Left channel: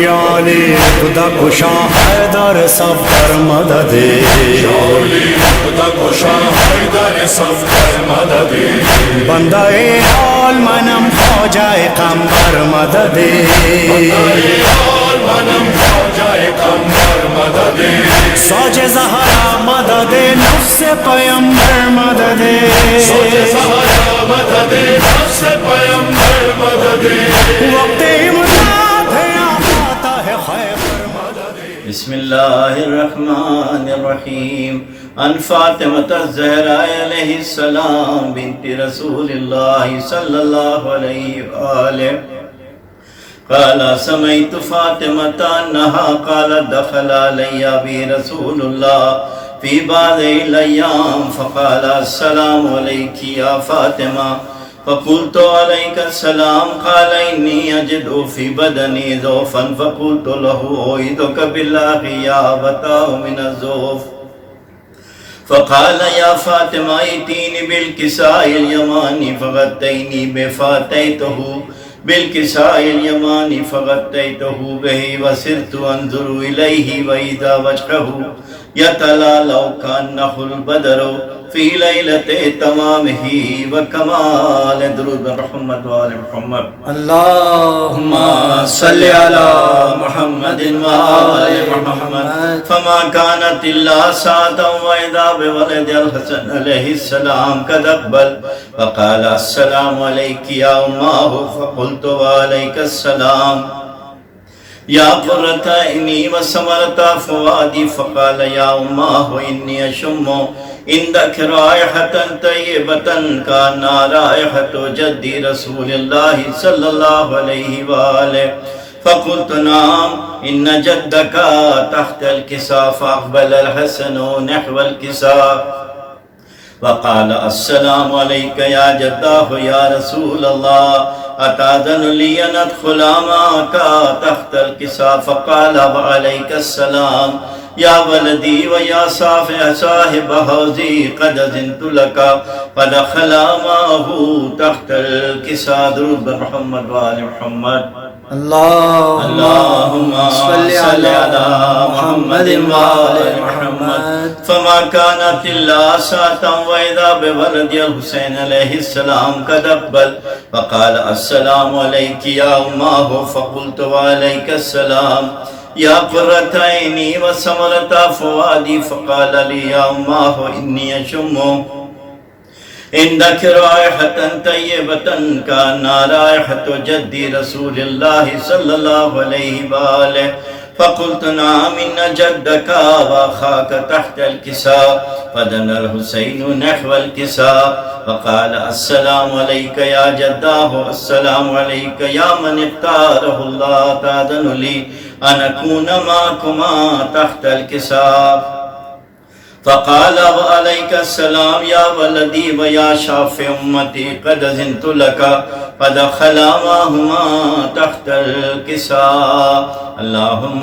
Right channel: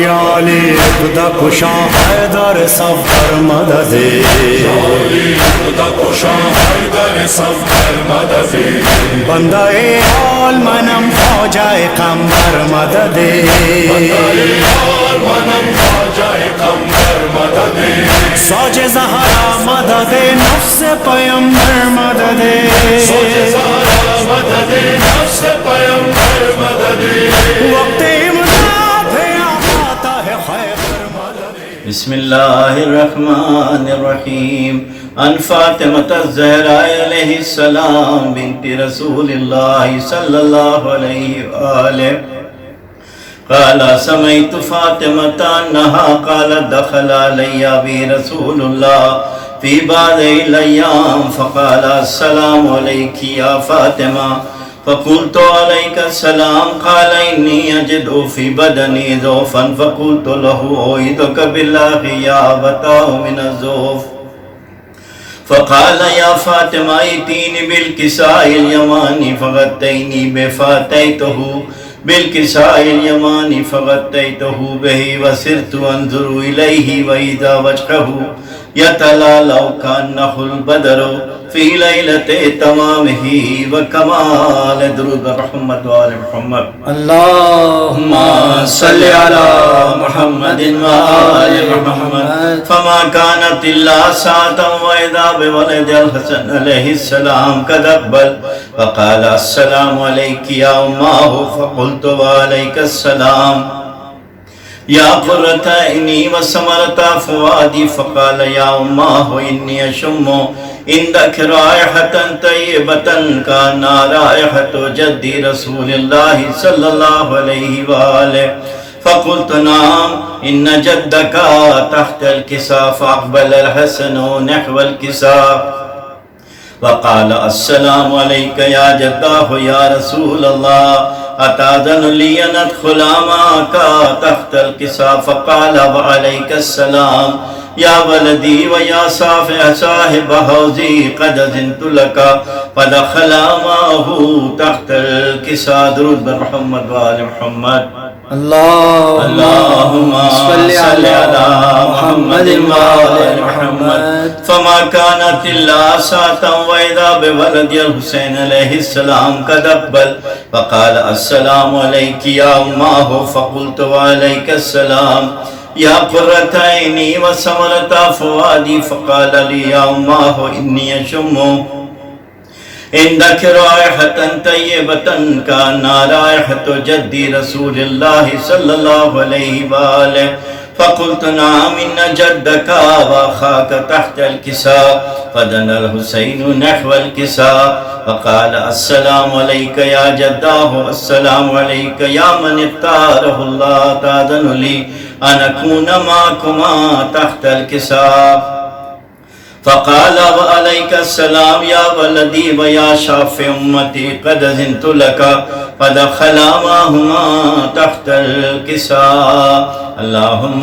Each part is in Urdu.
یا علی خدا کشا حیدر صفدر مدد، خدا کشا حیدر صفدر مدد، بندہ عال منم خواجہ قمبر مدد، منم خواجہ قمبر مدد، سوج زہرا مدد نفس پیمبر مدد، سوج زہرا مدد نفس پیمبر مدد، وقت امداد ہے آتا ہے خیبر مدد۔ بسم اللہ الرحمن الرحیم ان فاطمة الزہراء علیہ السلام بنت رسول اللہ صلی اللہ علیہ وآلہ قال سمعت فاطمة انہا قالت دخل علی ابی رسول اللہ فی بعض الایام فقال السلام علیک یا فاطمہ فقلت عليك السلام قال إني أجد في بدني ضعفا فقلت له أعيذك بالله يا أبتاه من الضعف فقال يا فاطمة ائتيني بالكساء اليماني فغطيني به فأتيته بالكساء اليماني فغطيته به وسرت أنظر إليه وإذا وجهه يتلالأ كأنه البدر في ليلة تمامه وكمال درود محمد وآل محمد اللہم صل على محمد وآل محمد فما كانت إلا ساعة وإذا بولد الحسن عليه السلام قد أقبل فقال السلام عليك يا أماه فقلت وعليك السلام یا قرۃ عینی وثمرۃ فؤادی فقال یا اماه انی اشم عندک رائحة طیبة کانها رائحة جد رسول اللہ صلی اللہ علیہ وآلہ فقلت نعم ان جدک تحت الكساء فاقبل الحسن نحو الكساء وقال السلام علیک یا جدہ یا رسول اللہ اتاذن لی ان ادخل معك تحت الكساء فقال وعليك السلام یا ولدی ویا صاحب حوضی قد اذنت لك فدخل معه تحت الكساء درود بر محمد وآل محمد اللہم صل علی محمد وآل محمد فما كانت الا ساعة وإذا بولد الحسین علیہ السلام قد اقبل فقال السلام علیک یا اماه فقلت وعلیک السلام یا قرۃ عینی وثمرۃ فؤادی فقال لی یا اماه انی اشم عندك رائحة طيبة كأنها رائحة جد رسول الله صلى الله عليه وآله فقلت نعم إن جدك وأخاك تحت الكساء فدنا الحسين نحو الكساء فقال السلام عليك يا جداه السلام عليك يا من اختاره الله تأذن لي أن أكون معكما تحت الكساء فقال وعليك السلام يا ولدي ويا شافع أمتي قد أذنت لك فدخل معهما تحت الكساء اللهم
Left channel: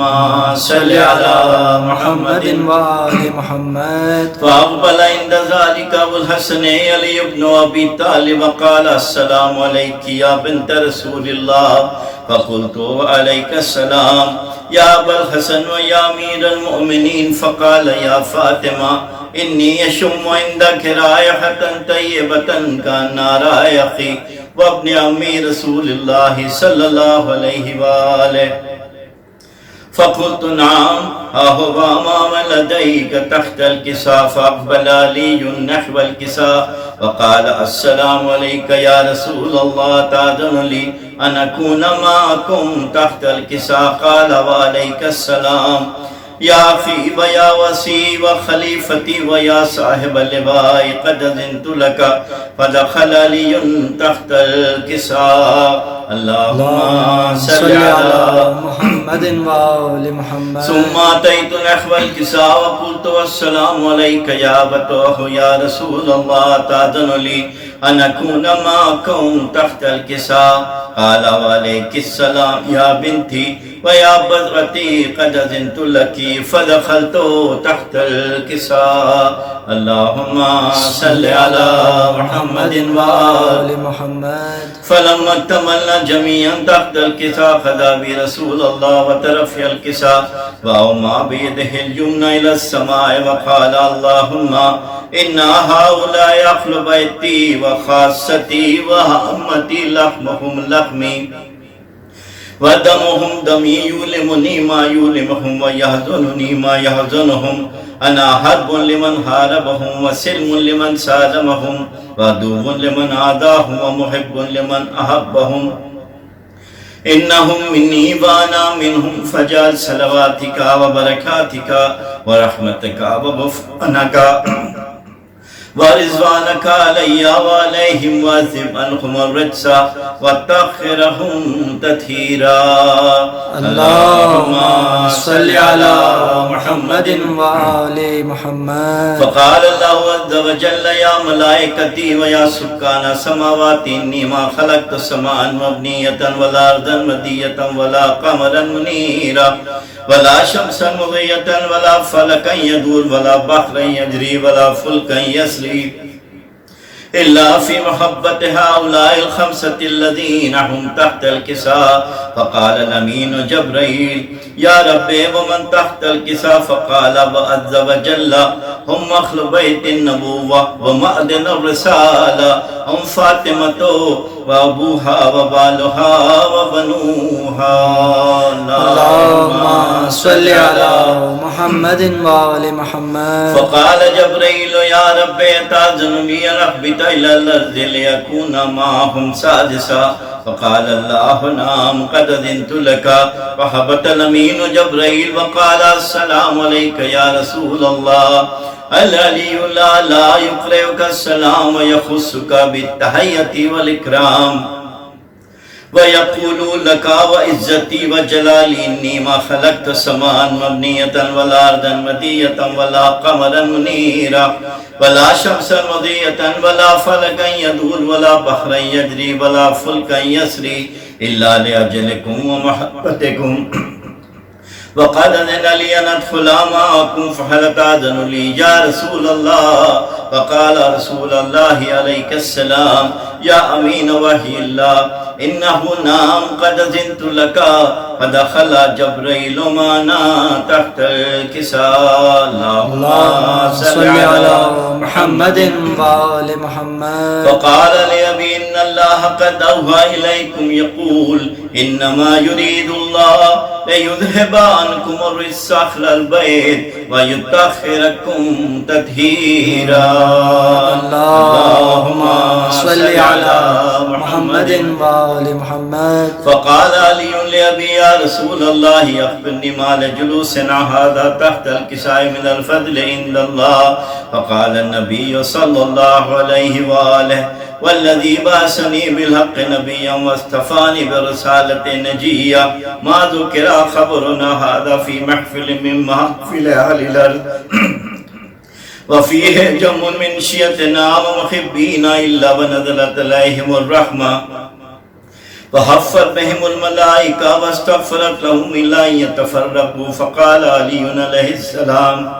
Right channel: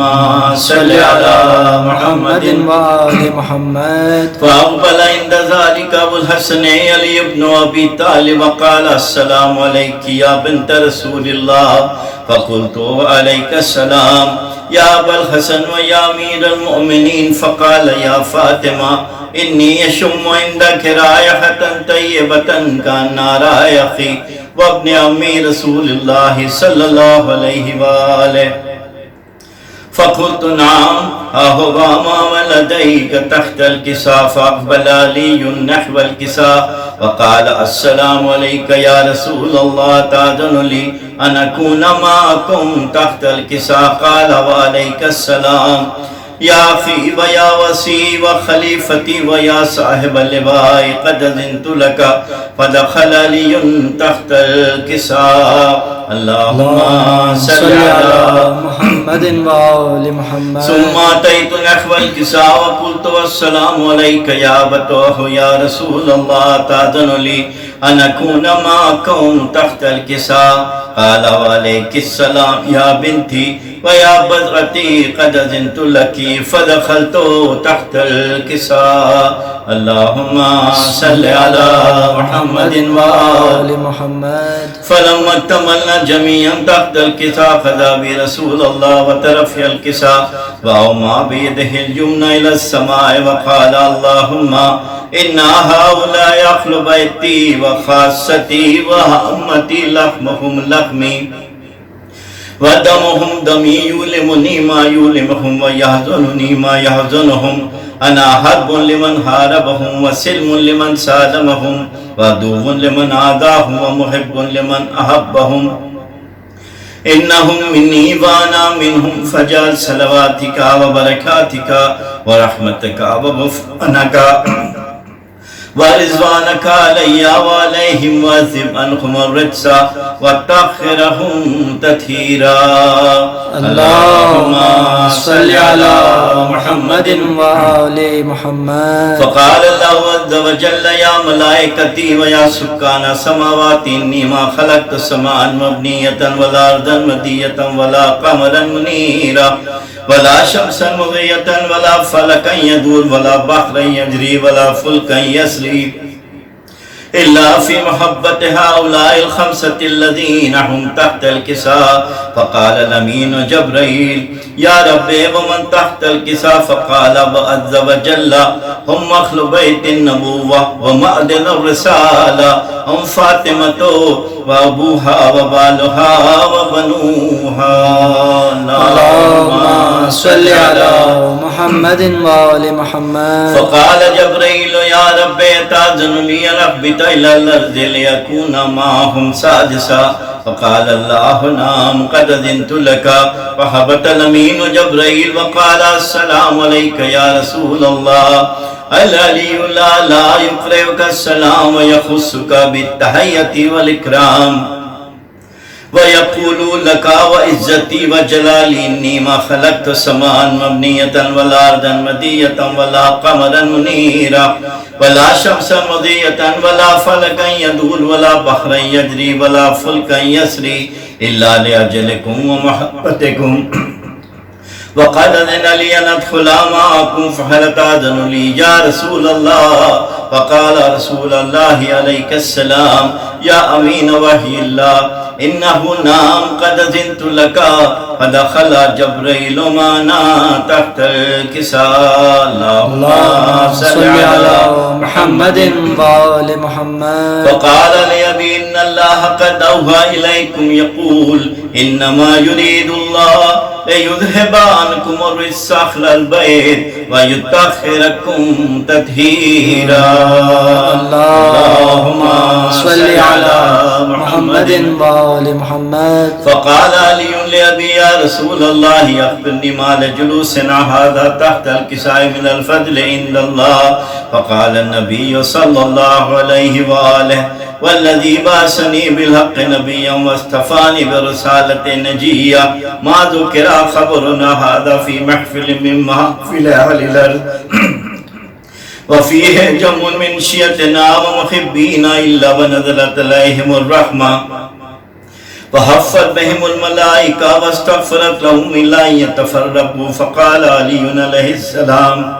صل على محمد وآل محمد فأقبل عند ذلك أبو الحسن علي بن أبي طالب وقال السلام عليك يا بنت رسول الله فقلت وعليك السلام يا أبا الحسن ويا أمير المؤمنين فقال يا فاطمة إني أشم عندك رائحة طيبة كأنها رائحي وابن أمي رسول الله صلى الله عليه وآله فقلت نعم أهو ما لديك تحت الكساء فأقبل علي نحو الكساء وقال السلام عليك يا رسول الله تأذن لي أن أكون معكم تحت الكساء قال وعليك السلام يا أخي ويا وسي وخليفتي ويا صاحب اللواء قد أذنت لك فدخل علي تحت الكساء اللهم صل على محمد وآل محمد. ثم أتيت نحو الكساء وقلت والسلام عليك يا بطوح يا رسول الله تأذن لي أن أكون معكم تحت الكساء؟ قال وعليك السلام يا بنتي ويا بذرتي قد أذنت لك فدخلت تحت الكساء. اللهم صل على محمد وآل محمد. فلما اكتملنا جميعا تحت الكساء خذا برسول الله وترفع الكساء وأومى بيده اليمنى إلى السماء وقال اللهم إن هؤلاء أهل بيتي وخاصتي وأمتي لحمهم لحمي ودمهم دمي يؤلمني ما يؤلمهم ويحزنني ما يحزنهم. أنا حرب لمن حاربهم وسلم لمن سالمهم وعدو لمن عاداهم ومحب لمن أحبهم. إنهم مني وأنا منهم فجعل صلواتك وبركاتك ورحمتك وغفرانك ورضوانك علي وعليهم واذهب عنهم الرجس وطهرهم تطهيرا. اللهم صل على محمد وآل محمد. فقال الله عز وجل يا ملائكتي ويا سكان السماوات إني ما خلقت سماء مبنية ولا أرضا مدية ولا قمرا منيرا ولا شمسا مضية ولا فلكا يدور ولا بحرا يجري ولا فلكا يسري إلا في محبة هؤلاء الخمسة الذين هم تحت الكساء. فقال الأمين جبريل يا ربي ومن تحت الكساء؟ فقال عز وجل هم أهل بيت النبوة ومعدن الرسالة هم فاطمة وأبوها وبالها وبنوها. اللهم صل على محمد وآل محمد. فقال جبريل يا ربي تأذن لي أن أهبط إلى الأرض ليكون معهم سادسا؟ فقال الله نعم قد أذنت لك. فهبط الأمين جبريل وقال السلام عليك يا رسول الله. العلي لا يقرئك السلام ويخصك بالتحية والإكرام ويقول لك وعزتي وجلالي إني ما خلقت سماء مبنية ولا أرضا مدية ولا قمرا منيرا ولا شمسا مضية ولا فلكا يدور ولا بحرا يجري ولا فلكا يسري إلا لأجلكم ومحبتكم. وقد أذن لي أن أدخل معكم فهل تأذن لي يا رسول الله؟ فقال رسول الله عليك السلام يا أمين وحي الله إنه نام قد أذنت لك. فدخل جبريل معنا تحت الكساء. اللهم صل على محمد وآل محمد. فقال لأبي إن الله قد أوحى إليكم يقول إنما يريد الله ليذهب عنكم الرجس أهل البيت ويطهركم تطهيرا. اللهم صل على محمد وآل محمد. فقال علي لأبي يا رسول الله أخبرني ما لجلوسنا هذا تحت الكساء من الفضل عند الله. فقال النبي صلى الله عليه وآله والذي بعثني بالحق نبيا واصطفاني برسالة نجية ما ذكر خبرنا هذا في محفل من محافل أهل الأرض وفيه جمع من شيعتنا ومحبينا إلا ونزلت عليهم الرحمة وحفت بهم الملائكة واستغفرت لهم إلا أن يتفرقوا. فقال علي عليه السلام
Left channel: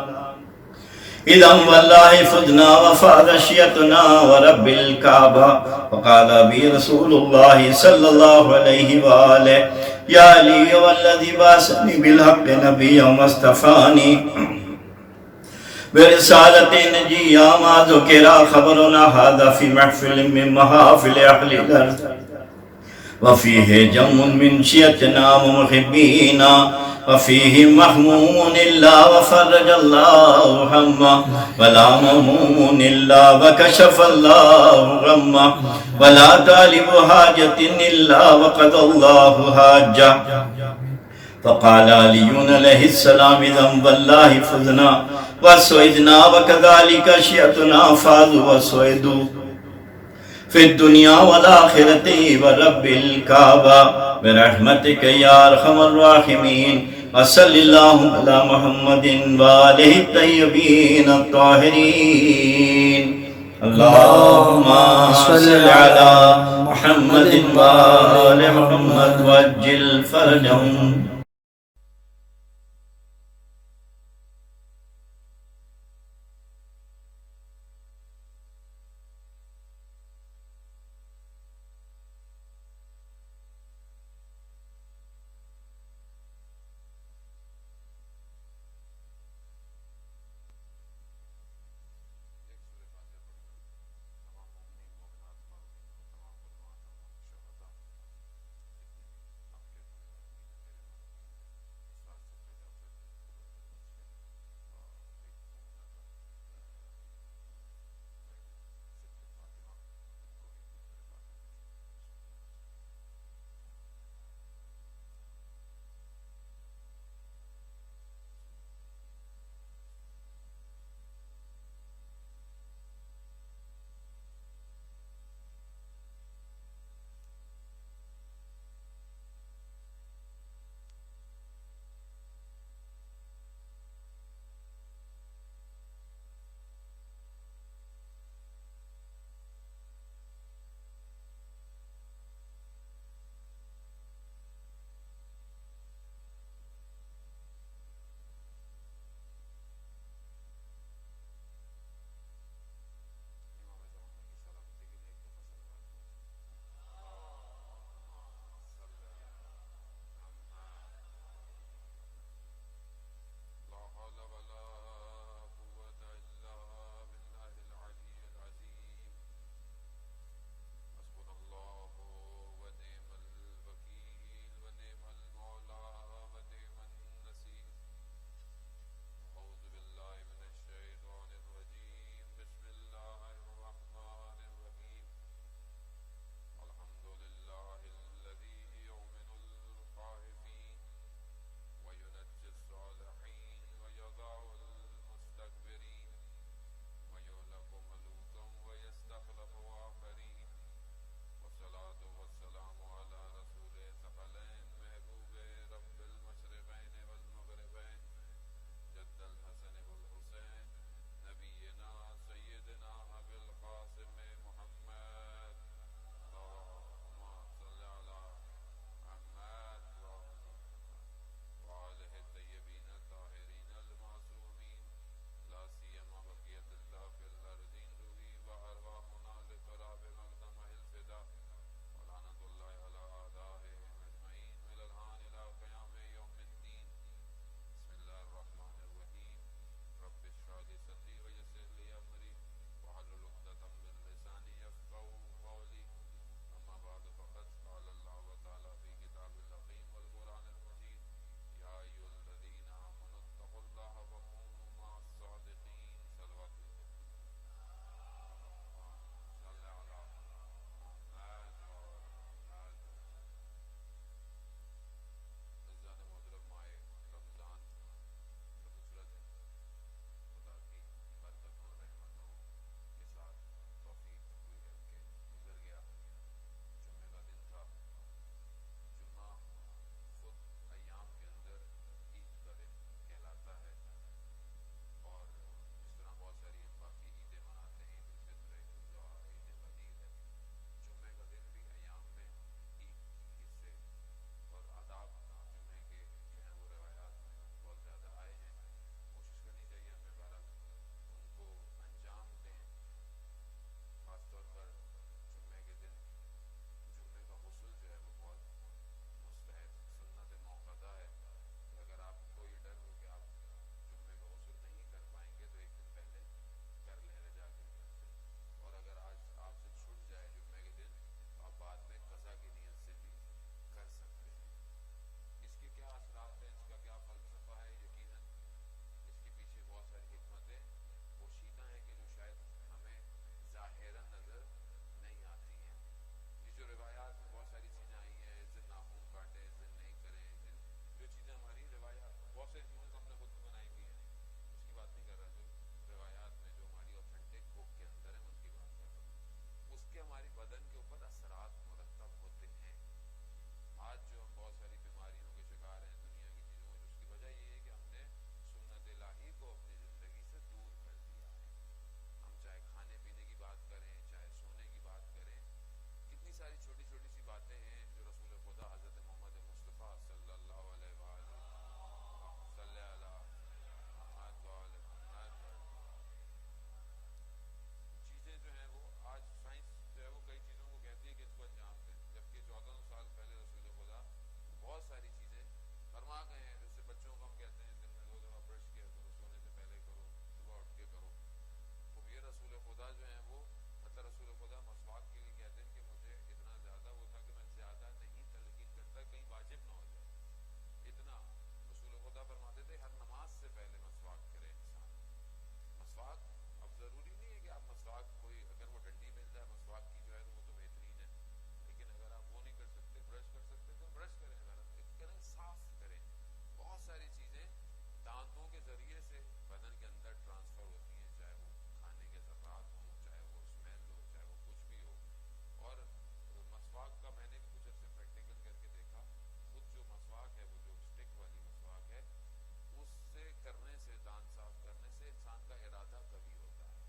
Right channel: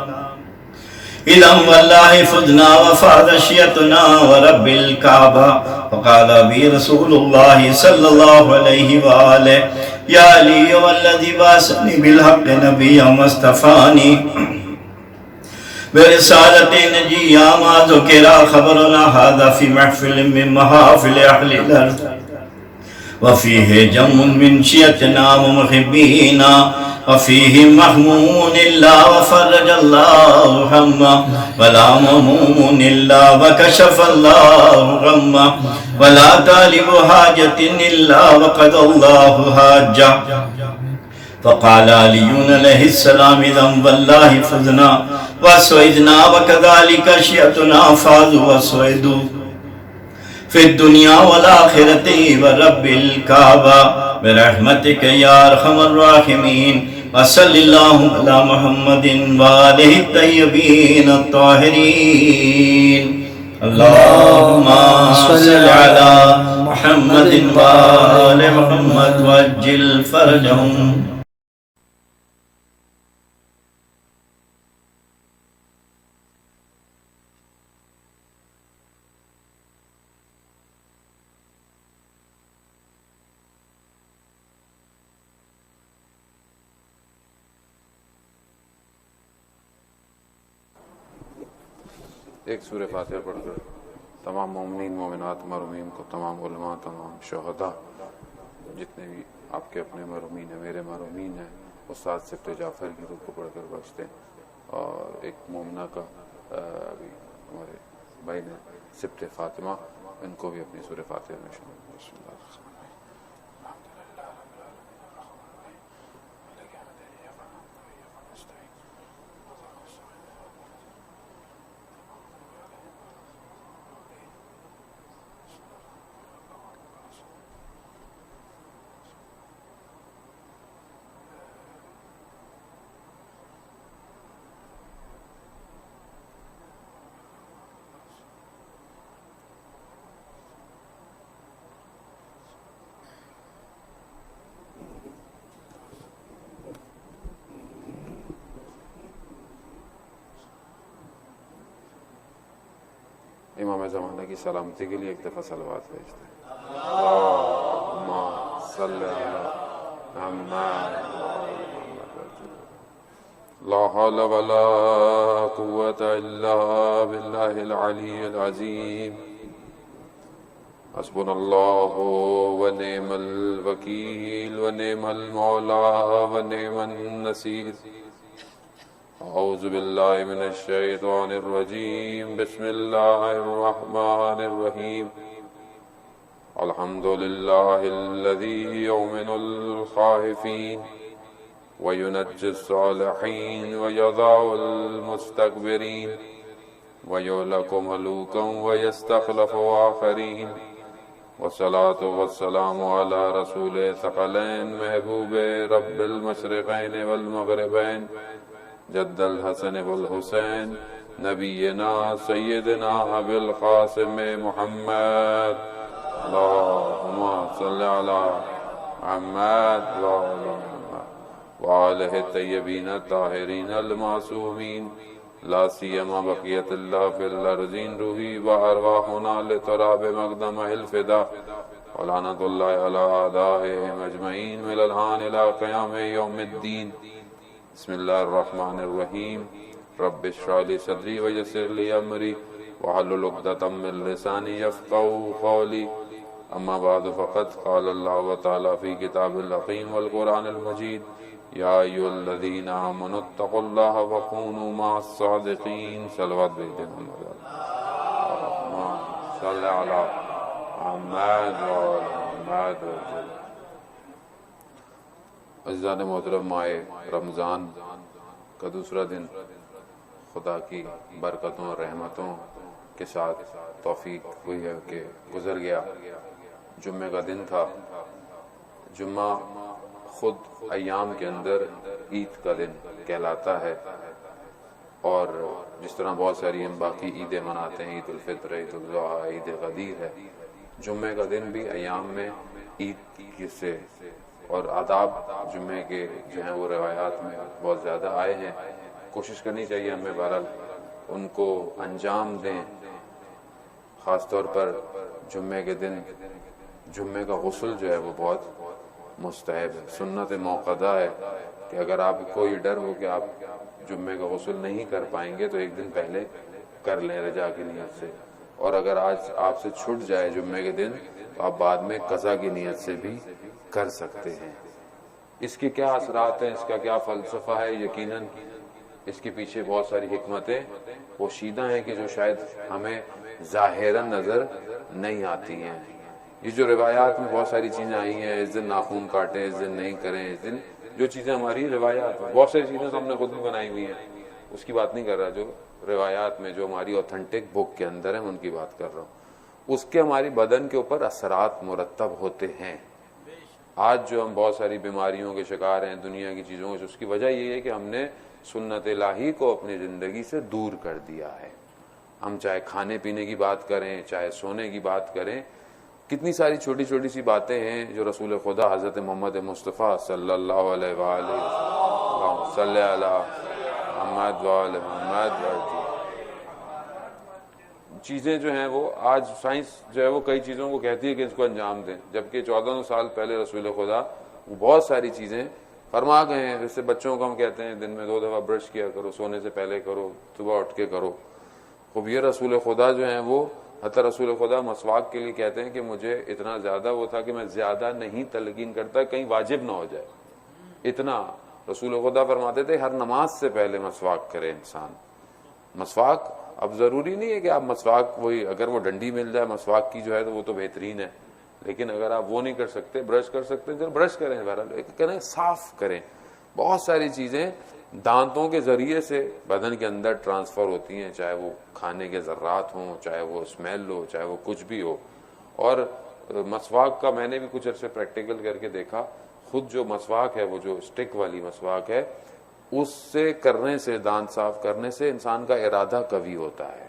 إذا والله فدنا وفاد شيعتنا ورب الكعبة. فقال أبي رسول الله صلى الله عليه وآله يا علي والذي بعثني بالحق نبيا واصطفاني برسالة نجية ما ذكر خبرنا هذا في محفل من محافل أهل الأرض وفيه جمع من شيعتنا ومحبينا وفيه محموم إلا وفرج الله همه ولا مهموم إلا وكشف الله غمه ولا طالب حاجة إلا وقضى الله حاجه. فقال علي عليه السلام إذا والله فزنا وسعدنا وكذلك شيعتنا فازوا وسعدوا. فی الدنیا والآخرۃ ورب الکعبہ برحمتک یا ارحم الراحمین وصلی اللہ علی محمد وآلہ الطیبین الطاہرین اللہم صل علی محمد وآل محمد وعجل فرجہم. ایک سورہ فاتحہ پڑھ کر تمام مومنین مومنات مرحومین کو، تمام علماء، تمام شہداء، جتنے بھی آپ کے اپنے مرحومین ہیں، میرے مرحومین ہیں، استاد سبت جعفر کی روح کو پڑھ کر بخش دیں. اور ایک مومنہ کا ابھی ہمارے بھائی نے سبت فاطمہ، ان کو بھی اپنی سورہ فاتحہ میں شامل. بسم اللہ الرحمن امام زمانہ کی سلامتی کے لیے ایک دفعہ صلوات بھیجتے ہیں. اللہم صلی علی محمد. لا حول ولا قوة الا باللہ العلی العظیم. حسبنا اللہ ونعم الوکیل ونعم المولا ونعم النصیر. اعوذ باللہ من الشیطان الرجیم. بسم اللہ الرحمن الرحیم. الحمد للہ الذی یؤمن الخائفین وینجی الصالحین ویضع المستکبرین ویہلک ملوکا ویستخلف آخرین. والصلاة والسلام علی رسول ثقلین محبوب رب المشرقین والمغربین جد الحسن والحسین نبینا سیدنا ابی القاسم محمد. اللہم صلی علی محمد وآلہ الطیبین الطاہرین المعصومین. لا سیما بقیت اللہ فی الارضین. روحی و ارواحنا لتراب مقدمہ الفدا ولعنت اللہ علی اعدائهم اجمعین من الآن الى قیام یوم الدین. بسم اللہ الرحمن الرحیم. رب اشرح لی صدری ویسر لی امری واحلل عقدۃ من لسانی یفقہوا قولی. اما بعد فقد قال اللہ تعالی فی کتاب الحکیم والقرآن المجید. یا ایھا الذین آمنوا اتقوا اللہ وکونوا مع الصادقین. صلوات بھیجتے ہیں صلی علی محمد وآل محمد. عزیزان محترم، ماہ رمضان کا دوسرا دن خدا کی برکتوں اور رحمتوں کے ساتھ توفیق ہوئی ہے کہ گزر گیا. جمعہ کا دن تھا. جمعہ خود ایام کے اندر عید کا دن کہلاتا ہے، اور جس طرح بہت ساری ہم باقی عیدیں مناتے ہیں، عید الفطر، عید الاضحیٰ، عید غدیر ہے، جمعہ کا دن بھی ایام میں عید سے اور آداب جمعے کے جو ہیں وہ روایات میں بہت زیادہ آئے ہیں. کوشش کرنی چاہیے ہمیں بہرحال ان کو انجام دیں. خاص طور پر جمعے کے دن جمعے کا غسل جو ہے وہ بہت مستحب ہے، سنت موقدہ ہے کہ اگر آپ کوئی ڈر ہو کہ آپ جمعے کا غسل نہیں کر پائیں گے تو ایک دن پہلے کر لیں رجا کی نیت سے. اور اگر آج آپ سے چھٹ جائے جمعے کے دن تو آپ بعد میں قضا کی نیت سے بھی کر سکتے ہیں. اس کے کیا اثرات ہیں، اس کا کیا فلسفہ ہے، یقیناً اس کے پیچھے بہت ساری حکمتیں پوشیدہ ہیں کہ جو شاید ہمیں ظاہراً نظر نہیں آتی ہیں. یہ جو روایات میں بہت ساری چیزیں آئی ہیں، اس دن ناخن کاٹیں، اس دن نہیں کریں، اس دن جو چیزیں ہماری روایات میں بہت ساری چیزیں تو ہم نے خود بھی بنائی ہوئی ہیں، اس کی بات نہیں کر رہا. جو روایات میں جو ہماری اوتھنٹک بک کے اندر ہیں ان کی بات کر رہا ہوں. اس کے ہماری بدن کے اوپر اثرات مرتب ہوتے ہیں. آج جو ہم بہت ساری بیماریوں کے شکار ہیں دنیا کی چیزوں کے، اس کی وجہ یہ ہے کہ ہم نے سنت الہی کو اپنی زندگی سے دور کر دیا ہے. ہم چاہے کھانے پینے کی بات کریں، چاہے سونے کی بات کریں، کتنی ساری چھوٹی چھوٹی سی باتیں ہیں جو رسول خدا حضرت محمد مصطفیٰ صلی اللہ علیہ وآلہ وسلم صلی علی محمد وآل محمد چیزیں جو ہیں وہ آج سائنس جو ہے وہ کئی چیزوں کو کہتی ہے کہ اس کو انجام دیں، جبکہ 1400 سال پہلے رسول خدا وہ بہت ساری چیزیں فرما گئے ہیں. جیسے بچوں کو ہم کہتے ہیں دن میں 2 دفعہ برش کیا کرو، سونے سے پہلے کرو، صبح اٹھ کے کرو. خوب یہ رسول خدا جو ہیں وہ حتی رسول خدا مسواک کے لیے کہتے ہیں کہ مجھے اتنا زیادہ وہ تھا کہ میں زیادہ نہیں تلقین کرتا کہیں واجب نہ ہو جائے. اتنا رسول خدا فرماتے تھے ہر نماز سے پہلے مسواک کرے انسان. مسواک اب ضروری نہیں ہے کہ آپ مسواک وہی اگر وہ ڈنڈی مل جائے مسواک کی جو ہے تو وہ تو بہترین ہے، لیکن اگر آپ وہ نہیں کر سکتے، برش کر سکتے ہیں تو برش کریں. بہرحال کریں، صاف کریں. بہت ساری چیزیں دانتوں کے ذریعے سے بدن کے اندر ٹرانسفر ہوتی ہیں، چاہے وہ کھانے کے ذرات ہوں، چاہے وہ اسمیل ہو، چاہے وہ کچھ بھی ہو. اور مسواک کا میں نے بھی کچھ عرصے پریکٹیکل کر کے دیکھا. خود جو مسواک ہے، وہ جو اسٹک والی مسواک ہے، اس سے کرنے سے، دانت صاف کرنے سے انسان کا ارادہ قوی ہوتا ہے.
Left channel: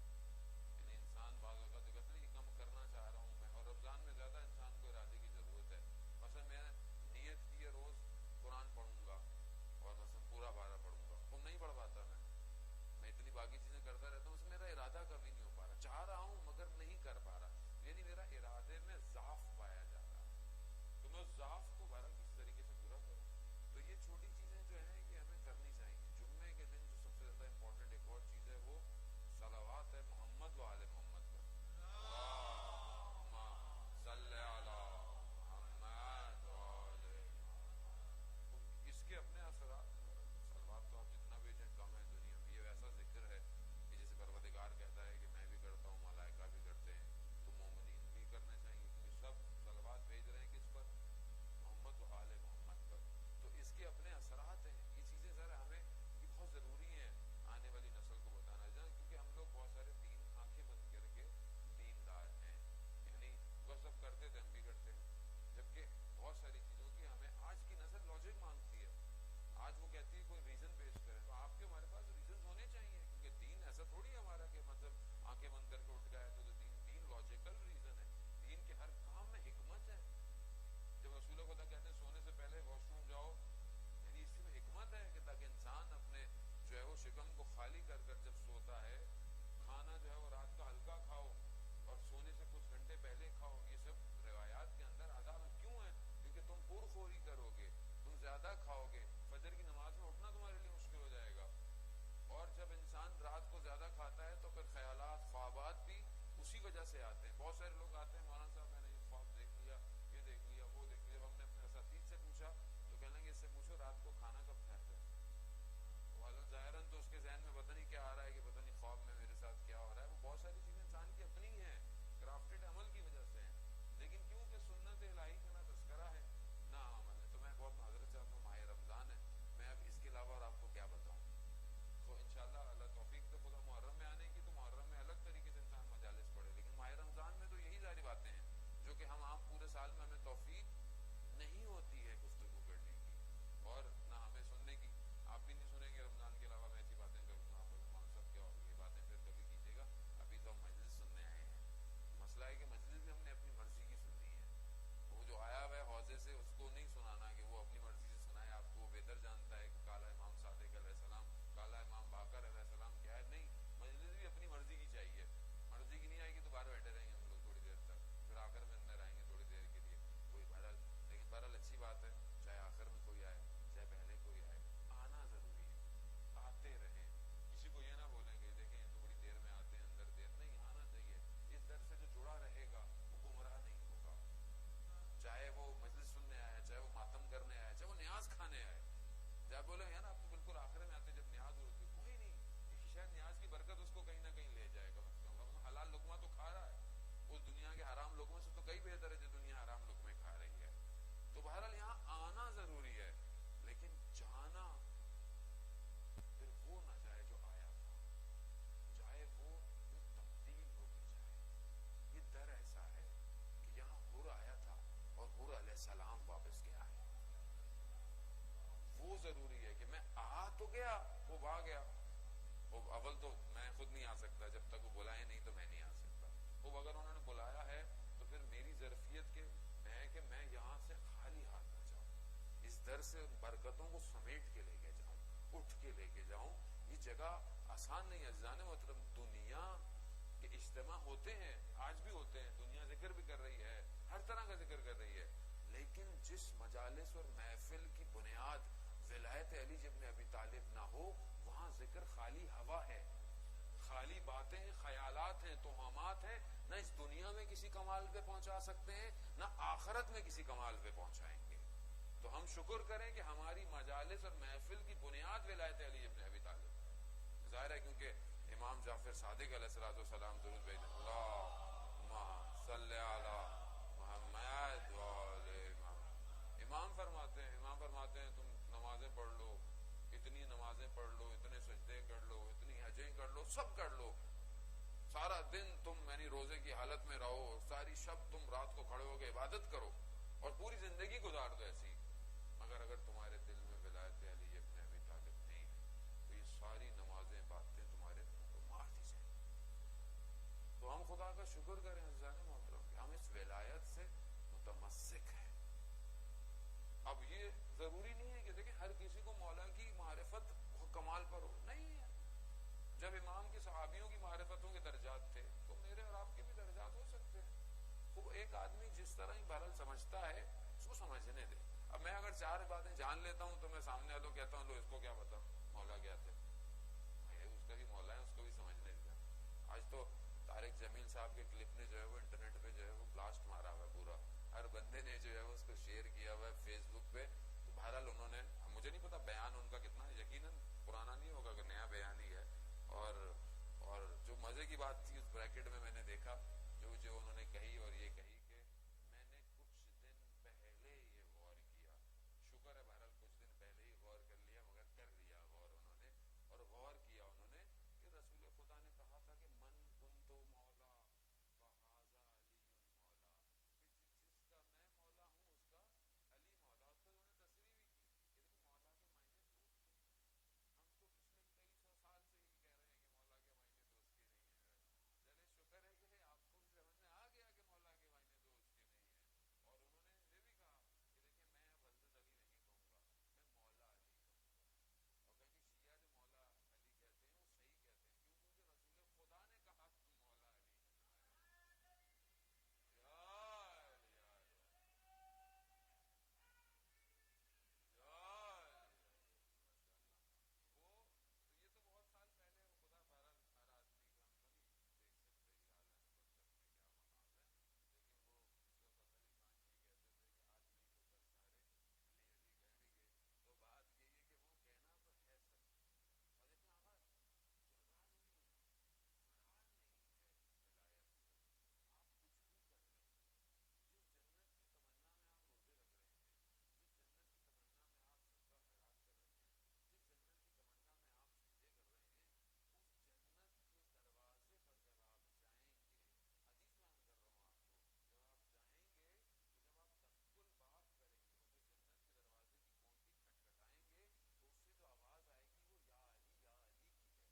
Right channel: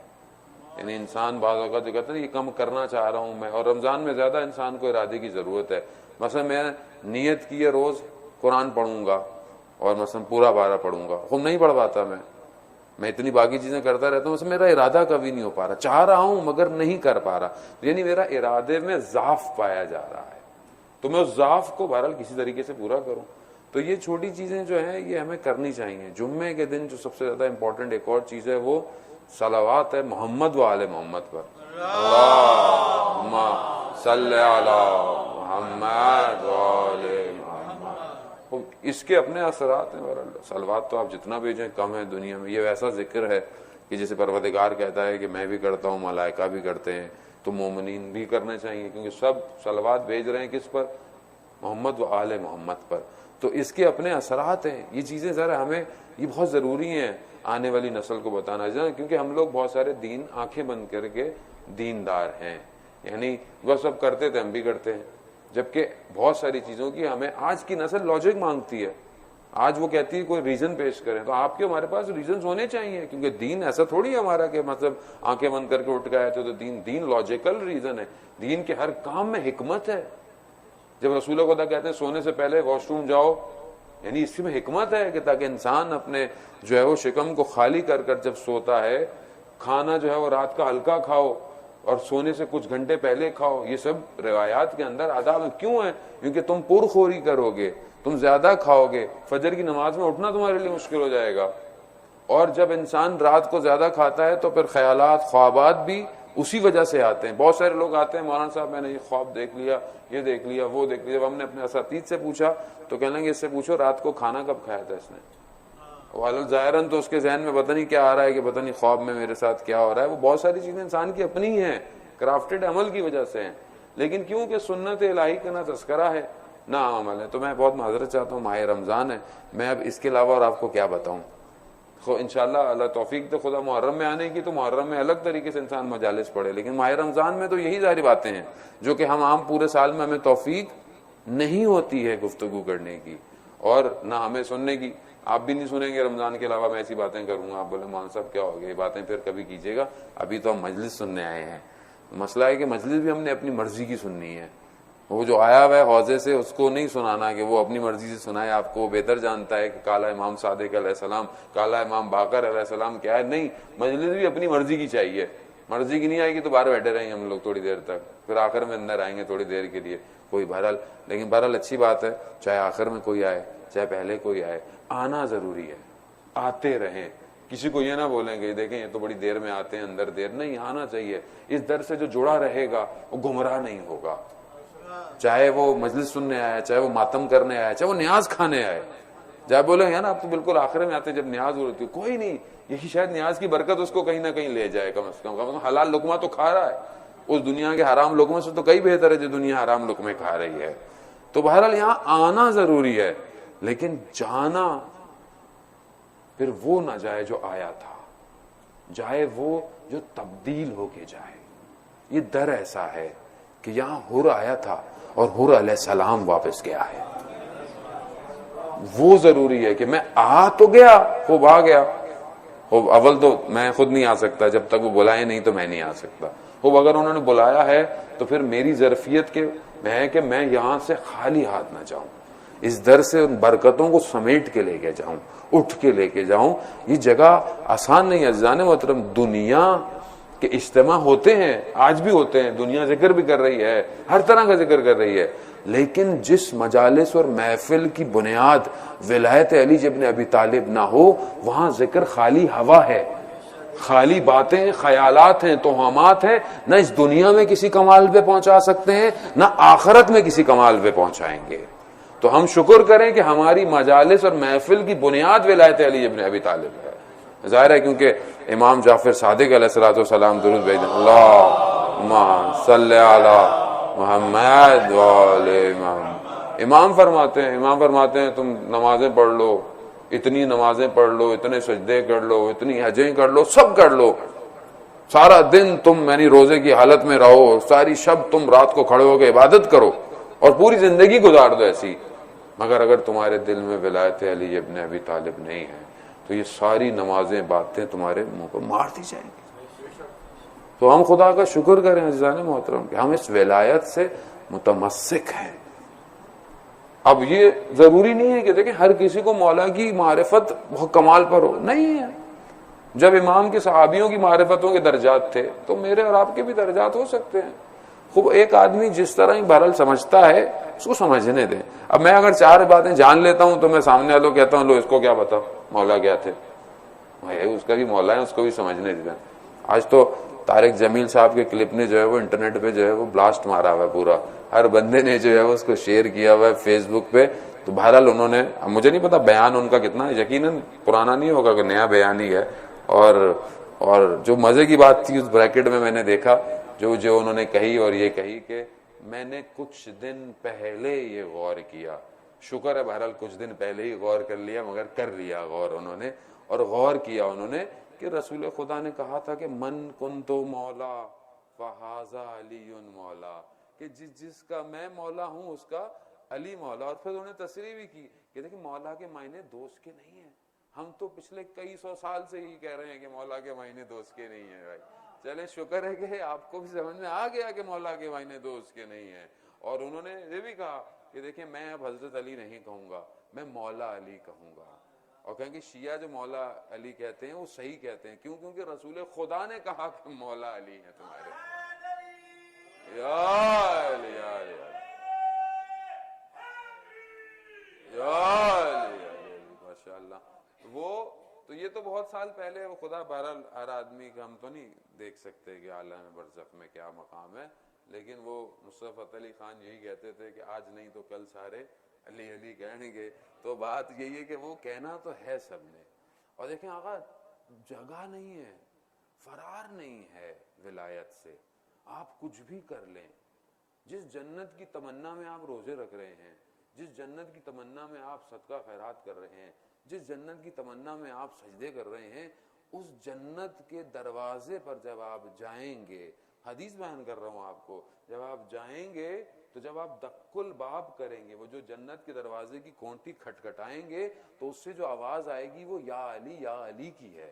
یعنی انسان بعض اوقات جو کہتا ہے یہ کم کرنا چاہ رہا ہوں میں، اور رمضان میں زیادہ انسان کو ارادے کی ضرورت ہے. مثلا میں نیت کی ہے روز قرآن پڑھوں گا اور مثلا پورا 12 پڑھوں گا، خود نہیں پڑھ پاتا میں اتنی باقی چیزیں کرتا رہتا ہوں، مثلا میرا ارادہ کبھی نہیں ہو پا رہا. چاہ رہا ہوں مگر نہیں کر پا رہا، یعنی میرا ارادے میں ضعف پایا جا رہا ہے. تو میں اس ضعف کو بہرحال کسی طریقے سے پورا کروں. تو یہ چھوٹی چیزیں جو ہیں یہ ہمیں کرنی چاہیے. جمعے کے دن جو سب سے زیادہ امپورٹنٹ ایک اور چیز ہے وہ صلوات ہے محمد و آل محمد پر. اللہم صلی علی محمد و آل محمد. اس کے اپنے اثرات ہیں. صلوات تو آپ جتنا بھیجیں کم ہے دنیا میں. یہ ویسا ذکر ہے کہ جیسے پروردگار کہتا ہے کہ میں بھی کرتا ہوں، ملائکہ بھی کرتے ہیں، تو مومنین بھی کرنے چاہیے، کیونکہ سب صلوات بھیج رہے ہیں کس پر؟ محمد و آل محمد پر. تو اس کے اپنے اثرات ہیں. یہ چیزیں ذرا ہمیں یہ بہت ضروری ہیں آنے والی نسل کو بتانا چاہیے، کیونکہ ہم لوگ بہت سارے دین آنکھیں بند کر کے دیندار ہیں. یعنی وہ سب کرتے تھے ہم بھی کرتے ہیں، جبکہ بہت ساری چیزوں کی ہمیں آج کی نسل لاجک مانگتی ہے. آج وہ کہتی ہے کوئی ریزن پیش کریں، تو آپ کے ہمارے پاس ریزنز ہونے چاہیے، کیونکہ دین ایسا تھوڑی ہے ہمارا کہ مطلب آنکھیں بند کر کے اٹھ گئے تو دین لاجیکل ریزن ہے. دین کے ہر کام میں حکمت ہے. جب رسول خدا کہتے ہیں سونے سے پہلے واش روم جاؤ، یعنی اس میں حکمت ہے کہ تاکہ انسان اپنے جو ہے وہ شکم کو خالی کر کر جب سوتا ہے، کھانا جو ہے وہ رات کا ہلکا کھاؤ اور سونے سے کچھ گھنٹے پہلے کھاؤ. یہ سب روایات کے اندر آداب کیوں ہیں؟ کیونکہ تم پرخوری کرو گے، تم زیادہ کھاؤ گے، فجر کی نماز میں اٹھنا تمہارے لیے مشکل ہو جائے گا. اور جب انسان رات کو زیادہ کھاتا ہے تو پھر خیالات، خوابات بھی اسی وجہ سے آتے ہیں. بہت سارے لوگ آتے ہیں مولانا صاحب میں نے یہ خواب دیکھ لیا، یہ دیکھ لیا، وہ دیکھ لیا. جب ہم نے اپنے اساتذہ سے پوچھا تو کہنے لگے اس سے پوچھو رات کو کھانا کب کھایا تھا اس نے. والد ظاہراً تو اس کے ذہن میں پتہ نہیں کیا آ رہا ہے کہ پتہ نہیں خواب میں میرے ساتھ کیا ہو رہا ہے. وہ بہت ساری چیزیں انسان کی اپنی ہیں، کرافٹڈ عمل کی وجہ سے ہیں، لیکن کیونکہ سنت الہی کا نہ تذکرہ ہے نہ عمل ہے. تو میں بہت معذرت چاہتا ہوں، ماہ رمضان ہے، میں اب اس کے علاوہ اور آپ کو کیا بتاؤں. انشاءاللہ اللہ توفیق دے خدا محرم میں آنے کی، تو محرم میں الگ طریقے سے انسان مجالس پڑھے، لیکن ماہ رمضان میں تو یہی ساری باتیں ہیں جو کہ ہم عام پورے سال میں ہمیں توفیق نہیں ہوتی ہے گفتگو کرنے کی اور نہ ہمیں سننے کی. آپ بھی نہیں سنیں گے رمضان کے علاوہ میں ایسی باتیں کروں گا. آپ بولے مان صاحب کیا ہو گیا، یہ باتیں پھر کبھی کیجیے گا. ابھی تو ہم مجلس سننے آئے ہیں. مسئلہ ہے کہ مجلس بھی ہم نے اپنی مرضی کی سننی ہے. وہ جو آیا ہوا ہے حوضے سے اس کو نہیں سنانا کہ وہ اپنی مرضی سے سنائے. آپ کو بہتر جانتا ہے کہ کالا امام صادق علیہ السلام، کالا امام باقر علیہ السلام کیا ہے. نہیں، مجلس بھی اپنی مرضی کی چاہیے. مرضی کی نہیں آئے گی تو باہر بیٹھے رہیں گے ہم لوگ تھوڑی دیر تک، پھر آخر میں اندر آئیں گے تھوڑی دیر کے لیے. کوئی بہرحال، لیکن بہرحال اچھی بات ہے، چاہے آخر میں کوئی آئے چاہے پہلے کوئی آئے، آنا ضروری ہے. آتے رہیں. کسی کو یہ نہ بولیں گے دیکھیں یہ تو بڑی دیر میں آتے ہیں، اندر دیر نہیں، آنا چاہیے. اس در سے جو جڑا رہے گا وہ گمراہ نہیں ہوگا. چاہے وہ مجلس سننے آیا، چاہے وہ ماتم کرنے آیا، چاہے وہ نیاز کھانے آئے. جب بولے نا آپ تو بالکل آخر میں آتے جب نیاز ہو رہی، کوئی نہیں، یہی شاید نیاز کی برکت اس کو کہیں نہ کہیں لے جائے. کم از کم حلال لقمہ تو کھا رہا ہے. اس دنیا کے حرام لقمے سے تو کئی بہتر ہے جو دنیا حرام لقمے کھا رہی ہے. تو بہرحال یہاں آنا ضروری ہے، لیکن جانا پھر وہ نہ جائے جو آیا تھا، جائے وہ جو تبدیل ہو کے جائے. یہ در ایسا ہے کہ یہاں حر آیا تھا اور حر علیہ السلام واپس گیا ہے. وہ ضروری ہے کہ میں آ تو گیا، خوب آ گیا. خوب اول تو میں خود نہیں آ سکتا، جب تک وہ بلائے نہیں تو میں نہیں آ سکتا. خوب اگر انہوں نے بلایا ہے تو پھر میری ظرفیت کے ہے کہ میں یہاں سے خالی ہاتھ نہ جاؤں، اس در سے ان برکتوں کو سمیٹ کے لے کے جاؤں، اٹھ کے لے کے جاؤں. یہ جگہ آسان نہیں ہے عزیزان محترم. دنیا کے اجتماع ہوتے ہیں، آج بھی ہوتے ہیں، دنیا ذکر بھی کر رہی ہے، ہر طرح کا ذکر کر رہی ہے، لیکن جس مجالس اور محفل کی بنیاد ولایت علی ابن ابی طالب نہ ہو، وہاں ذکر خالی ہوا ہے، خالی باتیں، خیالات ہیں، توہمات ہیں. نہ اس دنیا میں کسی کمال پہ پہنچا سکتے ہیں، نہ آخرت میں کسی کمال پہ پہنچائیں گے. تو ہم شکر کریں کہ ہماری مجالس اور محفل کی بنیاد ولایت علی ابن ابی طالب ہے. ظاہر ہے کیونکہ امام جعفر صادق علیہ الصلوۃ والسلام درود بھیجیں، اللہم صلی علی محمد وعلی محمد. امام فرماتے ہیں تم نمازیں پڑھ لو، اتنی نمازیں پڑھ لو، اتنے سجدے کر لو، اتنی حجیں کر لو، سب کر لو، سارا دن تم یعنی روزے کی حالت میں رہو، ساری شب تم رات کو کھڑے ہو کے عبادت کرو اور پوری زندگی گزار دو ایسی، مگر اگر تمہارے دل میں ولایت علی ابن ابی طالب نہیں ہے تو یہ ساری نمازیں باتیں تمہارے منہ کو مار دی جائیں گی. تو ہم خدا کا شکر کریں عزیزان محترم کہ ہم اس ولایت سے متمسک ہیں. اب یہ ضروری نہیں ہے کہ دیکھیں ہر کسی کو مولا کی معرفت بہت کمال پر ہو، نہیں ہے. جب امام کے صحابیوں کی معرفتوں کے درجات تھے تو میرے اور آپ کے بھی درجات ہو سکتے ہیں. خوب ایک آدمی جس طرح ہی بہرحال سمجھتا ہے اس کو سمجھنے دیں. اب میں اگر 4 باتیں جان لیتا ہوں تو میں سامنے والوں کہتا ہوں لو اس کو کیا پتا مولا کیا تھے، اس کا بھی مولا ہے، اس کو بھی سمجھنے دیں. آج تو طارق جمیل صاحب کے کلپ نے جو ہے وہ انٹرنیٹ پہ جو ہے وہ بلاسٹ مارا ہوا ہے، پورا ہر بندے نے جو ہے اس کو شیئر کیا ہوا ہے فیس بک پہ. تو بہرحال انہوں نے، مجھے نہیں پتا بیان ان کا کتنا یقیناً پرانا نہیں ہوگا کہ نیا بیان ہی ہے. اور جو مزے کی بات تھی اس بریکٹ میں میں نے دیکھا جو انہوں نے کہی، اور یہ کہی کہ میں نے کچھ دن پہلے یہ غور کیا. شکر ہے بہرحال کچھ دن پہلے ہی غور کر لیا، مگر کر لیا غور انہوں نے. اور غور کیا انہوں نے کہ رسول خدا نے کہا تھا کہ من کنتو مولا فہذا علی مولا، کہ جس کا میں مولا ہوں اس کا علی مولا. اور پھر انہوں نے تصریح بھی کی کہ دیکھیں مولا کے معنی دوست کے نہیں ہیں. ہم تو پچھلے کئی 100 سال سے ہی کہہ رہے ہیں کہ مولا کے معنی دوست کے نہیں ہیں. بھائی چلیں شکر ہے کہ آپ کو بھی سمجھ میں آ گیا کہ مولا کے معنی دوست کے نہیں ہیں. اور انہوں نے یہ بھی کہا کہ دیکھیں میں اب حضرت علی نہیں کہوں گا، میں مولا علی کہوں گا. اور کہیں کہ شیعہ جو مولا علی کہتے ہیں وہ صحیح کہتے ہیں. کیوں؟ کیونکہ رسول خدا نے کہا کہ مولا علی ہیں تمہارے. یا علی یا علی یا علی ماشاءاللہ. وہ تو یہ تو بہت سال پہلے وہ خدا بہرحال ہر آدمی کا ہم تو نہیں دیکھ سکتے کہ عالم برزخ میں کیا مقام ہے، لیکن وہ نصرت فتح علی خان یہی کہتے تھے کہ آج نہیں تو کل سارے علی علی کہیں گے. تو بات یہی ہے کہ وہ کہنا تو ہے سب نے. اور دیکھیں آقا جگہ نہیں ہے، فرار نہیں ہے ولایت سے. آپ کچھ بھی کر لیں، جس جنت کی تمنا میں آپ روزے رکھ رہے ہیں، جس جنت کی تمنا میں آپ صدقہ خیرات کر رہے ہیں، جس جنت کی تمنا میں آپ سجدے کر رہے ہیں، اس جنت کے دروازے پر جب آپ جائیں گے، حدیث بیان کر رہا ہوں آپ کو، جب آپ جائیں گے تو جب آپ دق الباب کریں گے، وہ جو جنت کے دروازے کی کھونٹی کھٹکھٹائیں گے تو اس سے جو آواز آئے گی وہ یا علی کی ہے.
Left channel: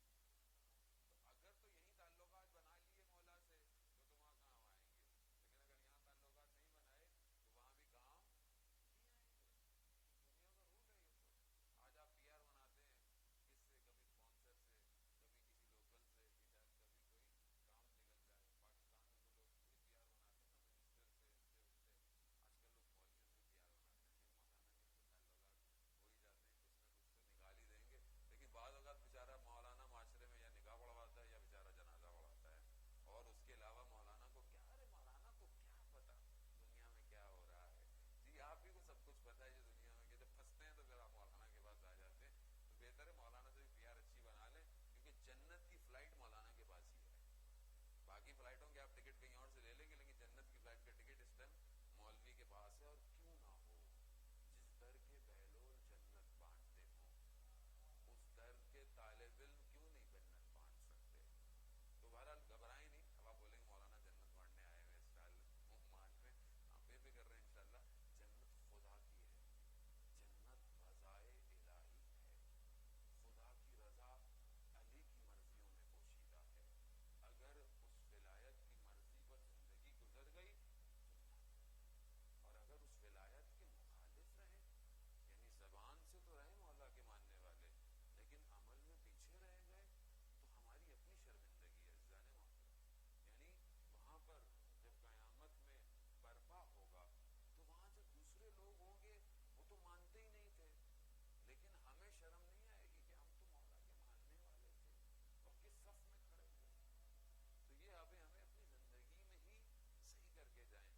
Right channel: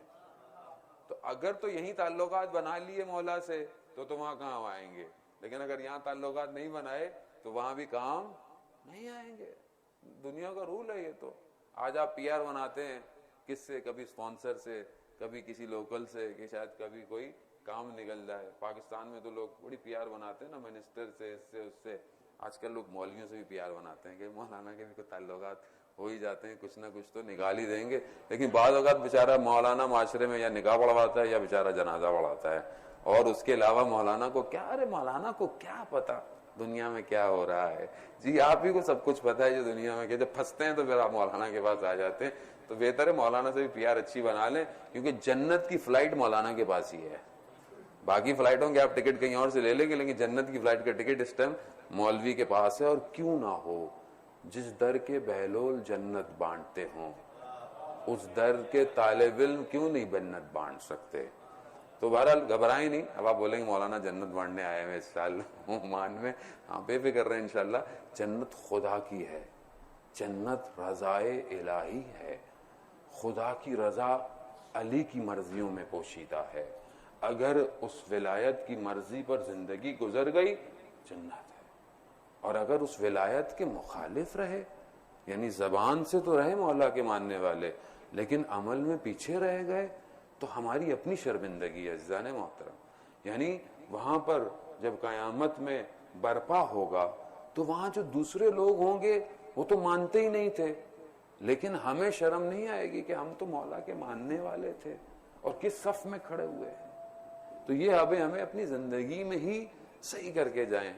تو اگر تو یہی تعلقات بنا لیے مولا سے تو وہاں کہاں آئیں گے، لیکن اگر یہاں تعلقات نہیں بنائے تو وہاں بھی کام نہیں آئیں گے. دنیا کا رول ہے یہ. تو آج آپ پی آر بناتے ہیں کس سے، کبھی اسپانسر سے، کبھی کسی لوکل سے کہ شاید کبھی کوئی کام نکل جائے. پاکستان میں تو لوگ بڑی پی آر بناتے ہیں نا، منسٹر سے، اس سے اس سے. آج کل لوگ مولویوں سے بھی پی آر بناتے ہیں کہ مولانا کے بھی کوئی تعلقات ہو ہی جاتے ہیں، کچھ نہ کچھ تو نکال ہی دیں گے. لیکن بعض اوقات بیچارہ مولانا معاشرے میں یا نکاح پڑھواتا ہے یا بیچارہ جنازہ پڑھاتا ہے، اور اس کے علاوہ مولانا کو کیا، ارے مولانا کو کیا پتا دنیا میں کیا ہو رہا ہے. جی آپ ہی کو سب کچھ پتا ہے جو دنیا میں، کہ جب پھنستے ہیں تو پھر آپ مولانا کے پاس آ جاتے ہیں. تو بہتر ہے مولانا سے بھی پی آر اچھی بنا لیں، کیونکہ جنت کی فلائٹ مولانا کے پاس ہی ہے. باقی فلائٹوں کے آپ ٹکٹ کہیں اور سے لے لیں گے، لیکن جنت کی فلائٹ کا ٹکٹ اس ٹائم مولوی کے پاس ہے. اور کیوں نہ ہو، جس در کے بہلول جنت بانٹتے ہوں اس در کے طالب علم کیوں نہیں جنت بانٹ سکتے. تو بہرحال گھبرائیں نہیں. اب آپ بولیں گے مولانا جنت بانٹنے آئے ہیں اس سال عمان میں, ہاں بے فکر رہے انشاءاللہ. جنت خدا کی ہے, جنت رضائے الہی ہے, خدا کی رضا علی کی مرضیوں میں پوشیدہ ہے. اگر اس ولایت کی مرضی پر زندگی گزر گئی جنت ہے, اور اگر اس ولایت کے مخالف رہے, یعنی زبان سے تو رہے مولا کے ماننے والے لیکن عمل میں پیچھے رہ گئے, تو ہماری اپنی شرمندگی ہے عزیزان محترم. یعنی وہاں پر جب قیامت میں برپا ہوگا تو وہاں جو دوسرے لوگ ہوں گے وہ تو مانتے ہی نہیں تھے, لیکن ہمیں شرم نہیں آئے گی کہ ہم تو مولا کے ماننے والے تھے اور کس صف میں کھڑے ہوئے ہیں. تو یہ ہمیں اپنی زندگی میں ہی صحیح کر کے جائیں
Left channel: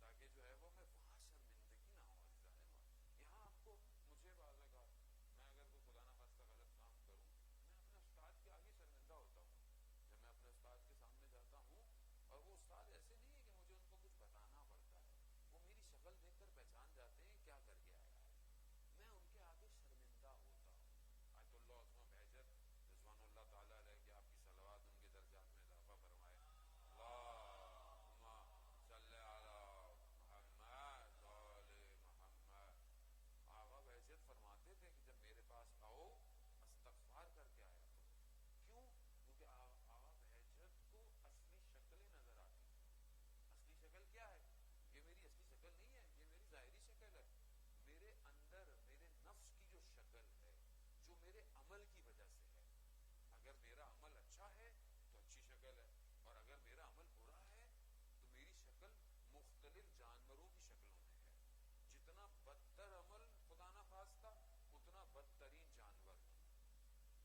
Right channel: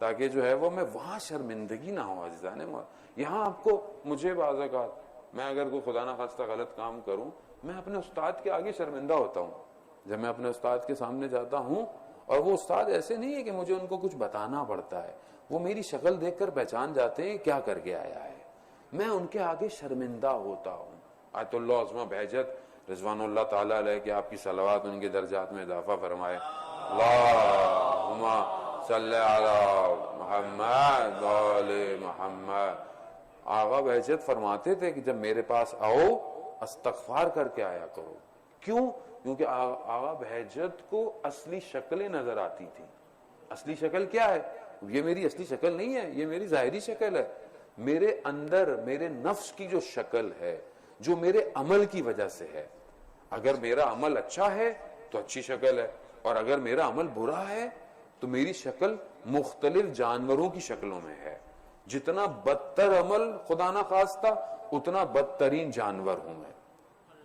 تاکہ جو ہے وہ میں وہاں شرمندگی نہ ہو عزیزان محترم. یہاں آپ کو مجھے بعض اوقات میں اگر کوئی خدا نہ خواستہ غلط کام کروں, میں اپنے استاد کے آگے شرمندہ ہوتا ہوں. جب میں اپنے استاد کے سامنے جاتا ہوں, اور وہ استاد ایسے نہیں ہے کہ مجھے ان کو کچھ بتانا پڑتا ہے, وہ میری شکل دیکھ کر پہچان جاتے ہیں کیا کر کے آیا ہے, میں ان کے آگے شرمندہ ہوتا ہوں. آیت اللہ عظمہ بہجت رضوان اللہ تعالیٰ علیہ کہ آپ کی صلوات ان کے درجات میں اضافہ فرمائے. اللہم صلی علی محمد وعلی محمد. آغا بہجت فرماتے تھے کہ جب میرے پاس آؤ استغفار کر کے آیا کرو. کیوں؟ کیونکہ آغا بہجت کو اصلی شکلیں نظر آتی تھی. اصلی شکل کیا ہے؟ یہ میری اصلی شکل نہیں ہے, یہ میری ظاہری شکل ہے. میرے اندر میرے نفس کی جو شکل ہے جو میرے عمل کی وجہ سے ہے. اگر میرا عمل اچھا ہے تو اچھی شکل ہے, اور اگر میرا عمل برا ہے تو میری شکل مختلف جانوروں کی شکلوں میں ہے. جتنا بدتر عمل خدا نہ خواستہ اتنا بدترین جانور ہوں میں,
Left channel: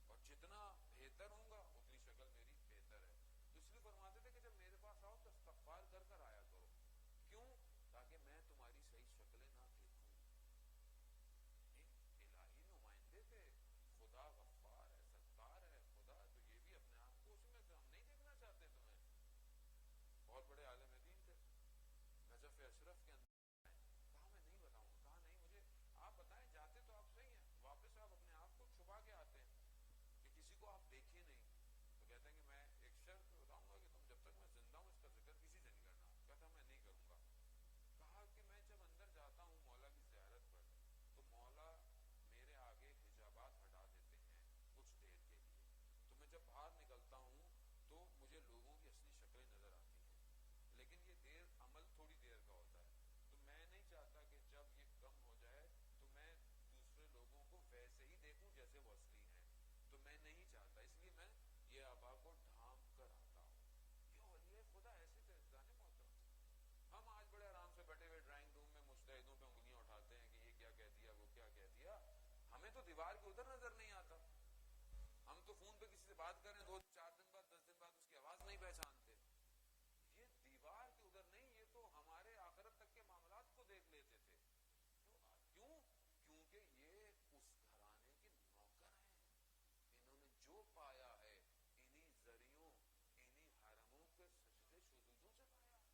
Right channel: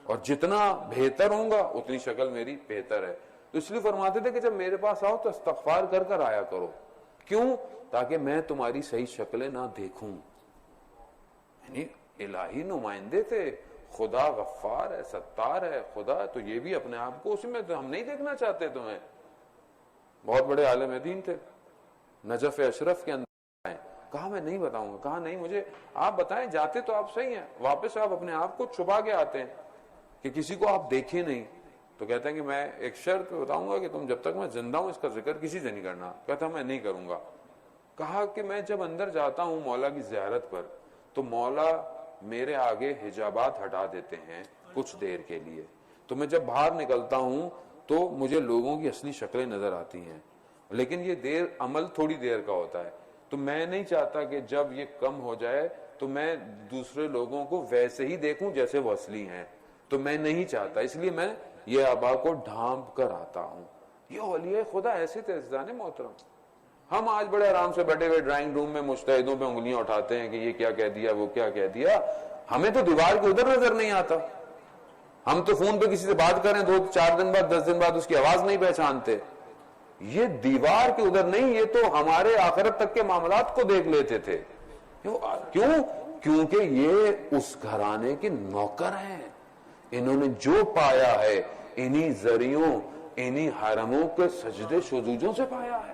اور جتنا بہتر ہوں گا اتنی شکل میری بہتر ہے. تو اس لیے فرماتے تھے کہ جب میرے پاس آؤ تو استغفار کر کر آیا کرو. کیوں؟ تاکہ میں تمہاری صحیح شکلیں نہ دیکھوں. یعنی الہی نمائندے تھے, خدا غفار ہے, ستار ہے, خدا تو یہ بھی اپنے آپ کو اسی میں تو ہم نہیں دیکھنا چاہتے تمہیں. بہت بڑے عالم دین تھے, نجف اشرف کے اندر کہا میں نہیں بتاؤں گا, کہا نہیں مجھے آپ بتائیں. جاتے تو آپ صحیح ہیں, واپس آپ اپنے آپ کو چھپا کے آتے ہیں کہ کسی کو آپ دیکھیں نہیں. تو کہتے ہیں کہ میں ایک شرط بتاؤں گا کہ تم جب تک میں زندہ ہوں اس کا ذکر کسی سے نہیں کرنا. کہتا میں نہیں کروں گا. کہا کہ میں جب اندر جاتا ہوں مولا کی زیارت پر تو مولا میرے آگے حجابات ہٹا دیتے ہیں کچھ دیر کے لیے, تو میں جب باہر نکلتا ہوں تو مجھے لوگوں کی اصلی شکلیں نظر آتی ہیں, لیکن یہ دیر عمل تھوڑی دیر کا ہوتا ہے. تو میں نہیں چاہتا کہ جب یہ کم ہو جائے تو میں دوسرے لوگوں کو ویسے ہی دیکھوں جیسے وہ اصلی ہیں. تو میں نہیں چاہتا, اس لیے میں یہ آبا کو ڈھانپ کر آتا ہوں. یہ اولیاء خدا ایسے تھے عزیزان محترم. ہم آج بڑے آرام سے بیٹھے ہوئے ڈرائنگ روم میں مجتہدوں پہ انگلیاں اٹھاتے ہیں کہ یہ کیا کہہ دیا, وہ کیا کہہ دیا. ہمیں تو دیوار کے ادھر نظر نہیں آتا. ہم تو فون پہ کسی سے بات کریں 2-4 دن بعد 10 دن بعد اس کی آواز نہیں پہچانتے. یہ دیوار کے ادھر نہیں, یہ تو ہمارے آخرت تک کے معاملات کو دیکھ لیتے تھے. کیوں؟ کیونکہ یہ اس گھرانے کے نوکر ہیں. انہوں نے جو پایا ہے انہی ذریعوں, انہی حرموں کے سجدے شذوذوں سے پایا ہے.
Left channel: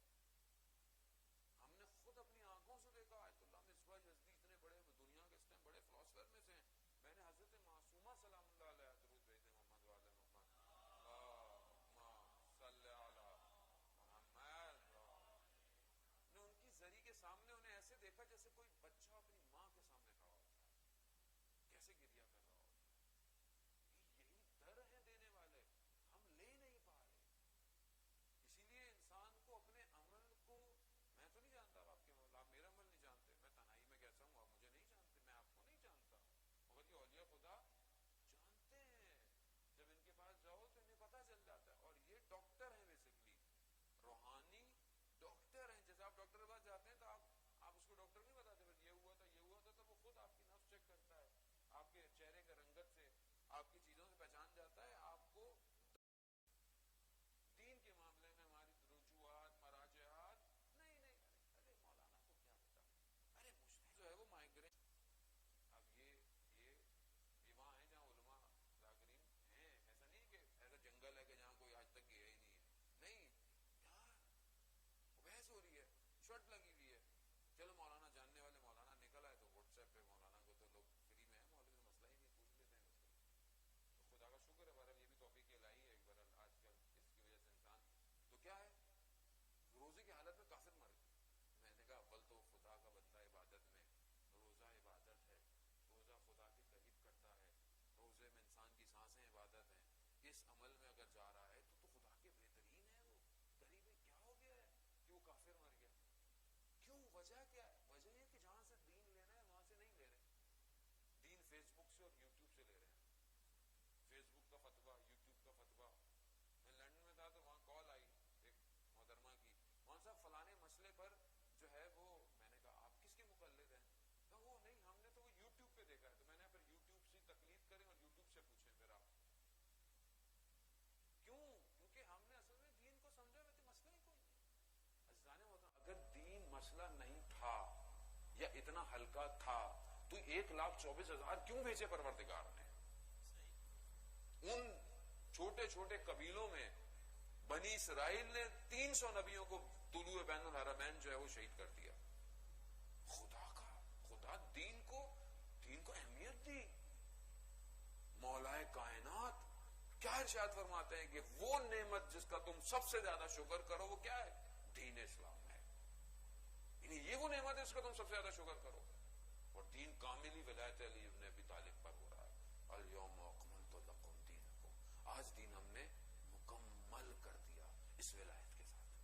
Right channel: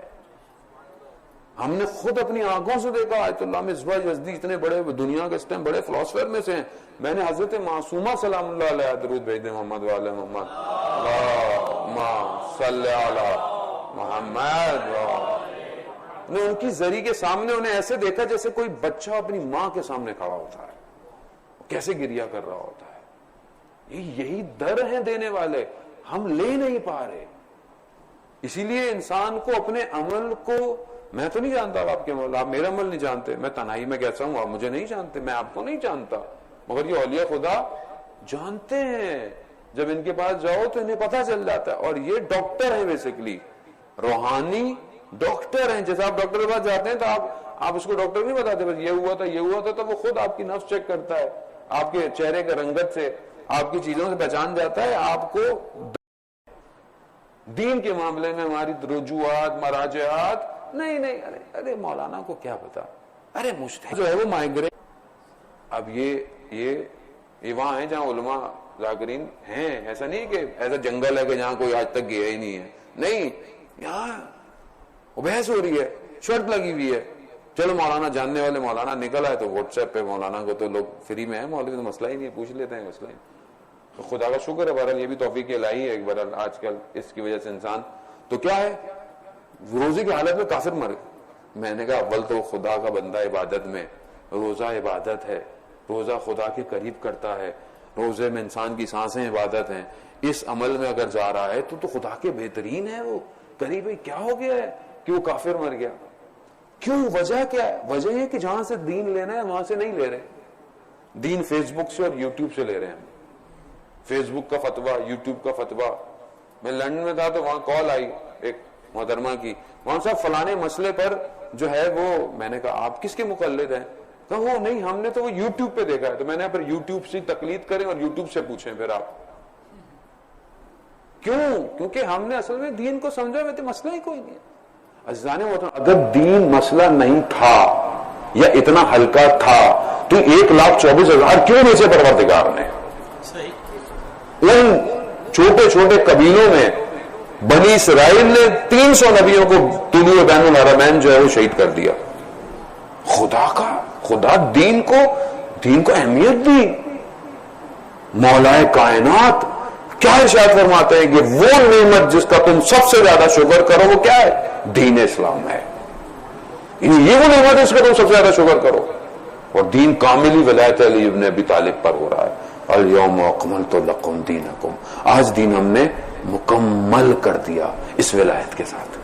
ہم نے خود اپنی آنکھوں سے دیکھا. آیت اللہ مصباح یزدی اتنے بڑے دنیا کے اس ٹائم بڑے فلاسفر میں سے ہیں. میں نے حضرت معصومہ سلام اللہ علیہ درود بھیج دے محمد والے محمد اللہم صلی علی محمد. نے ان کی ذری کے سامنے انہیں ایسے دیکھا جیسے کوئی بچہ اپنی ماں کے سامنے کھڑا ہوتا ہے, کیسے گریا کر رہا ہوتا ہے. یہی در ہیں دینے والے, ہم لے نہیں پا رہے. اسی لیے انسان کو اپنے عمل کو, میں تو نہیں جانتا آپ کے مولا, آپ میرا عمل نہیں جانتے, میں تنہائی میں کہتا ہوں آپ مجھے نہیں جانتے, میں آپ کو نہیں جانتا, مگر یہ اولیاء خدا جانتے ہیں. جب ان کے پاس جاؤ تو انہیں پتہ چل جاتا ہے. اور یہ ڈاکٹر ہیں, بیسیکلی روحانی ڈاکٹر ہیں. جیسے آپ ڈاکٹر کے پاس جاتے ہیں تو آپ اس کو ڈاکٹر نہیں بتاتے بس یہ ہوا تھا یہ ہوا تھا, تو وہ خود آپ کی نفس چیک کرتا ہے, آپ کے چہرے کے رنگت سے, آپ کی چیزوں سے پہچان جاتا ہے. آپ کو دین کے معاملے میں ہماری رجوعات مراجعات نہیں, ارے مولانا کو کیا پتا, ارے مجتہد جو ہے وہ مائگریٹ. اب یہ وہاں ہیں جہاں علماء ذاکرین ہیں, ایسا نہیں کہ ایسا جنگل ہے کہ جہاں کوئی آج تک گیا ہی نہیں ہے. نہیں, یہاں بحث ہو رہی ہے, شرط لگی ہوئی ہے. چلو مولانا جاننے والے مولانا نکل آئے تو واٹس ایپ پہ مولانا کو تو لوگ فری میں ہیں, مولوی تو مسئلہ ہی نہیں ہے, پوچھ لیتے ہیں مسئلہ ہی. خدا کا شکر ہے بہرحال یہ بھی توفیق الہی ہے بہرحال آج کل اس کی وجہ سے انسان تو کیا ہے روزے کی حالت میں کافر مر گئے. میں نے کہا اول تو خدا کا بندہ عبادت میں, روزہ عبادت ہے, روزہ خدا کے قریب کرتا ہے, روزے میں انسان کی سانسیں عبادت ہیں, اس عمل میں اگر جا رہا ہے تو خدا کے بہترین ہے وہ قریب ہے. کیا ہو گیا ہے کہ وہ کافر مر گیا؟ کیوں؟ وجہ کیا ہے؟ وجہ یہ کہ جہاں سے دین لینا ہے وہاں سے نہیں لے رہے. دین فیس بک سے اور یوٹیوب سے لے رہے ہیں. فیس بک کا فتویٰ, یوٹیوب کا فتویٰ. میں لندن میں تھا تو وہاں کال آئی ایک محترمہ کی, وہاں صاحب فلانے مسئلے پر جو ہے وہ, میں نے کہا آپ کس کے مقلد ہیں؟ کہا وہ نہیں, ہم نے تو وہ یوٹیوب پہ دیکھا ہے. تو میں نے پھر یوٹیوب سے تقلید کریں اور یوٹیوب سے پوچھیں پھر آپ. کیوں؟ کیونکہ ہم نے اصل میں دین کو سمجھا میں تو مسئلہ ہی کوئی نہیں ہے. عزیزان محترم, اگر دین مسئلہ نہیں تھا یا اتنا ہلکا تھا تو 1,24,000 کیوں نیچے پروردگار نے ان چھوٹے چھوٹے قبیلوں میں بنی اسرائیل نے 300 نبیوں کو طلوع بین الحرمین جو ہے وہ شہید کر دیا. خدا دین کو اہمیت دی. مولا کائنات کیا ارشاد فرماتے ہیں کہ وہ نعمت جس کا تم سب سے زیادہ شکر کرو وہ کیا ہے؟ دین اسلام ہے. یہ وہ نعمت ہے جس کا تم سب سے زیادہ شکر کرو. اور دین کاملی ولایت علی ابن ابی طالب پر ہو رہا ہے. الیوم اکملت لکم دینکم, آج دین ہم نے مکمل کر دیا اس ولایت کے ساتھ.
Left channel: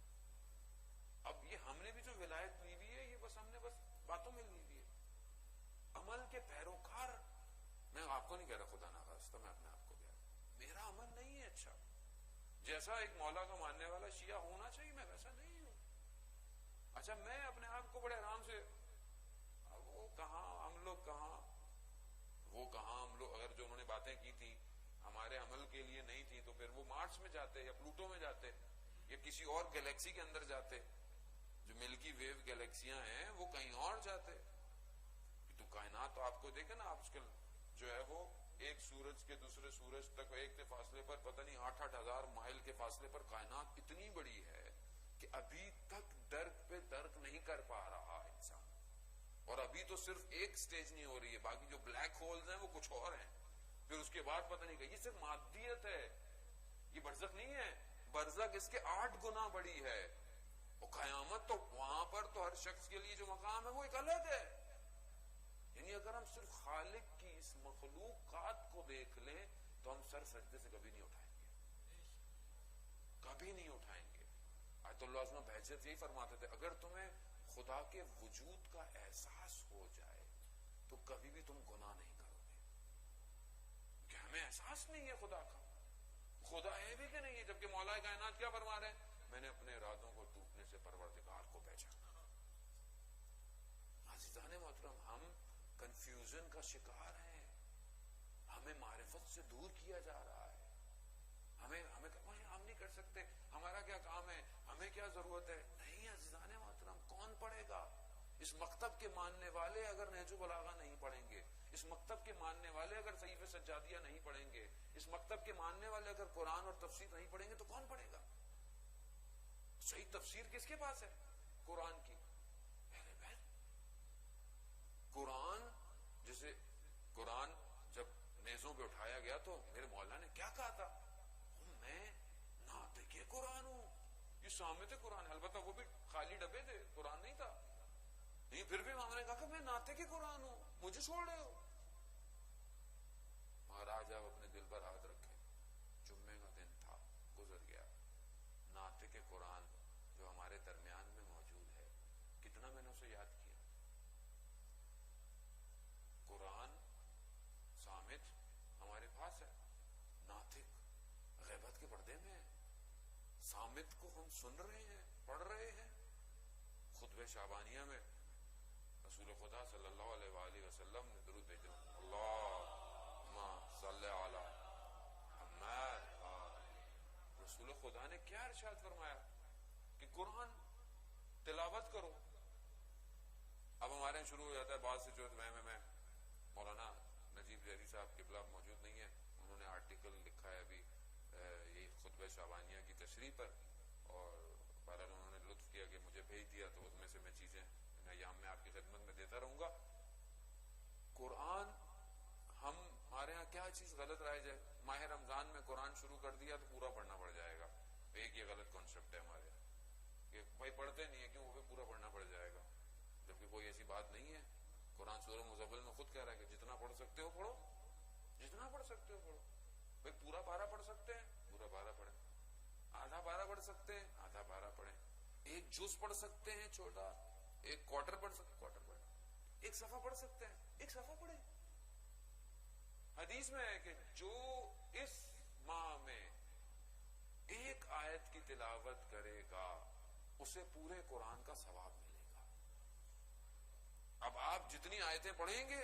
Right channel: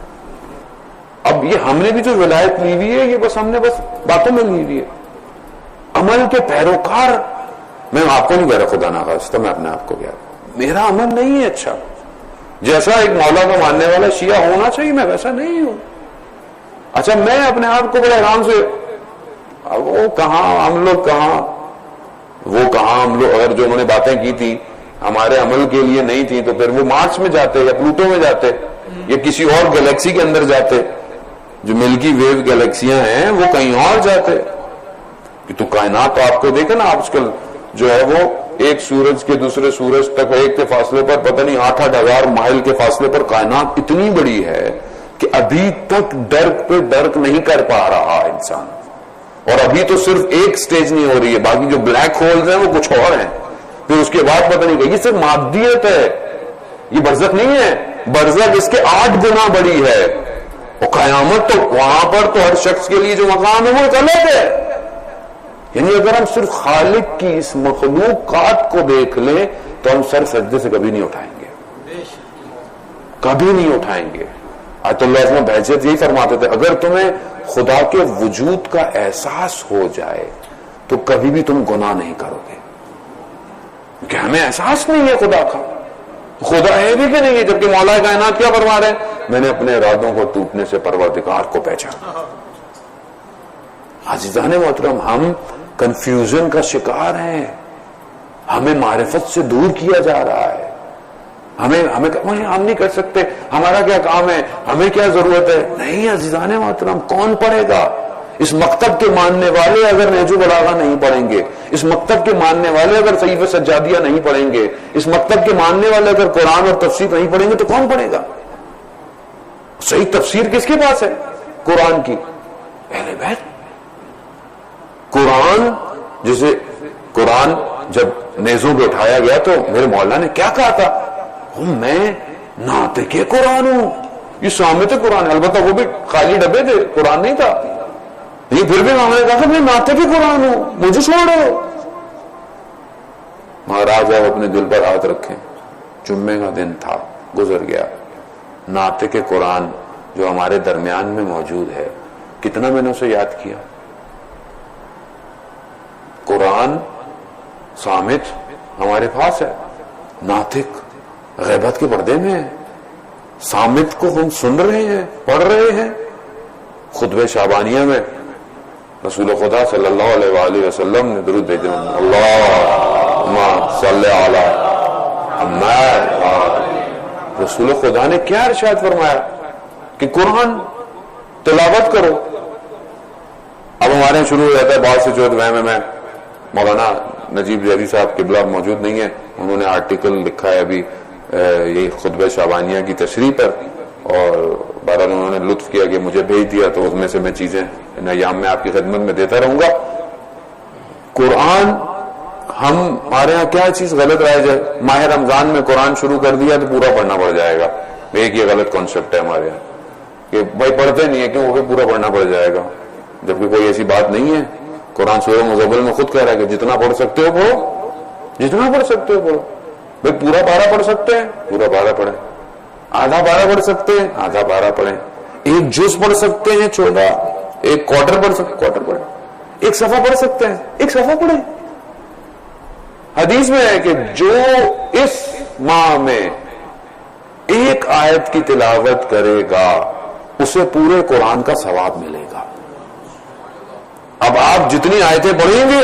اب یہ ہم نے بھی جو ولایت لی ہوئی ہے یہ بس ہم نے بس باتوں میں لی ہوئی ہے. عمل کے پیروکار, میں آپ کو نہیں کہہ رہا خدا نہ خواستہ, میں اپنے آپ کو کہہ رہا ہوں میرا عمل نہیں ہے اچھا. جیسا ایک مولا کو ماننے والا شیعہ ہونا چاہیے میں ویسا نہیں ہوں. اچھا میں اپنے آپ کو بڑے آرام سے, وہ کہاں ہم لوگ اگر جو انہوں نے باتیں کی تھی ہمارے عمل کے لیے نہیں تھی تو پھر وہ مارس میں جاتے یا پلوٹو میں جاتے یا کسی اور گلیکسی کے اندر جاتے. جو ملکی ویو گلیکسیاں ہیں وہ کہیں اور جاتے. تو کائنات تو آپ کو دیکھیں نا آج کل جو ہے وہ ایک سورج کے دوسرے سورج تک ایک کے فاصلے پر پتہ نہیں 8,000 مائل کے فاصلے پر کائنات اتنی بڑی ہے کہ ابھی تک ڈرک پہ ڈرک نہیں کر پا رہا انسان. اور ابھی تو صرف ایک سٹیج نہیں ہو رہی ہے, باقی جو بلیک ہولز ہیں وہ کچھ اور ہیں. پھر اس کے بعد پتہ نہیں کہ یہ صرف مادیت ہے, یہ برزخ نہیں ہے. برزخ اس کے 8 گنا بڑی ہے. اور قیامت تو وہاں پر تو ہر شخص کے لیے جو مقام ہے وہ ایک الگ ہے. یعنی اگر ہم صرف خالق کی اس مخلوقات کو دیکھ لیں تو ہم سر سجدے سے کبھی نہیں اٹھائیں گے, کبھی نہیں اٹھائیں گے. آیت اللہ عظمہ بہجت یہی فرماتے تھے اگر تمہیں خدا کے وجود کا احساس ہو جائے تو کبھی بھی تم گناہ نہیں کرو گے, کہ ہمیں احساس نہیں ہے خدا کا. خدا ہے بھی کہ نہیں ہے, جبکہ مولا کائنات کیا فرما رہے ہیں؟ میں نے اپنے ارادوں کو ٹوٹنے سے پروردگار کو پہچانا. عزیزان محترم, ہم کنفیوژن کا شکار ہیں, ہمیں معرفت سے دور کیا جا رہا ہے. ہم نہیں کر سکتے, ہمارا کیا کام ہے, ہمیں کیا ضرورت ہے. نہیں عزیزان محترم, کون پڑھے گا؟ اس مکتب کے ماننے والے اگر نہج البلاغہ نہیں پڑھیں گے, اس مکتب کے ماننے والے اگر صحیفہ سجادیہ نہیں پڑھیں گے, اس مکتب کے ماننے والے اگر قرآن اور تفسیر نہیں پڑھیں گے تو کون پڑھے گا؟ صحیح تفسیر کس کے پاس ہے؟ قرآن کی. اہل بیت. قرآن جب نیزوں پہ اٹھایا گیا تو میرے مولا نے کیا کہا تھا؟ میں ناطق قرآن ہوں. یہ سامت قرآن ہے, البتہ وہ بھی خالی ڈبے تھے, قرآن نہیں تھا. یہ پھر بھی میں نے کہا کہ میں ناطق قرآن ہوں, مجھے چھوڑو. مہاراج آپ اپنے دل پر ہاتھ رکھیں. جمعے کا دن تھا, گزر گیا. ناطق قرآن جو ہمارے درمیان میں موجود ہے, کتنا میں نے اسے یاد کیا. قرآن صامت ہمارے پاس ہے, ناطق غیبت کے پردے میں ہے. صامت کو ہم سن رہے ہیں, پڑھ رہے ہیں. خطبہ شعبانیہ میں رسول خدا صلی اللہ علیہ وآلہ وسلم نے درود بھیجا, اللہم صلی علی محمد. رسول خدا نے کیا ارشاد فرمایا کہ قرآن تلاوت کرو. اب ہمارے شروع ہو جاتا ہے بات سے جو میں مولانا نجیب زیدی صاحب قبلہ موجود نہیں ہے, انہوں نے آرٹیکل لکھا ہے ابھی یہ خطبہ شعبانیہ کی تشریح پر, اور بہرحال انہوں نے لطف کیا کہ مجھے بھیج دیا, تو اس میں سے میں چیزیں ان ایام میں آپ کی خدمت میں دیتا رہوں گا. قرآن ہمارے یہاں کیا چیز غلط رائج ہے؟ ماہ رمضان میں قرآن شروع کر دیا تو پورا پڑھنا پڑ جائے گا. ایک یہ غلط کانسیپٹ ہے ہمارے یہاں کہ بھائی پڑھتے نہیں ہے کیوں وہ پورا پڑھنا پڑ جائے گا، جبکہ کوئی ایسی بات نہیں ہے. قرآن سورہ مزمل میں خود کہہ رہا ہے کہ جتنا پڑھ سکتے ہو پڑھو، جتنا پڑھ سکتے ہو پڑھو. بھائی پورا پارہ پڑھ سکتے ہیں پورا پارہ پڑھیں، آدھا پارہ پڑھ سکتے ہیں آدھا پارہ پڑھیں، ایک جز پڑھ سکتے ہیں 14، ایک کوارٹر پڑھ سکتے کوارٹر پڑھیں، ایک صفحہ پڑھ سکتے ہیں ایک صفحہ پڑھیں. حدیث میں ہے کہ جو اس ماہ میں ایک آیت کی تلاوت کرے گا اسے پورے قرآن کا ثواب ملے گا. اب آپ جتنی آیتیں پڑھیں گے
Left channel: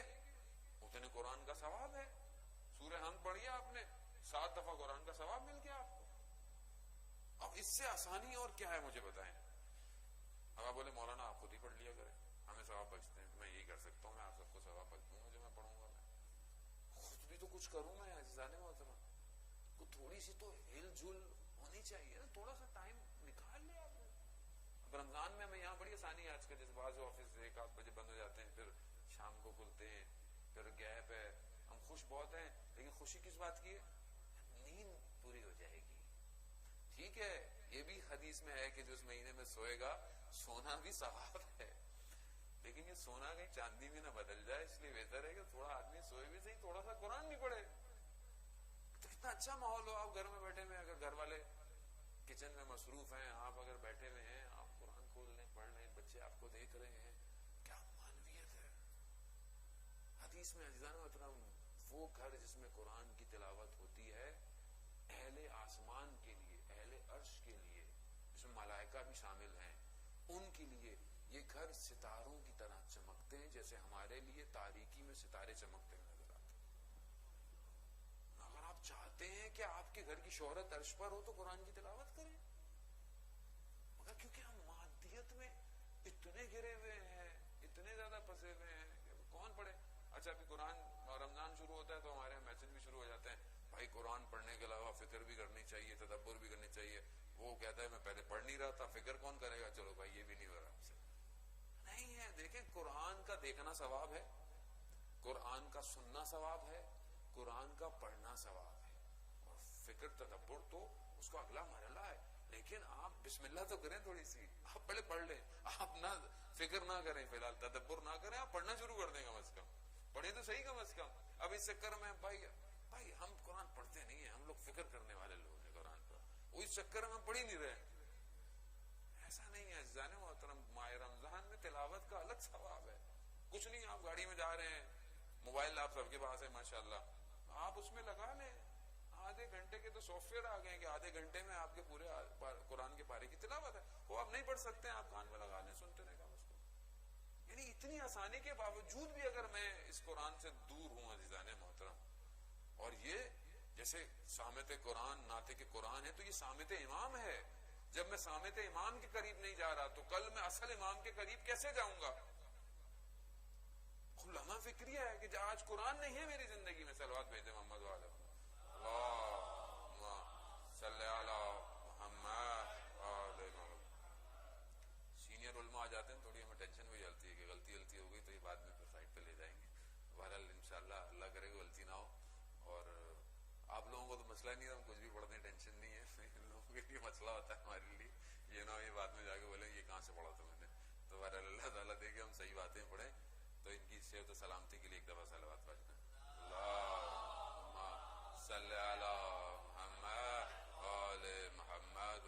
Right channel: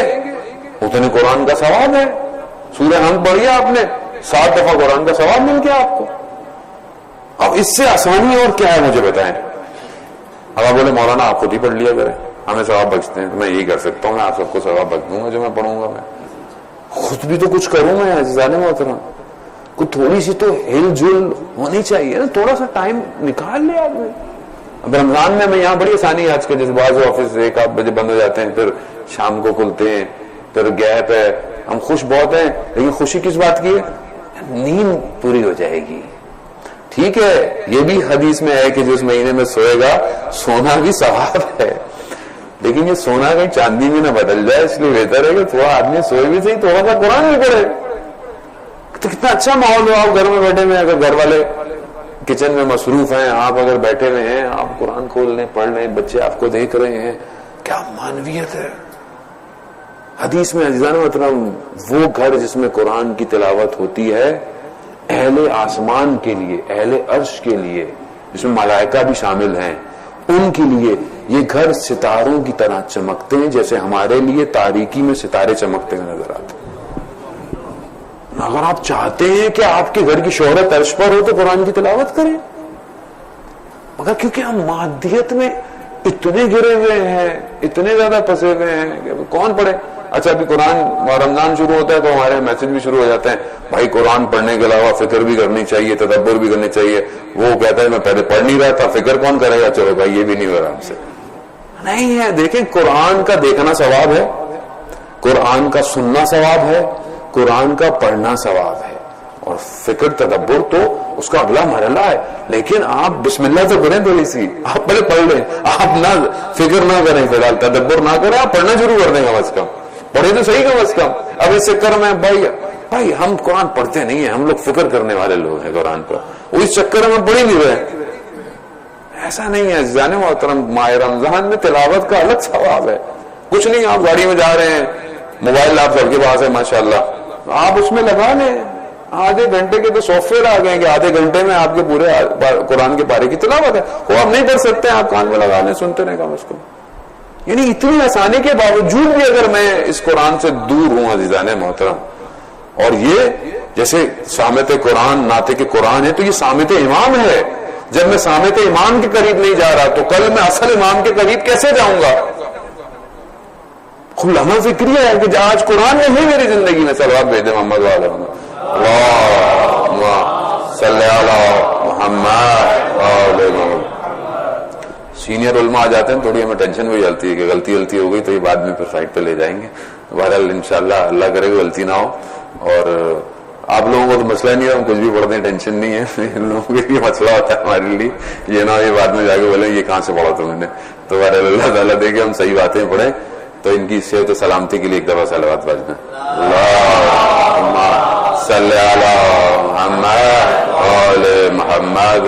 اتنے قرآن کا ثواب ہے. سورہ حمد پڑھی آپ نے 7 دفعہ قرآن کا ثواب مل گیا آپ کو. اب اس سے آسانی اور کیا ہے مجھے بتائیں. اب آپ بولے مولانا آپ خود ہی پڑھ لیا کریں ہمیں ثواب بخشتے ہیں، تو میں یہی کر سکتا ہوں، میں آپ سب کو ثواب بخش دوں گا جو میں پڑھوں گا. میں خود بھی تو کچھ کروں میں عزیزان محترم. کوئی تھوڑی سی تو ہل جل ہونی چاہیے نا، تھوڑا سا ٹائم نکال لے آپ نے. اب رمضان میں یہاں بڑی آسانی ہے آج کے، جیسے بعض آفس 1-8 بجے بند ہو جاتے ہیں، پھر شام کو کھلتے ہیں، پھر گیپ ہے. ہم خوش بہت ہیں لیکن خوشی کس بات کی ہے؟ نیند پوری ہو جائے گی. ٹھیک ہے یہ بھی حدیث میں ہے کہ جس مہینے میں سوئے گا سونا بھی ثواب ہے، لیکن یہ سونا کہیں چاندی میں نہ بدل جائے، اس لیے بہتر ہے کہ تھوڑا آدمی سوئے بھی صحیح، تھوڑا سا قرآن بھی پڑھے. تو کتنا اچھا ماحول ہو. آپ گھر میں بیٹھے ہوئے، اگر گھر والے کچن میں مصروف ہیں، آپ اگر بیٹھے ہوئے ہیں، آپ قرآن کھول لیں پڑھ لیں، بچے آپ کو دیکھ رہے ہیں، کیا معنویت ہے. حدیث میں عزیزان محترم وہ گھر جس میں قرآن کی تلاوت ہوتی ہے اہل آسمان کے لیے، اہل عرش کے لیے، جس میں ملائکہ بھی شامل ہیں، ان کے لیے یہ گھر ستاروں کی طرح چمکتے ہیں جیسے ہمارے لیے تاریکی میں ستارے چمکتے ہوئے نظر آتے ہیں. اگر آپ چاہتے ہیں کہ آپ کے گھر کی شہرت عرش پر ہو تو قرآن کی تلاوت کریں، مگر کیونکہ ہم مادیت میں اتنے گرے ہوئے ہیں، اتنے زیادہ پھنسے ہوئے ہیں کہ کون پڑھے. اچھا ابھی قرآن رمضان شروع ہوتا ہے تو ہمارے میسج بھی شروع ہو جاتے ہیں، بھائی قرآن پڑھنے کے علاوہ فکر بھی کرنی چاہیے، تدبر بھی کرنی چاہیے. وہ کہتا ہے میں پہلے پڑھ نہیں رہا تھا، فکر کون کرے گا؟ چلو بھائی یہ بھی نہیں ہو رہا ہم سے. نہیں ہے. دیکھیں قرآن کا دیکھنا ثواب ہے، قرآن کا سننا ثواب ہے، قرآن کا پڑھنا ثواب ہے، اور فکر تدبر تو اس کا اگلا مرحلہ ہے. لیکن آپ بسم اللہ سے پڑھیں تھوڑی سی، آپ پہلے پڑھ لیں، آپ نہ فکر نہ کریں، فی الحال تدبر نہ کریں، آپ پڑھنا شروع کر دیں کم از کم، پڑھے تو صحیح کم از کم. اب اس چکر میں بھائی ہم قرآن پڑھتے نہیں ہیں، ہم لوگ فکر کرنے والے لوگ ہیں قرآن پر، وہ اس چکر میں پڑھ ہی نہیں رہے. ایسا نہیں ہے عزیزان محترم. ماہ رمضان میں تلاوت کا الگ ثواب ہے. کچھ نہیں، آپ گاڑی میں جا رہے ہیں، موبائل آپ سب کے پاس ہے ماشاءاللہ، آپ اس میں لگا لیں. آدھے گھنٹے کے تو سافٹ ویئر آ گئے کہ آدھے گھنٹے میں آپ کے پورے قرآن کے پارے کی تلاوت ہے. وہ آپ نہیں پڑھ سکتے، آپ کان میں لگا لیں، سنتے رہیں کم از کم. یعنی اتنی آسانی کے باوجود بھی اگر میں اس قرآن سے دور ہوں عزیزان محترم، اور یہ جیسے سامت قرآن ناطق قرآن ہے تو یہ سامت امام ہے. جب میں سامت امام کے قریب نہیں جا رہا تو کل میں اصل امام کے قریب کیسے جاؤں گا؟ لمحہ فکری ہے کہ آج قرآن نے ہی میری زندگی میں صلوات بھیجے محمد والے صلی اللہ محمد. سینئر علماء آ جاتے ہیں تھوڑی ہمیں ٹینشن بھی جلتی ہے کہ غلطی ہو گئی تو یہ بعد میں پھر سائٹ پہ لے جائیں گے. بہرحال انشاءاللہ اللہ کرے گا غلطی نہ ہو. اور آپ لوگوں کو تو مسئلہ نہیں ہے، ہم کچھ بھی پڑھتے ہیں، ٹینشن نہیں ہے. ان لوگوں کے لیے مسئلہ ہوتا ہے ہمارے لیے، یہ نہ یہ بعد میں جا کے بولیں یہ کہاں سے پڑھا تم نے. تو بہرحال اللہ تعالیٰ دے کے ہم صحیح باتیں پڑھیں. تو ان کی صحت و سلامتی کے لیے ایک دفعہ صلوات پڑھنا. اللہم صلی علی محمد محمد.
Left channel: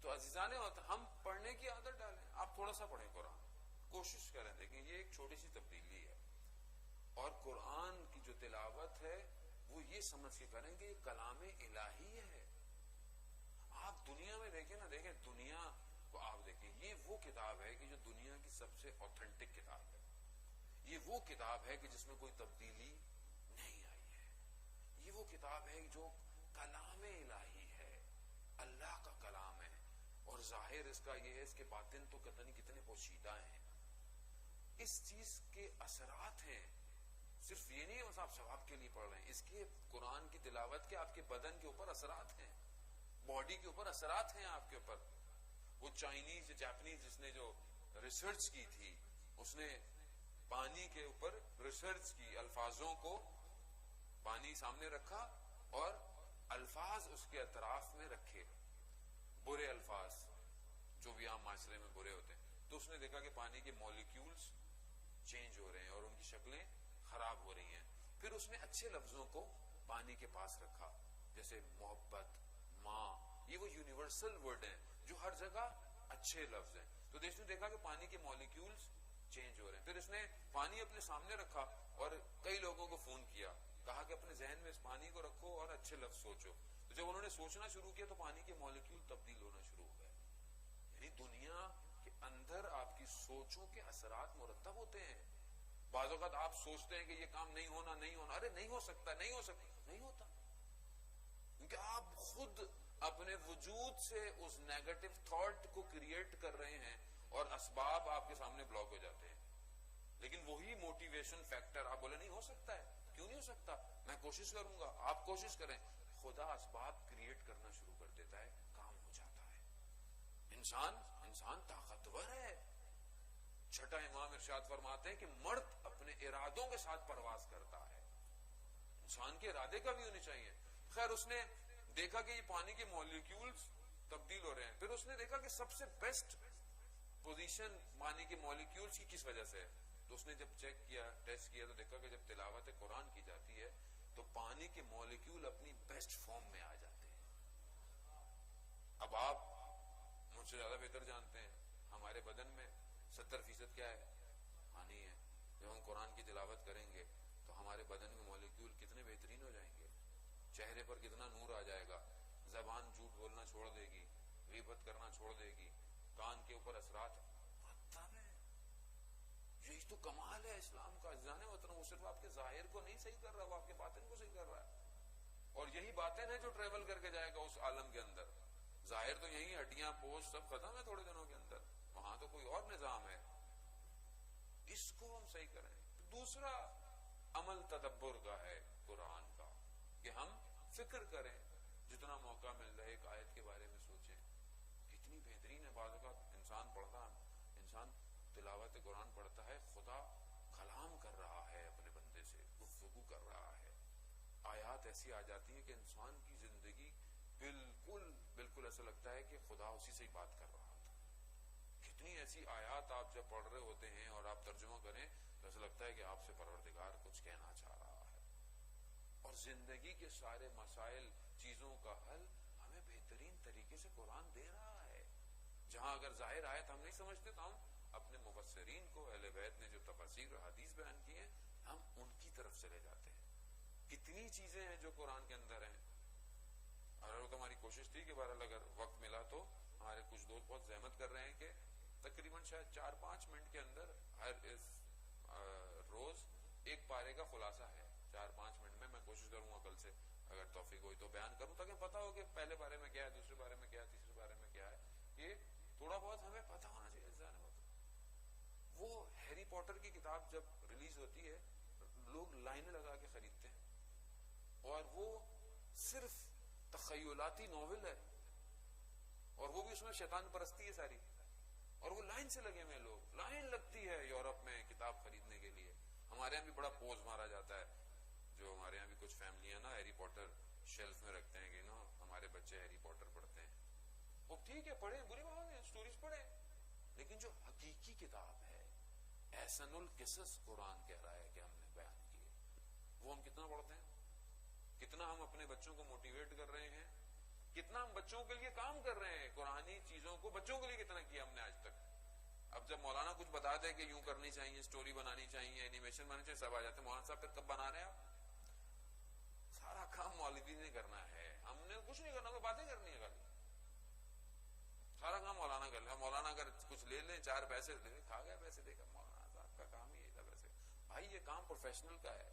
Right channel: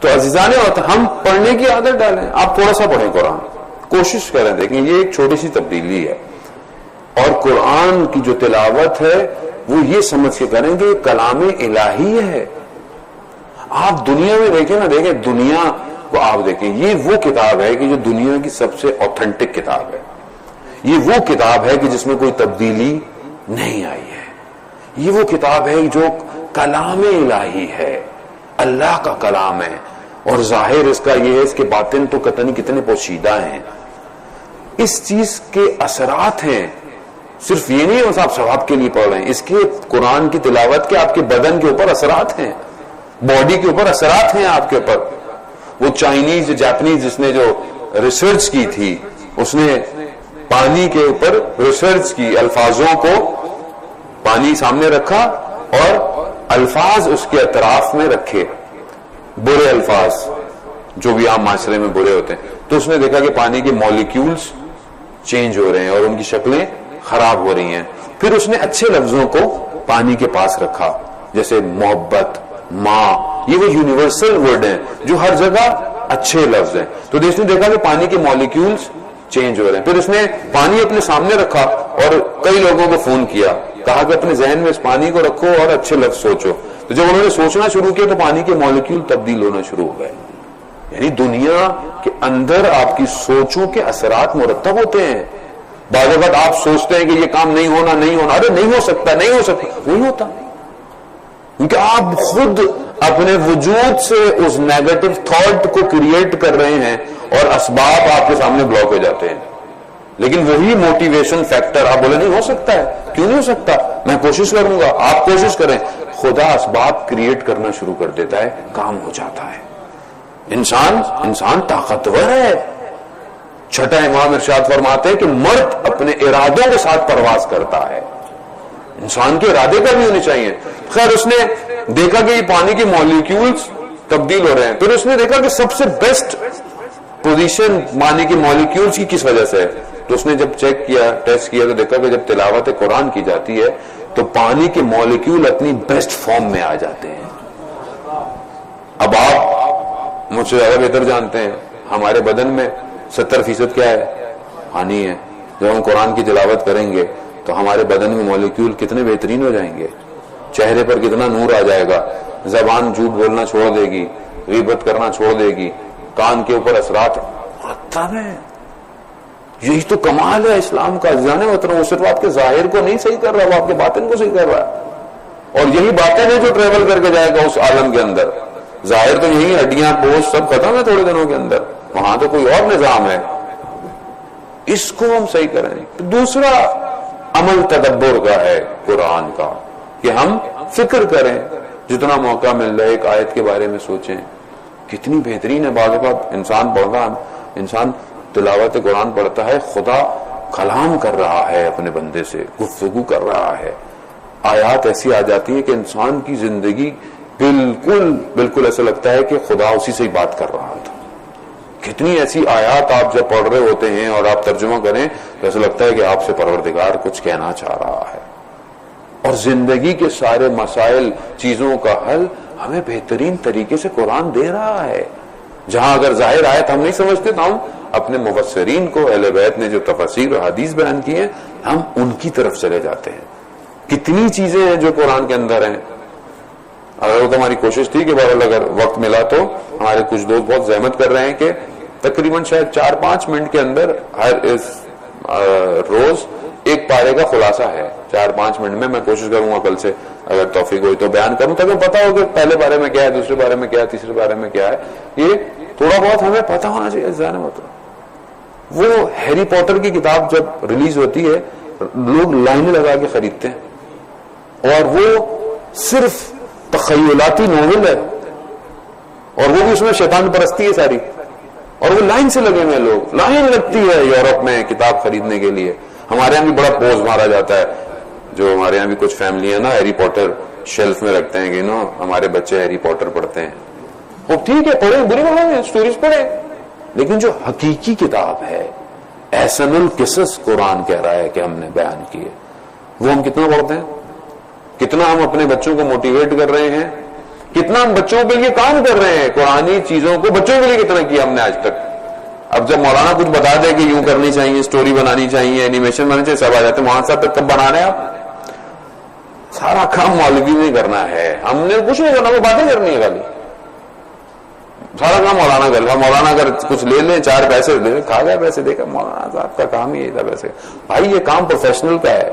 تو عزیزان ہم پڑھنے کی عادت ڈالیں. آپ تھوڑا سا پڑھیں قرآن، کوشش کریں. دیکھیں یہ ایک چھوٹی سی تبدیلی ہے، اور قرآن کی جو تلاوت ہے وہ یہ سمجھ کے کریں کہ یہ کلام الہی ہے. آپ دنیا میں دیکھیں نا، دیکھیں دنیا کو آپ دیکھیں، یہ وہ کتاب ہے کہ جو دنیا کی سب سے اوتھینٹک کتاب ہے. یہ وہ کتاب ہے کہ جس میں کوئی تبدیلی نہیں آئی ہے. یہ وہ کتاب ہے جو کلام الہی ہے، اللہ کا کلام ہے، اور ظاہر اس کا یہ ہے، اس کے باطن تو قطعی کتنے پوشیدہ ہیں. اس چیز کے اثرات ہیں. صرف یہ نہیں ہے آپ ثواب کے لیے پڑھ رہے ہیں، اس کے قرآن کی تلاوت کے آپ کے بدن کے اوپر اثرات ہیں، باڈی کے اوپر اثرات ہیں آپ کے اوپر. وہ چائنیز جاپنیز جس نے جو ریسرچ کی تھی، اس نے پانی کے اوپر ریسرچ کی، الفاظوں کو پانی سامنے رکھا اور الفاظ اس کے اطراف میں رکھے، برے الفاظ جو بھی عام معاشرے میں برے ہوتے ہیں، تو اس نے دیکھا کہ پانی کے مالیکیولز چینج ہو رہے ہیں اور ان کی شکلیں خراب ہو رہی ہیں. پھر اس نے اچھے لفظوں کو پانی کے پاس رکھا، جیسے محبت، ماں، یہ وہ یونیورسل ورڈ ہیں جو ہر جگہ اچھے لفظ ہیں. تو اس نے دیکھا کہ پانی کے مالیکیولز چینج ہو رہے ہیں. پھر اس نے پانی اپنے سامنے رکھا اور کئی لوگوں کو فون کیا، کہا کہ اپنے ذہن میں اس پانی کو رکھو اور اچھے لفظ سوچو. تو جب انہوں نے سوچنا شروع کیا تو پانی کے مالیکیول تبدیل ہونا شروع ہو گئے. یعنی دنیا کے اندر آپ کی سوچوں کے اثرات مرتب ہوتے ہیں. بعض اوقات آپ سوچتے ہیں کہ یہ کام نہیں ہونا، ارے نہیں ہو سکتا، وہی ہوتا، کیونکہ آپ خود اپنے وجود سے اس نیگیٹو تھاٹ کو کریٹ کر رہے ہیں اور اسباب آپ کے سامنے بلاک ہو جاتے ہیں. لیکن وہی موٹیویشن فیکٹر آپ بولے نہیں ہو سکتا ہے، کیوں نہیں ہو سکتا، میں کوشش کروں گا، آپ کوشش کریں، خدا اسباب کریٹ کرنا شروع کر دیتا ہے، کام ہو جاتا ہے. انسان طاقتور ہے. چھٹا امام ارشاد فرماتے ہیں کہ مرد اپنے ارادوں کے ساتھ پرواز کرتا ہے. انسان کے ارادے کا بھی ہونے چاہیے. خیر اس نے دیکھا کہ یہ پانی کے مالیکیولز تبدیل ہو رہے ہیں. پھر اس نے دیکھا کہ سب سے بیسٹ پوزیشن پانی کے مالیکیولز کی کس وجہ سے ہے. تو اس نے جب چیک کیا، ٹیسٹ کیا، تو دیکھا کہ جب تلاوت قرآن کی جاتی ہے تو پانی کے مالیکیول اپنی بیسٹ فارم میں آ جاتے ہیں. اب آپ مجھ سے زیادہ بہتر جانتے ہیں ہمارے بدن میں 70% کیا ہے، پانی ہے. جب ہم قرآن کی تلاوت کریں گے تو ہمارے بدن میں مالیکیول کتنے بہترین ہو جائیں گے، چہرے پر کتنا نور آ جائے گا، زبان جھوٹ بولنا چھوڑ دے گی، غیبت کرنا چھوڑ دے گی، کان کے اوپر اثرات مرتب ہیں. یہی تو کمال ہے اسلام کا. جانے وہ صرف آپ کے ظاہر کو نہیں صحیح کر رہا، وہ آپ کے باطن کو صحیح کر رہا ہے. اور یہی باتیں ہیں جو ٹریول کر کے جائے گا اس عالم کے اندر. ظاہر تو یہی ہڈیاں پوسٹ سب ختم ہے تھوڑے دنوں کے اندر، وہاں تو کوئی اور نظام ہے. اس کو ہم صحیح کریں. دوسرا عمل تدبر کا ہے قرآن کا، کہ ہم فکر کریں، جتنا موقع مل رہا ہے ایک آیت کے بارے میں سوچیں کتنی بہترین ہے. بعض اوقات انسان تلاوت قرآن پڑھتا ہے، خدا کلام کر رہا ہے اپنے بندے سے، گفتگو کر رہا ہے. آیات ایسی آ جاتی ہیں کہ انسان کی زندگی بالکل ایسا لگتا ہے کہ خدا اسی سے ہی بات کر رہا تھا. کتنی ایسی آیات آپ جب پڑھ رہے ہوتے ہیں اور آپ ترجمہ کریں تو ایسا لگتا ہے کہ آپ سے پروردگار کچھ کہنا چاہ رہا ہے. اور زندگی کے سارے مسائل، چیزوں کا حل ہمیں بہترین طریقے سے قرآن دے رہا ہے. جہاں اگر ظاہر آیت ہم نہیں سمجھتے تو ہم اپنے مفسرین کو، اہل بیت نے جو تفاسیر اور حدیث بیان کی ہیں، ہم ان کی طرف چلے جاتے ہیں. کتنی چیزیں ہیں جو قرآن کے اندر ہیں. اگر وہ تو ہماری کوشش تھی کہ بہرحال اگر وقت ملا تو ہمارے کچھ دوست بہت زحمت کر رہے ہیں کہ تقریباً شاید 4-5 منٹ کے اندر ہر روز ایک پارے کا خلاصہ ہے. 4-5 منٹ میں میں کوشش کروں گا کل سے اگر توفیق ہوئی تو بیان کروں، تاکہ پتا ہو کہ پہلے بارے میں کیا ہے، دوسرے بارے میں کیا ہے، تیسرے بارے میں کیا ہے. یہ تھوڑا بہت ہمیں پتا ہونا چاہیے. ذہن میں وہ ہیری پوٹر کی کتاب جب ریلیز ہوتی ہے لوگ لائنیں لگا کے خریدتے ہیں، اور وہ صرف تخیلاتی ناول ہے اور وہ بھی اس میں شیطان پرستی ہے ساری، اور وہ لائن سے لگے ہوئے لوگ، لائن لگتی ہے یورپ میں کتاب خریدنے کے لیے. ہمارے یہاں بھی بڑا پوز مارا جاتا ہے. جو ہمارے یہاں بھی کچھ فیملی ہے نا ہیری پوٹر شیلف میں رکھتے ہیں کہ ہمارے بچے ہیری پوٹر پڑھتے ہیں. وہ ٹھیک ہے، پڑھیں، بری بات نہیں، اسٹوریز پڑھیں، لیکن جو حقیقی کتاب ہے، احسن القصص قرآن کہہ رہا ہے کہ ہم نے بیان کیے، وہ ہم کتنا پڑھتے ہیں، کتنا ہم اپنے بچوں کو موٹیویٹ کر رہے ہیں، کتنا ہم بچوں کے لیے کام کر رہے ہیں. قرآنی چیزوں کو بچوں کے لیے کتنا کیا ہم نے آج تک. اب جب مولانا کچھ بتا دے کہ یوں کرنی چاہیے، اسٹوری بنانی چاہیے، اینیمیشن بنانی چاہیے، سب آ جاتے ہیں. وہاں سے تک کب بنا رہے ہیں آپ؟ سارا کام مولوی نہیں کرنا ہے، ہم نے کچھ نہیں کرنا، وہ باتیں کرنی ہے خالی. سارا کام مولانا کر لیا. مولانا اگر کچھ لے لیں، 4 پیسے دے، کھا گئے پیسے، دیکھا مولانا صاحب کا کام ہی تھا. پیسے بھائی یہ کام پروفیشنل کا ہے،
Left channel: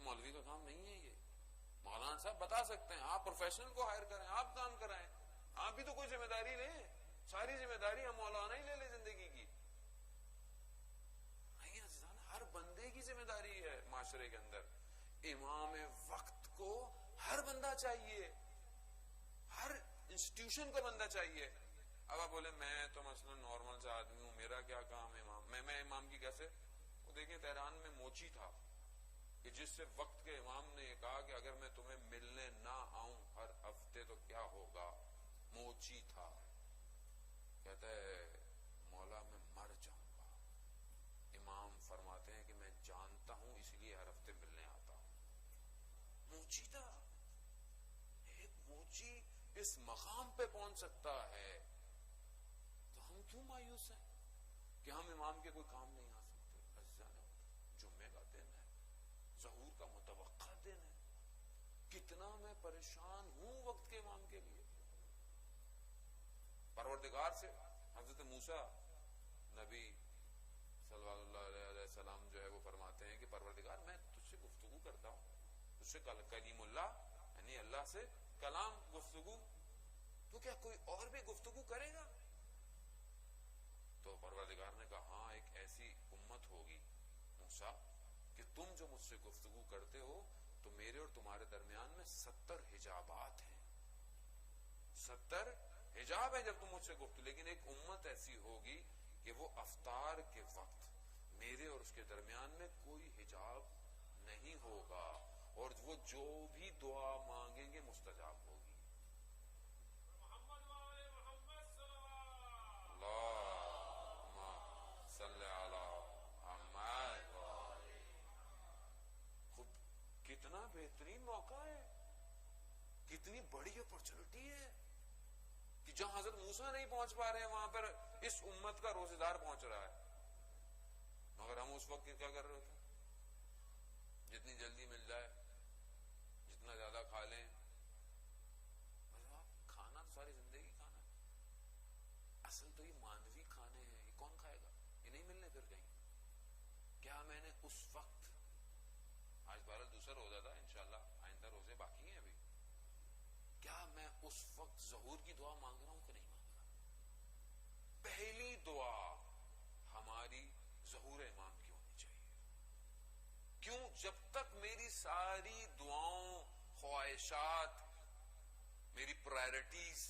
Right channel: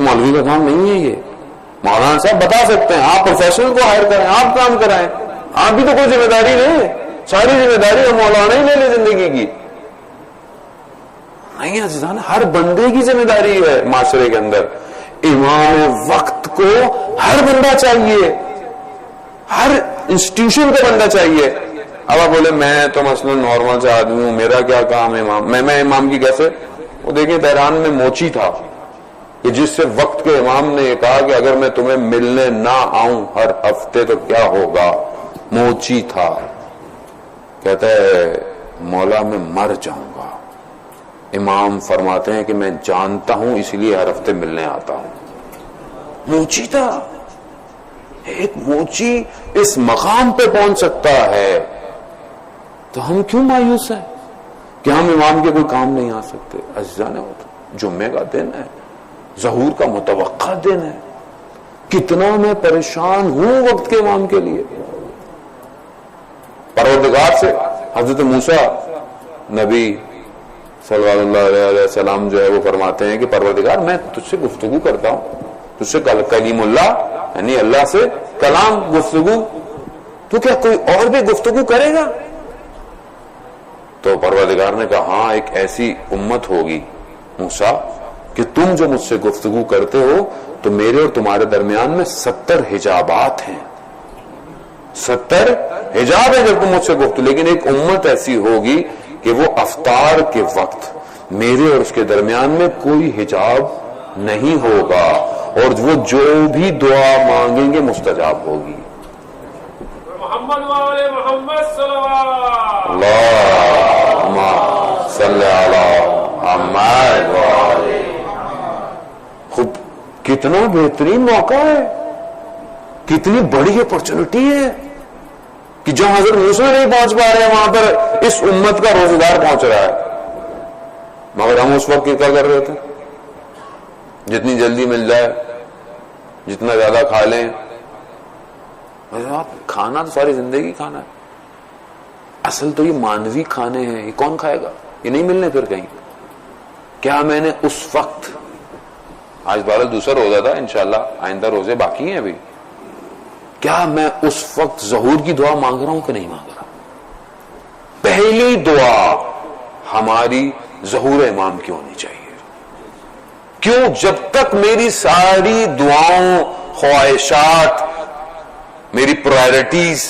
مولوی کا کام نہیں ہے. یہ مولانا صاحب بتا سکتے ہیں، آپ پروفیشنل کو ہائر کریں، آپ کام کرائیں، آپ بھی تو کوئی ذمہ داری نہیں. ساری ذمہ داری ہم مولانا ہی لے لیں زندگی کی. نہیں عزیزان، ہر بندے کی ذمہ داری ہے معاشرے کے اندر. امام وقت کو ہر بندہ چاہیے، ہر انسٹیٹیوشن کا بندہ چاہیے. اب آپ بولے میں تو مثلا نارمل سے آدمی ہوں، میرا کیا کام ہے امام، میں امام کی کیسے. وہ دیکھیں تہران میں موچی تھا، کہ جس سے وقت کے امام نے یہ کہا کہ اگر میں تمہیں ملنے نہ آؤں ہر ہفتے تو کیا ہوگا؟ موچی تھا، کہتا ہے مولا میں مر جاؤں گا۔ امام فرماتے ہیں کہ میں جانتا ہوں اس لیے ہر ہفتے ملنے آتا ہوں۔ موچی تھا، ایک موچی اس مقام پہ پہنچ سکتا ہے تو ہم کیوں مایوس ہیں کہ ہم امام کے کوئی کام نہیں آ سکتے؟ عزیزان ہوتا جمعے کا دن ہے، ظہور کا متوقع دن ہے، کتنا میں پریشان ہوں وقت کے امام کے لیے۔ پروردگار سے حضرت موسیٰ نبی صلی اللہ علیہ وسلم جو ہے وہ فرماتے ہیں کہ پروردگار میں تجھ سے گفتگو کرتا ہوں، تجھ سے کلیم اللہ یعنی اللہ سے کلام گفتگو، تو کیا کوئی اور بھی گفتگو کرے گا؟ تو پروردگار نے کہا ہاں ایک ایسی امت ہوگی موسیٰ کہ تم جو مجھ سے گفتگو کرتے ہو تو میرے اور تمہارے درمیان میں 70 حجابات ہیں، 70 حجاب ہے جب تم مجھ سے گفتگو، لیکن ایک امت ایسی ہوگی کہ وہ افطار کے وقت میرے اور اس کے درمیان میں کوئی حجاب نہیں ہوگا اور وہ جو بھی دعا مانگیں گے مستجاب ہوگی۔ محمد والے محمد صلوات اللہم صلی علی محمد والے۔ خود کتنا بہترین موقع ہے، کتنی بڑی اپرچونٹی ہے کہ جہاں حضرت موسیٰ نہیں پہنچ پا رہے ہیں وہاں پر اس امت کا روزگار پہنچ رہا ہے۔ مگر ہم اس وقت کیا کر رہے تھے؟ جتنی جلدی مل جائے، جتنا زیادہ کھا لیں۔ کھانا تو ساری زندگی کھانا ہے، اصل تو یہ مانوی کھانے ہیں، یہ کون کھائے گا؟ یہ نہیں ملنے پھر کہیں۔ کیا میں نے اس وقت، آج بہرحال دوسرا روزہ تھا، انشاءاللہ آئندہ روزے باقی ہیں ابھی، کیا میں اس وقت ظہور کی دعا مانگ رہا ہوں کہ نہیں مانگ رہا؟ پہلی دعا ہماری ظہور امام کی ہونی چاہیے۔ کیوں؟ جب تک میری ساری دعاؤں، خواہشات، میری پرائرٹیز،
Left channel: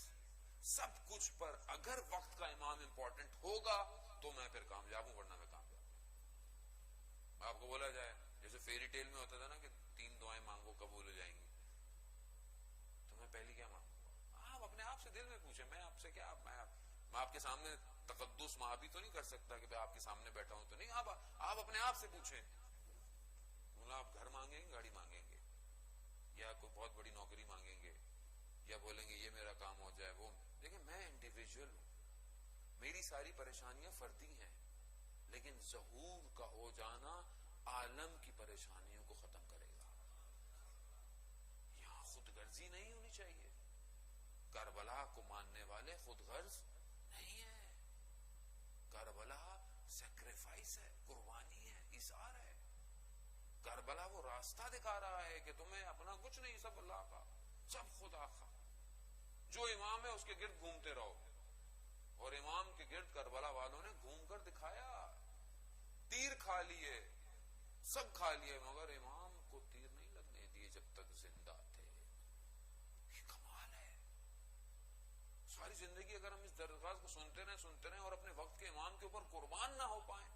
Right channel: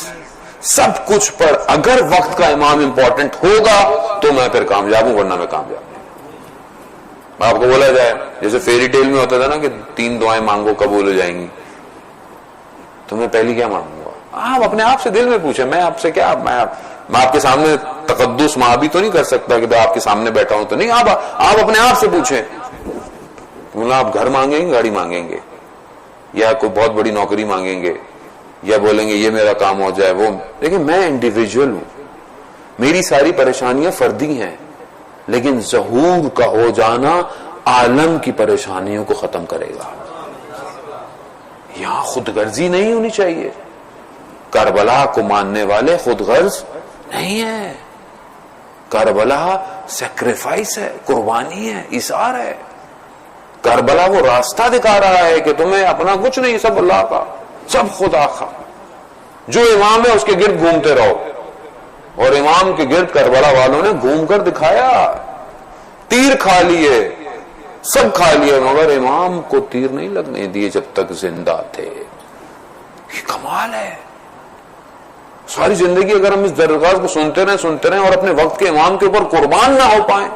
سب کچھ پر اگر وقت کا امام امپورٹنٹ ہوگا تو میں پھر کامیاب ہوں، ورنہ میں کامیاب نہیں۔ آپ کو بولا جائے جیسے فیری ٹیل میں ہوتا تھا نا کہ 3 دعائیں مانگو قبول ہو جائیں گی، تو میں پہلی کیا مانگوں گا؟ آپ اپنے آپ سے دل میں پوچھیں، میں آپ سے کیا، میں آپ کے سامنے تقدس مابی تو نہیں کر سکتا کہ میں آپ کے سامنے بیٹھا ہوں تو نہیں، آپ اپنے آپ سے پوچھیں۔ آپ گھر مانگیں گے، گاڑی مانگیں گے، یا کوئی بہت بڑی نوکری مانگیں گے، یا بولیں گے یہ میرا کام ہو جائے وہ، لیکن میں انڈیویجول ہوں، میری ساری پریشانیاں فردی ہیں، لیکن ظہور کا ہو جانا عالم کی پریشانیوں کو ختم کرے گا۔ یہاں خود غرضی نہیں ہونی چاہیے۔ کربلا کو ماننے والے خود غرض نہیں ہے، کربلا سیکریفائس ہے، قربانی ہے، ایثار ہے۔ کربلا وہ راستہ دکھا رہا ہے کہ تمہیں اپنا کچھ نہیں، سب اللہ کا، سب خدا کا۔ جو امام ہے اس کے گرد گھومتے رہو، اور امام کے گرد کربلا والوں نے گھوم کر دکھایا، تیر کھا لیے، سب کھا لیے، مگر امام کو تیر نہیں لگنے دیے جب تک زندہ تھے۔ یہ کمال ہے۔ ساری زندگی اگر ہم اس درخواست کو سنتے رہیں اور اپنے وقت کے امام کے اوپر قربان نہ ہو پائیں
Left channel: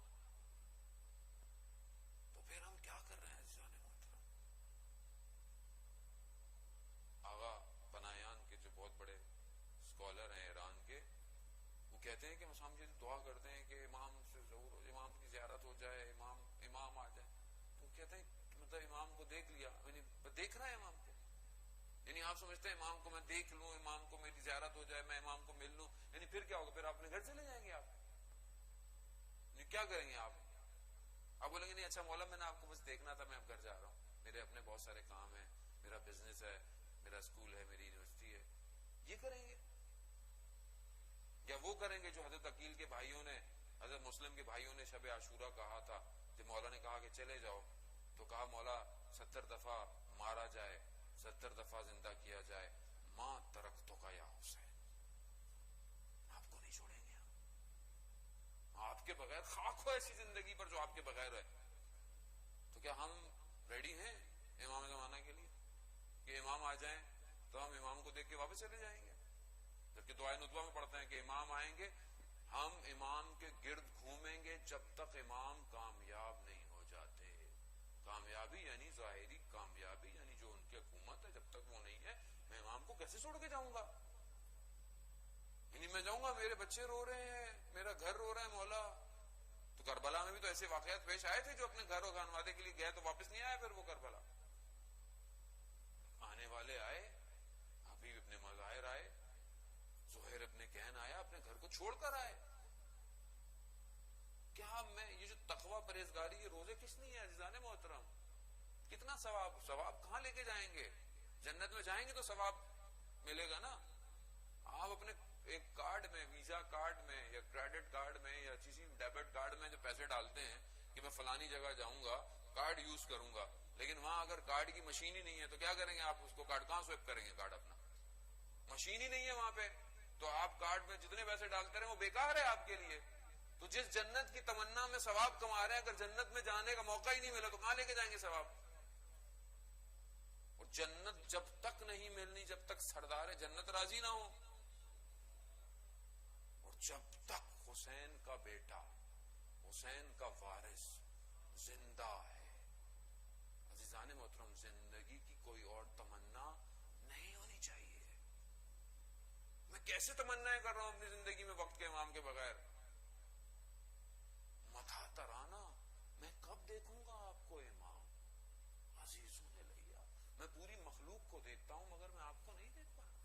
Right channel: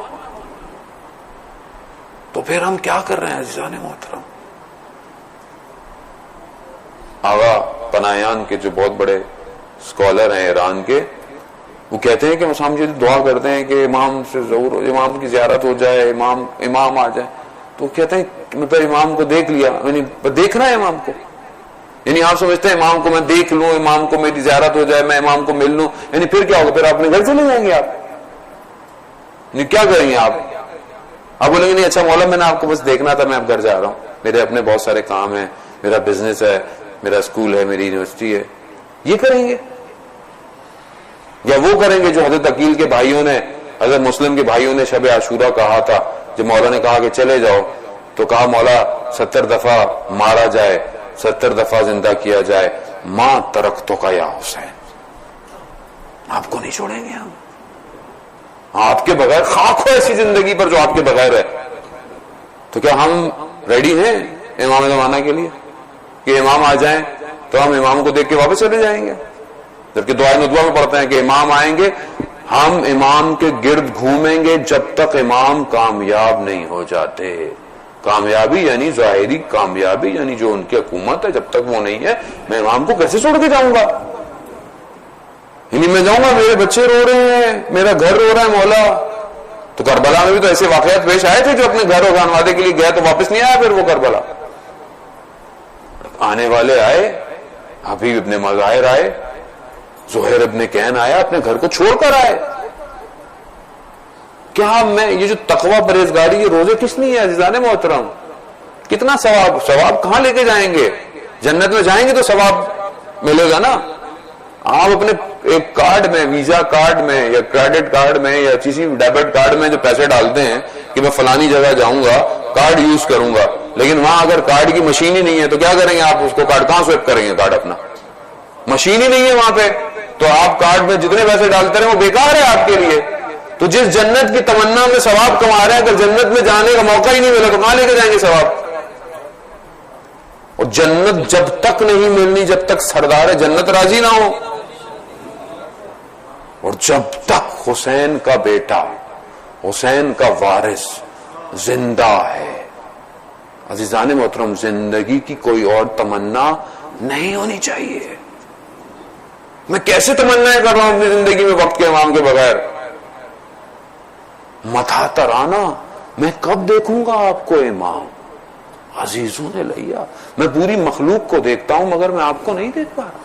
تو پھر ہم کیا کر رہے ہیں عزیزان محترم؟ آغا پناہیان کے جو بہت بڑے اسکالر ہیں ایران کے، وہ کہتے ہیں کہ ہم جو دعا کرتے ہیں کہ امام سے ضرور، امام کی زیارت ہو جائے، امام آ جائے، تو کہتے ہیں کہ میں پہلے امام کو دیکھ لیا، یعنی دیکھنا ہے امام کو، یعنی آپ سمجھتے ہیں امام کو میں دیکھ لوں، امام کو میری زیارت ہو جائے، میں امام کو مل لوں، یعنی پھر کیا ہوگا؟ پھر آپ اپنے گھر چلے جائیں گے، آپ یعنی کیا کریں گے؟ آپ بولیں گے نہیں اچھا مولا میں نے آپ کو بس دیکھنا تھا، میں اب گھر جا رہا ہوں، میرے اپنے بہت سارے کام ہیں، میرا بزنس ہے، میرا اسکول ہے، میری یونیورسٹی ہے۔ یہ کریں گے؟ یا وہ کریں گے جو حضرت عقیل کے بھائیوں نے، حضرت مسلم کے بھائیوں نے شب عاشورہ کہا تھا، جب مولا نے کہا کہ چلے جاؤ تو کہا مولا 70 دفعہ مارا جائے، 70 دفعہ زندہ کیا جائے، ماں ترکتوں کا یا حسین، آپ کو نہیں چھوڑیں گے ہم، آپ کے بغیر خاک ہو ایسی زندگی پر جو آپ کے بغیر ہے۔ تو کیا ہم ریڈی ہیں امام زمانہ کے لیے کہ امام آ جائیں تو ہم امام کو دیکھ کے واپس چلے جائیں گے؟ جبکہ دعائے ندوہ میں پڑھتے ہیں کہ امام آئیں گے، ہم امام کے گرد گھومیں گے جب تک امام کامیاب نہیں ہو جاتے۔ کامیابی یعنی ظاہری کامیابی، یعنی جو ان کی حکومت ہے، جب تک وہ نہیں ہے میں امام کو کیسے چھوڑ کے جاؤں گا؟ یعنی میں جاؤں گا میرے بچے رو رہے ہیں، میرا گھر رو رہا ہے مولا. تو کربلا میں بھی تو ایسے واقعات پیش آئے تھے جو اپنے گھر اگانوانے کے لیے گئے تو واپس نہیں آیا پھر وہ کربلا. آنے والے آئے، حبیب ابن مظاہر آئے، زہیر ابن کہن آیا، اپنے گھر کو چھوڑ کر آئے. کیا میں یہ جو تقوی پرہیزگاری یہ روزے کس لیے ہے عزیزان محترم؟ کتنا ثواب کہاں لے کے جائیں گے؟ جنت میں جائیں گے تو ثواب ملے گا نا. آپ اپنے ایک کارڈ میں، ویزا کارڈ میں یا کریڈٹ کارڈ میں یا کسی ڈیبٹ کارڈ میں جو پیسے ڈالتے ہیں کہ میں فلانی جگہ جاؤں گا کارڈ یوز کروں گا، لیکن وہاں اگر کارڈ کی مشین ہی نہیں ہے تو کیا کریں گے آپ؟ اس کو کارڈ کہاں سویپ کریں گے؟ کارڈ اپنا مشین ہی نہیں ہے وہاں پہ، تو آپ کارڈ میں جتنے پیسے ڈالتے رہے وہ بیکار ہے آپ کے لیے. تو جس جنت کی تمنا میں ثواب کما رہے ہیں، اگر جنت میں جانے کا موقع ہی نہیں ملا تو کہاں لے کے جائیں گے ثواب؟ اور جنت جب تک نہیں ملنی جب تک سردار جنت راضی نہ ہو، اور جب تک حسین کا بیٹا، حسین کا وارث زندہ ہے. عزیزان محترم، زندگی کی کوئی اور تمنا نہیں ہونی چاہیے. میں کیسے تمنا کر رہا ہوں اپنی زندگی میں وقت کے امام کے بغیر؟ متھا ترانا، میں کب دیکھوں گا آپ کو امام؟ عزیزوں نے لیا، میں پوری مخلوق کو دیکھتا ہوں مگر میں آپ کو نہیں دیکھ پا رہا.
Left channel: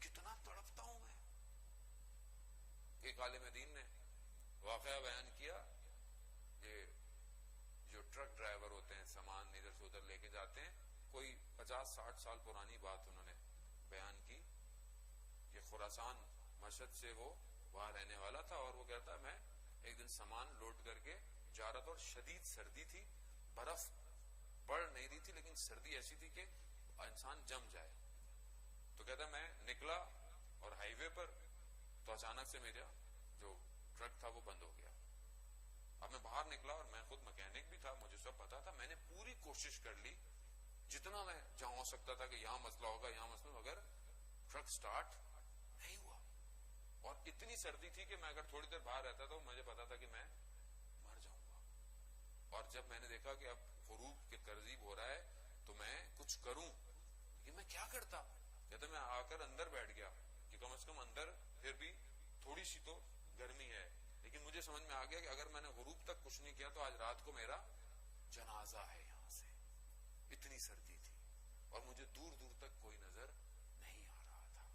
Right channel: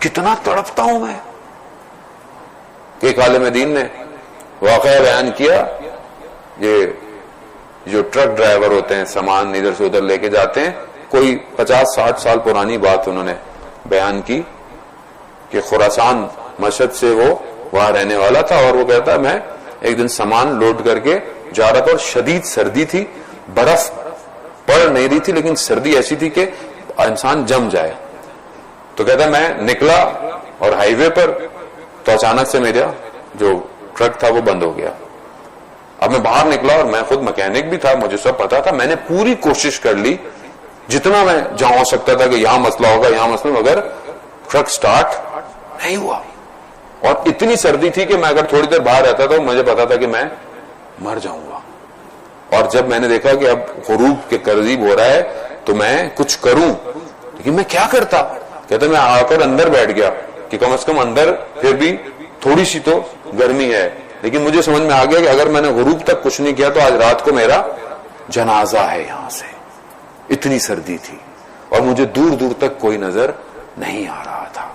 کتنا تڑپتا ہوں میں. ایک عالم دین نے واقعہ بیان کیا، یہ جو ٹرک ڈرائیور ہوتے ہیں سامان ادھر سے ادھر لے کے جاتے ہیں، کوئی 50-60 سال پرانی بات انہوں نے بیان کی کہ خراسان مشہد سے وہ وہاں رہنے والا تھا، اور وہ کہتا ہے میں ایک دن سامان لوڈ کر کے جا رہا تھا اور شدید سردی تھی، برف پڑ نہیں رہی تھی لیکن سردی ایسی تھی کہ انسان جم جائے. تو کہتا ہے میں نکلا اور ہائی وے پر تو اچانک سے میرا جو ٹرک تھا وہ بند ہو گیا. اب میں باہر نکلا اور میں خود مکینک بھی تھا، مجھے سب پتا تھا، میں نے پوری کوشش کر لی جتنا میں جہاں ہو سکتا تھا کہ یہاں مسئلہ ہوگا یہاں مسئلہ، مگر ٹرک سٹارٹ نہیں ہوا. اور اتنی سردی تھی کہ میں اگر تھوڑی دیر باہر رہتا تو مجھے پتا تھا کہ میں مر جاؤں گا. اور جب میں نے دیکھا کہ اب غروب کے قریب ہو رہا ہے تو میں کچھ کروں، لیکن میں کیا کرتا؟ کہتا میں آ کر اندر بیٹھ گیا کہ کم از کم اندر پھر بھی تھوڑی سی تو گرمی ہے. لیکن مجھے سمجھ میں آ گیا کہ اگر میں نے غروب تک کچھ نہیں کیا تو آج رات کو میرا جنازہ ہے یہاں سے. اتنی سردی تھی اور مجھے دور دور تک کوئی نظر نہیں آ رہا تھا.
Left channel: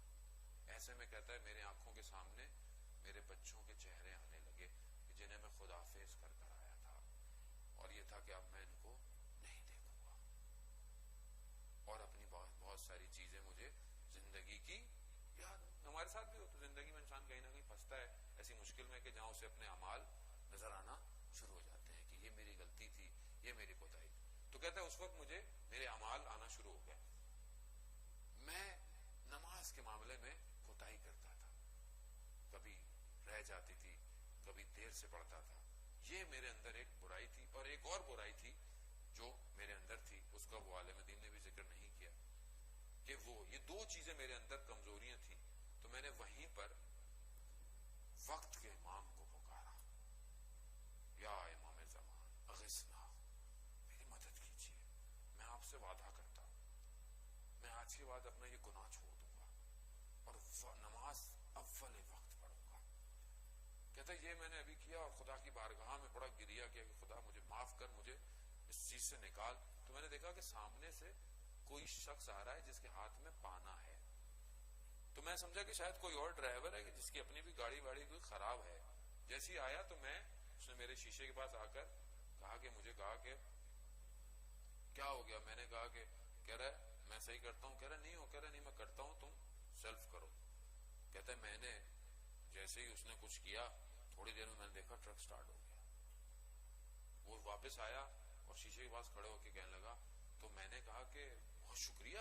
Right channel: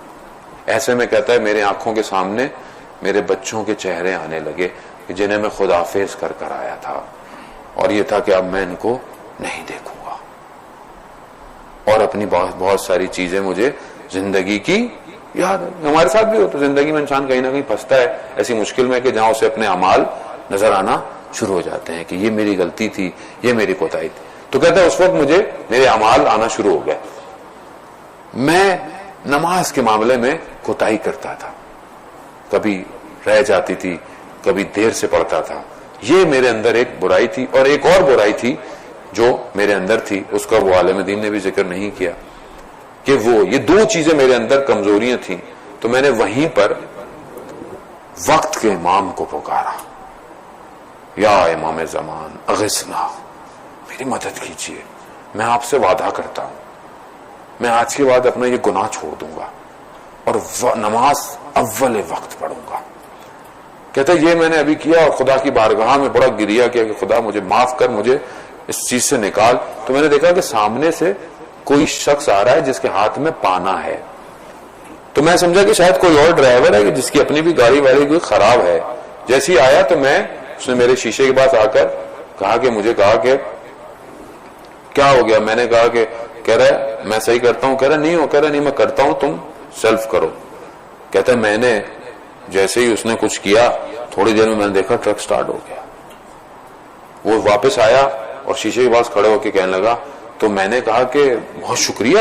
ایسے میں کہتا ہے میرے آنکھوں کے سامنے میرے بچوں کے چہرے آنے لگے جنہیں میں خداحافظ کر کر آیا تھا، اور یہ تھا کہ اب میں ان کو نہیں دیکھوں گا. اور اپنی بہت ساری چیزیں مجھے زندگی کی یاد ہے. ہمارے ساتھ بھی ہو تو زندگی میں انسان کہیں نہ کہیں پھنستا ہے ایسی مشکل میں کہ جہاں اسے اپنے اعمال نظر آنا شروع ہو جاتے ہیں کہ یہ میری غلطی تھی، یہ میری کوتاہی تھی. تو کہتا ہے اس وقت مجھے میرے اعمال آنا شروع ہو گئے. میں نماز کے معاملے میں کوتاہی کرتا تھا، کبھی رہ جاتی تھی، کبھی دیر سے پڑھتا تھا. یہ میرے اندر ایک برائی تھی. اور ایک اور برائی تھی جو میرے اندر تھی، اس کا وہ عالم دین نے بھی ذکر نہیں کیا کہ وہ یہ دو چیزیں میرے اندر کمزوریاں تھیں. تو میں نے وہیں پر وقت کے امام کو پکارا، یا امام زمان اغثنا، میری مدد کیجیے، میں آپ سے وعدہ کرتا ہوں میں آج کے بعد اپنا یہ گناہ چھوڑ دوں گا اور نماز اول وقت پڑھوں گا. کہتا ہے یہ میں نے ابھی کیا اور خدا کی بارگاہ میں بڑا گریہ کیا کہ خدا مجھے معاف کر، مجھے اس چیز سے نکال. تو میں نے دیکھا کہ سامنے سے کوئی شخص آ رہا ہے جس کے ہاتھ میں پانا ہے. تو میں سمجھا کہ شاید کوئی اور ڈرائیور ہے جس کی اپنی بھی گاڑی واڑی کوئی خراب ہے. جیسے ہی آیا تو اس نے میرے شیشے کے پاس آ کر کہا کہ مجھے کہا کہ کیا ہو گیا؟ میں نے کہا کہ کہہ رہا ہے میں صحیح کرتا ہوں. کہہ رہا نہیں ہو. کہہ رہا نہیں میں کرتا ہوں، تم سیلف کرو. کہتا ہے میں نے جیسے ہی اس نے کچھ کیا تھوڑی دیر میں نے دیکھا ٹرک سٹارٹ ہو گیا. وہ واپس آیا اور شیشے کے پاس کھڑے ہو کے کہنے لگا. تو میں نے کہا کہ بہت شکریہ،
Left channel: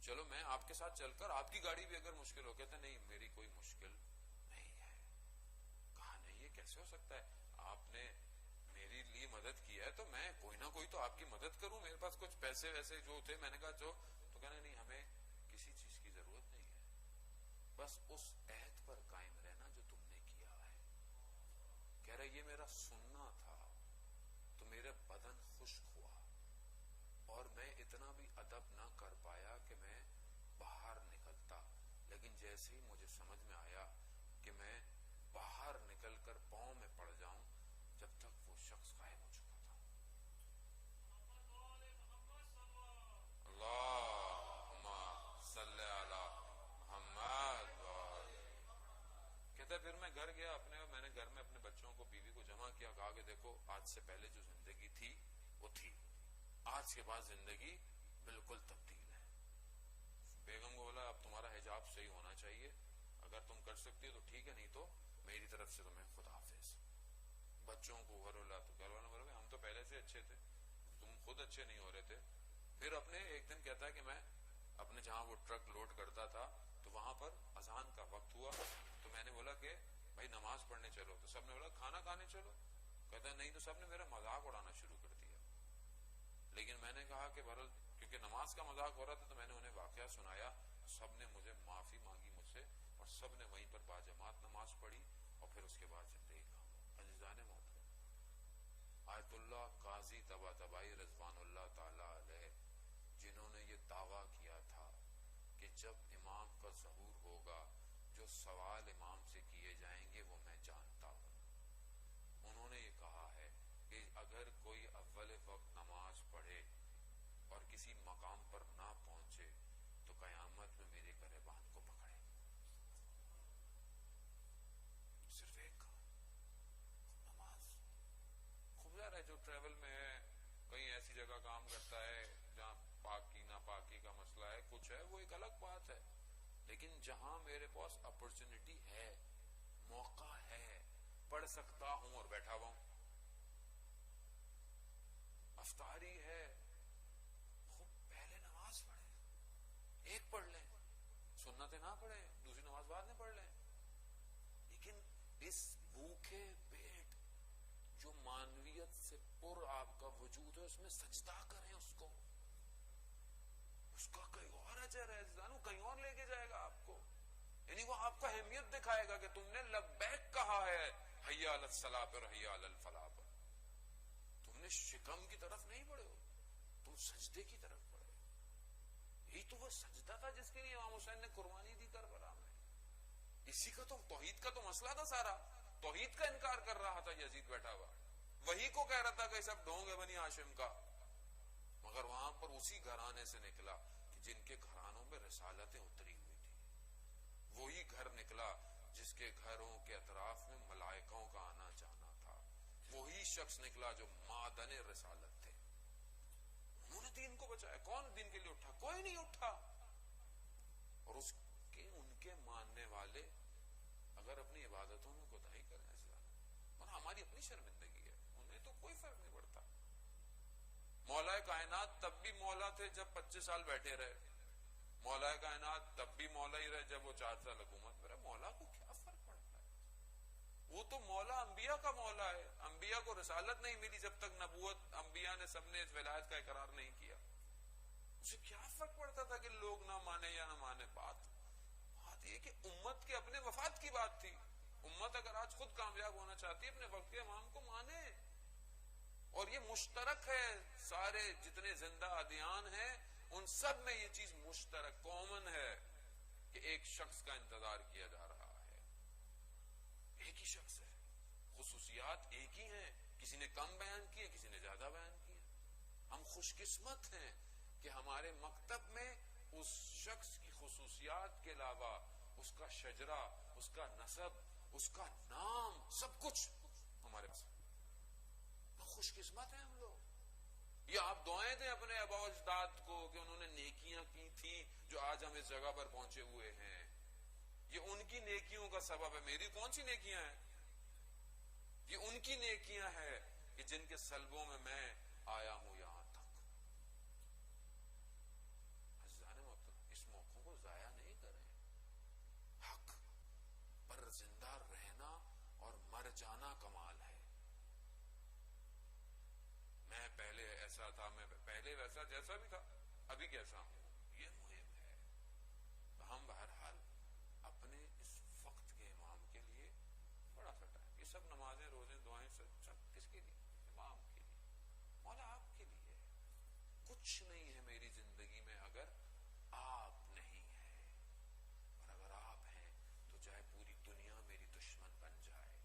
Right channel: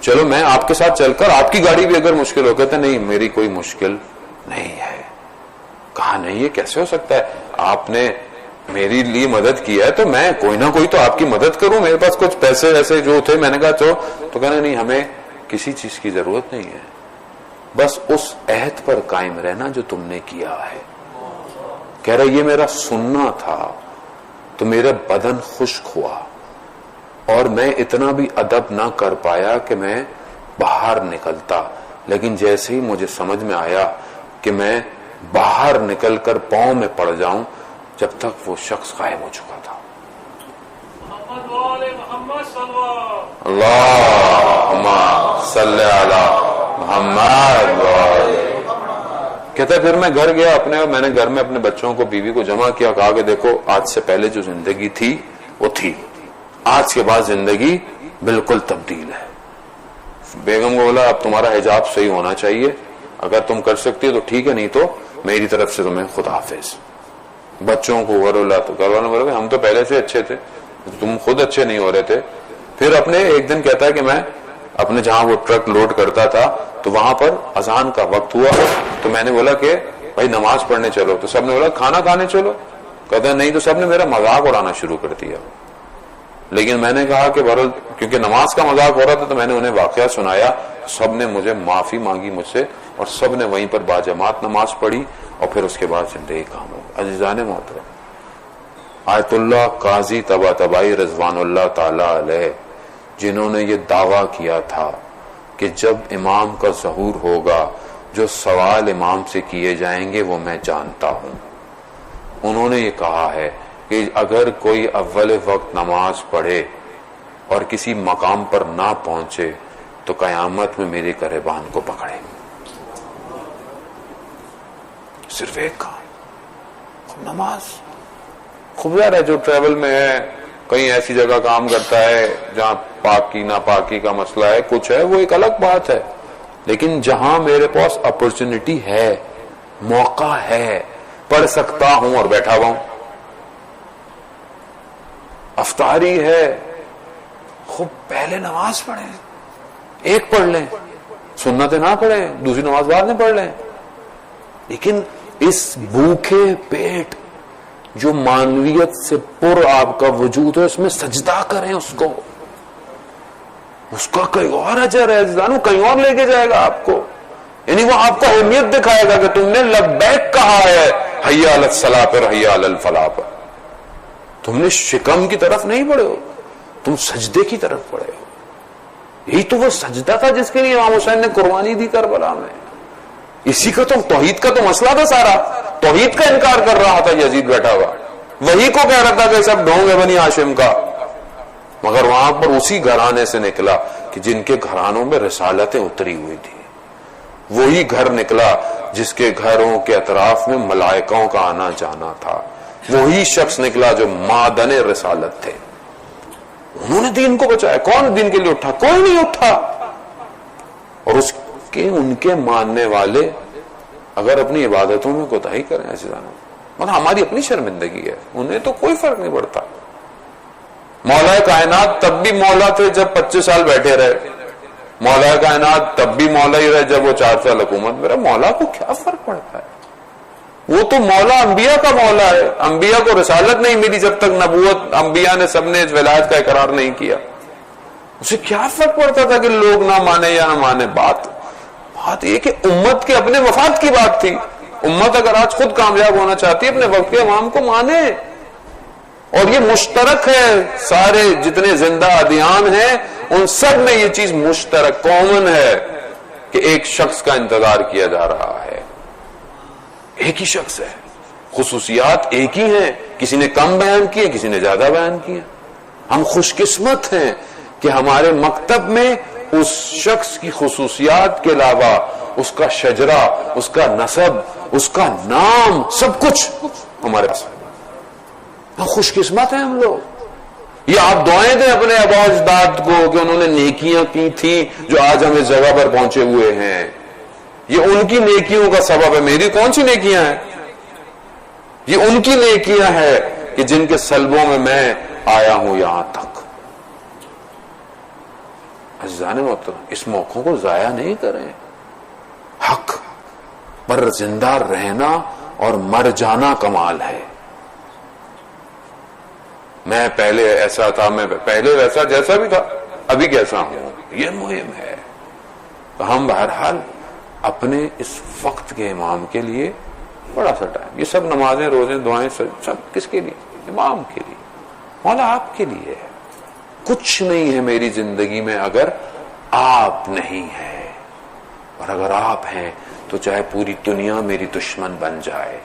چلو میں آپ کے ساتھ چل کر آپ کی گاڑی بھی اگر مشکل ہو. کہتا نہیں میری کوئی مشکل نہیں ہے. کہا نہیں یہ کیسے ہو سکتا ہے؟ آپ نے میری لیے مدد کی ہے تو میں کوئی نہ کوئی تو آپ کی مدد کروں. میرے پاس کچھ پیسے ویسے جو تھے میں نے کہا چلو. تو کہنا نہیں ہمیں کسی چیز کی ضرورت نہیں ہے، بس اس عہد پر قائم رہنا جو تم نے کیا ہے. کہہ رہا یہ میرا سننا تھا، تو میرا بدن خشک ہوا اور میں اتنا بھی ادب نہ کر پایا کہ میں باہر نکلتا، لیکن جیسے ہی مجھے سمجھ میں آیا کہ میں باہر نکل کر پاؤں میں پڑ جاؤں، جب تک وہ شخص غائب ہو چکا تھا۔ اللہم صلی علی محمد۔ کہتا ہے پھر میں گھر گیا اپنے، اور میں نے گھر میں اپنے بچوں کو، بیوی کو جمع کیا، کہا کہ دیکھو آج سے پہلے جو زندگی تھی وہ تھی، آج کے بعد زندگی بالکل تبدیل ہے۔ بیگم کو بولا اب تمہارا حجاب صحیح ہونا چاہیے، اگر تم کر سکتی ہو تو ٹھیک ہے، نہیں تو میری طرف سے تمہیں خدا حافظ۔ بچوں کو غرولا تو گھر والوں بولے ہم تو پہلے سے اچھے تھے، تم خود اچھے نہیں ہو رہے تھے۔ پھر اپنے ایک دن کہتا ہے کہ میں اپنے جہاں وہ ٹرک لوڈ کرتا تھا تو وہاں پر اذان کا وقت ہوا، تو میں نے بولا کہ بھائی نماز پڑھنے چلو، تو سب نے بولا کھانا کھانے چلو، کہتا ہے نہیں، تو سب نے میرا مذاق اڑانا شروع کر دیا۔ لیکن میں نے کہا کہ بہرحال کیونکہ نماز کا مذاق ہو رہا تھا تو میں نے انہیں واقعہ سنایا، سب نے مجھے معافی مانگی مجھ سے، اور سب نے وہیں پر باجماعت نماز پڑھی، اور پھر اس کے بعد زندگی کام ہو۔ عزیزان محترم، آیت اللہ قاضی طباطبائی رضوان اللہ تعالی علیہ، جنہوں نے یہ دعویٰ کیا تھا کہ جب امام کا ظہور ہوگا جو سوال امام سے کیے جائیں گے وہ میں جانتا ہوں، انہوں نے یہ کہا ہے کہ اگر کوئی اول وقت نماز پڑھے اور کسی مقام پر نہ پہنچے تو قیامت میں میرے گریبان کو پکڑے۔ صرف ایک کام، نماز۔ خوب ہے جو ٹریول میں ہے، کہیں ایسی جگہ کام کرتا ہے جہاں پاکی ناپاکی کا مسئلہ ہے، کچھ ہے، وہ ایک الگ بات ہے، لیکن جہاں میرے پاس اپرچونٹی ہے، موقع ہے، پڑھ سکتا ہوں اور بیٹھا ہوا ہوں، افطاری ہے، خوب پہلے نماز پڑھیں، ایک پڑھ لیں، سنتیں نہ پڑھیں، دوسری نماز بعد میں پڑھ لیں، لیکن اس بھوکے پیٹ جو معنویت سے پر آپ کا وجود ہے، اس میں سجدہ کریں، اس کا کہیں اور اجر ہے، وہ کہیں اور لے کے جائے گا آپ کو، یعنی وہ آپ کو اہمیت دکھائے گا کہ تم نے لبیک کہا ہے، حی علی الصلاۃ پر، حی علی الفلاح پر، تم نے شکم کی طرف نہیں پڑھے ہو، تم سجدے کی طرف پڑھے ہو۔ یہی تو وہ سجدہ تھا جس کے لیے امام حسین نے قربانی دی کربلا میں، اسی کا تو توحید کا تو مسئلہ تھا، سارا توحید کا انکار کر رہا تھا یزید بیٹھا ہوا، وہی کو کہہ رہا تھا کہ سب ڈھونگ ہے بنی ہاشم کا، مگر وہاں پر اسی گھرانے سے نکلا کہ جن کے گھرانوں میں رسالتیں اتری ہوئی تھی، وہی گھر نکلا جس کے گھروں کے اطراف میں ملائکوں کا آنا جانا تھا، وہی شخص نکلا جو معدن رسالت تھے، انہوں نے دین کو بچایا۔ کون دین کے لیے اٹھا؟ کوئی نہیں اٹھا۔ اور ان کے ماننے والے اگر اپنی عبادتوں میں کوتاہی کریں، ایسے جانا مطلب ہماری اپنی شرمندگی ہے، انہیں تو کوئی فرق نہیں پڑتا۔ مولا کائنات تب بھی مولا تھے جب 25 سال بیٹھے رہے، مولا کائنات تب بھی مولا ہی رہے جب وہ 4 سال حکومت میں رہے، مولا کو کیا فرق پڑتا ہے؟ وہ تو مولا انبیاء کا مولا ہے، انبیاء کو رسالت نہیں ملی جب تک نبوت، انبیاء نے سب نے ولایت کا اقرار نہیں کیا، اسے کیا فرق پڑتا تھا کہ لوگ نہ مانے یا نہ مانے؟ بات یہ کہ امت کے اپنے مفاد کی بات تھی۔ امت اگر آج خود کامیاب ہونا چاہتی ہے، اپنے وقت کے امام کو مانے، اور یہ مشترک ہے، سارے جتنے زندہ ادیان ہیں ان سب میں یہ چیز مشترک کامن ہے کہ ایک شخص کا انتظار کیا جا رہا ہے، ایک ہی شخص ہے، خصوصیات ایک ہی ہیں، کسی نے کم بیان کیے، کسی نے زیادہ بیان کیے۔ ہم خوش قسمت ہیں کہ ہمارے مکتب میں اس شخص کی خصوصیات کے علاوہ اس کا شجرہ، اس کا نسب، اس کا نام، سب کچھ ہمارے پاس ہے۔ ہم خوش قسمت ہیں ہم لوگ۔ یہ آپ دعائیں دیں اپنے آباء و اجداد کو کہ انہوں نے نیکیاں کی تھیں جو آج ہم اس جگہ پر پہنچے ہوئے ہیں، یہ ان کی نیکیوں کا سبب ہے۔ میری کون سی نیکیاں ہیں؟ یہ ان کی نیکیاں ہیں کہ جن کے سلبوں میں میں آیا ہوں یہاں تک۔ عزیزان محترم، اس موقع کو ضائع نہیں کریں، حق پر زندہ رہنا اور مر جانا کمال ہے۔ میں پہلے ایسا تھا، میں پہلے ویسا جیسا بھی تھا، ابھی کیسا ہوں، یہ مہم ہے۔ تو ہم بہرحال اپنے اس وقت کے امام کے لیے بڑا سا ٹائم، یہ سب نمازیں، روزیں، دعائیں، سب کس کے لیے؟ امام کے لیے۔ مولا آپ کے لیے ہے. کچھ نہیں ہے میری زندگی میں اگر آپ نہیں ہیں، اور اگر آپ ہیں تو چاہے پوری دنیا میری دشمن بن جائے،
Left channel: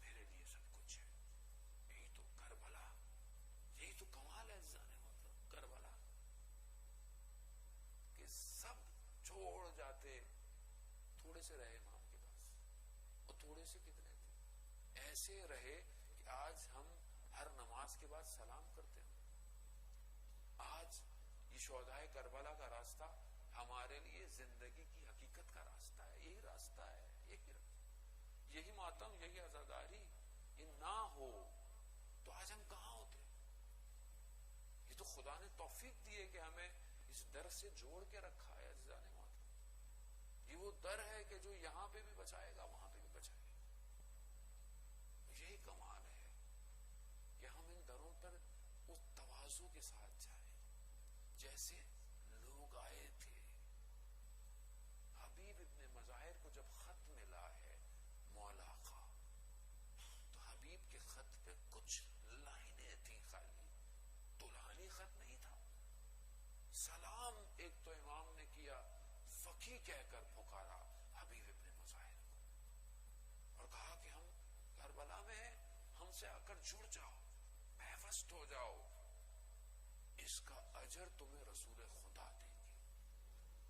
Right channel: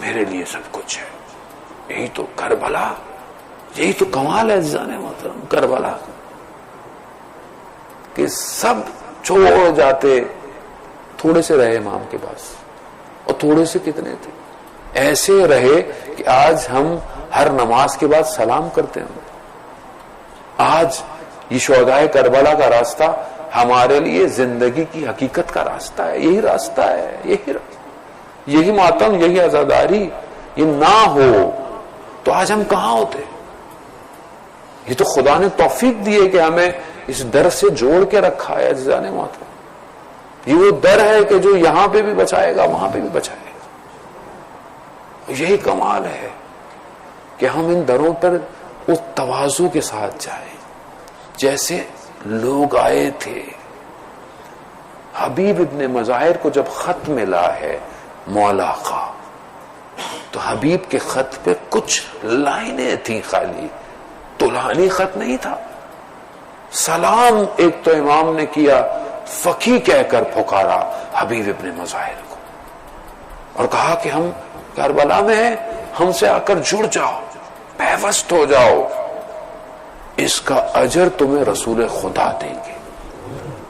میرے لیے سب کچھ ہے. یہی تو کربلا، یہی تو کمال ہے عزیزان محترم کربلا، کہ سب چھوڑ جاتے، تھوڑے سے رہے امام کے پاس، اور تھوڑے سے کتنے تھے، ایسے رہے کہ آج ہم ہر نماز کے بعد سلام کرتے ہیں. آج یہ شہدائے کربلا کا راستہ ہمارے لیے زندگی کی حقیقت کا راستہ ہے. یہی راستہ ہے، یہی ماتم، یہی عزاداری. یہ نہ ہو تو آج ہم کہاں ہوتے. یہ تو خدا نے توفیق دی ہے کہ ہمیں اس در سے جوڑ کے رکھا ہے عزیزان محترم. یہ وہ در ہے کہ جو یہاں پہ بھی بچائے گا، وہاں پہ بھی بچائے گا. یہی کمال ہے کہ ہم ان دروں پر اس تواضع کے ساتھ جائیں جیسے لوگ آئے تھے. حبیب ابن مظاہر کو جب خط ملا ہے مولا کا، تو حبیب کے خط پہ کچھ لائنیں تھیں خالی، طولانی خط نہیں تھا. سلام ایک تو امام نے کیا، فقی کہہ کر پکارا حبیب ابن مظاہر کو، اور کہا کہ ہم کربلا میں ہیں، ہم سے آ کر جڑ جاؤ، پیوست ہو جاؤ، اس کا اجر تمہیں رسول خدا دیں گے.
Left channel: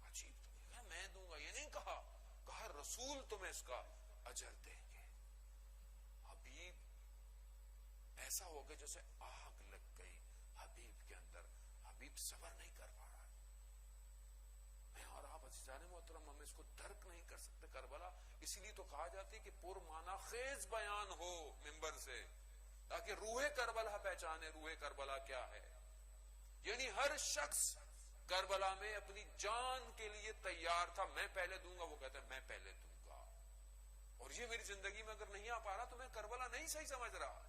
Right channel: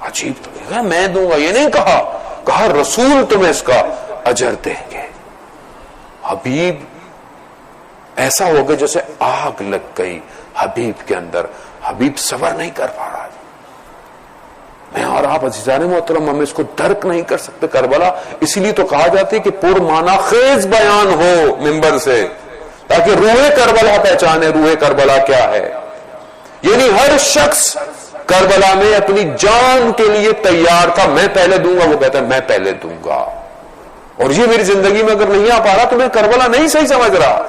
عجیب تو کہا میں دوں گا، یہ نہیں کہا رسول تمہیں اس کا اجر دیں گے. حبیب ایسا ہو گیا جیسے آگ لگ گئی حبیب کے اندر. حبیب صبر نہیں کر پا رہا. میں اور آپ عزیزان محترم ہم اس کو درک نہیں کر سکتے کربلا. اسی لیے تو کہا جاتی ہے کہ پر معنی خیز بیان ہو منبر سے، تاکہ روح کربلا پہچانے روح کربلا کیا ہے. یعنی ہر شخص کربلا میں اپنی جان کے لیے تیار تھا. میں پہلے دوں گا، وہ کہتا ہے میں پہلے دوں گا. اور یہ میری زندگی میں اگر نہیں آ پا رہا تو میں کربلا نہیں صحیح سمجھ رہا.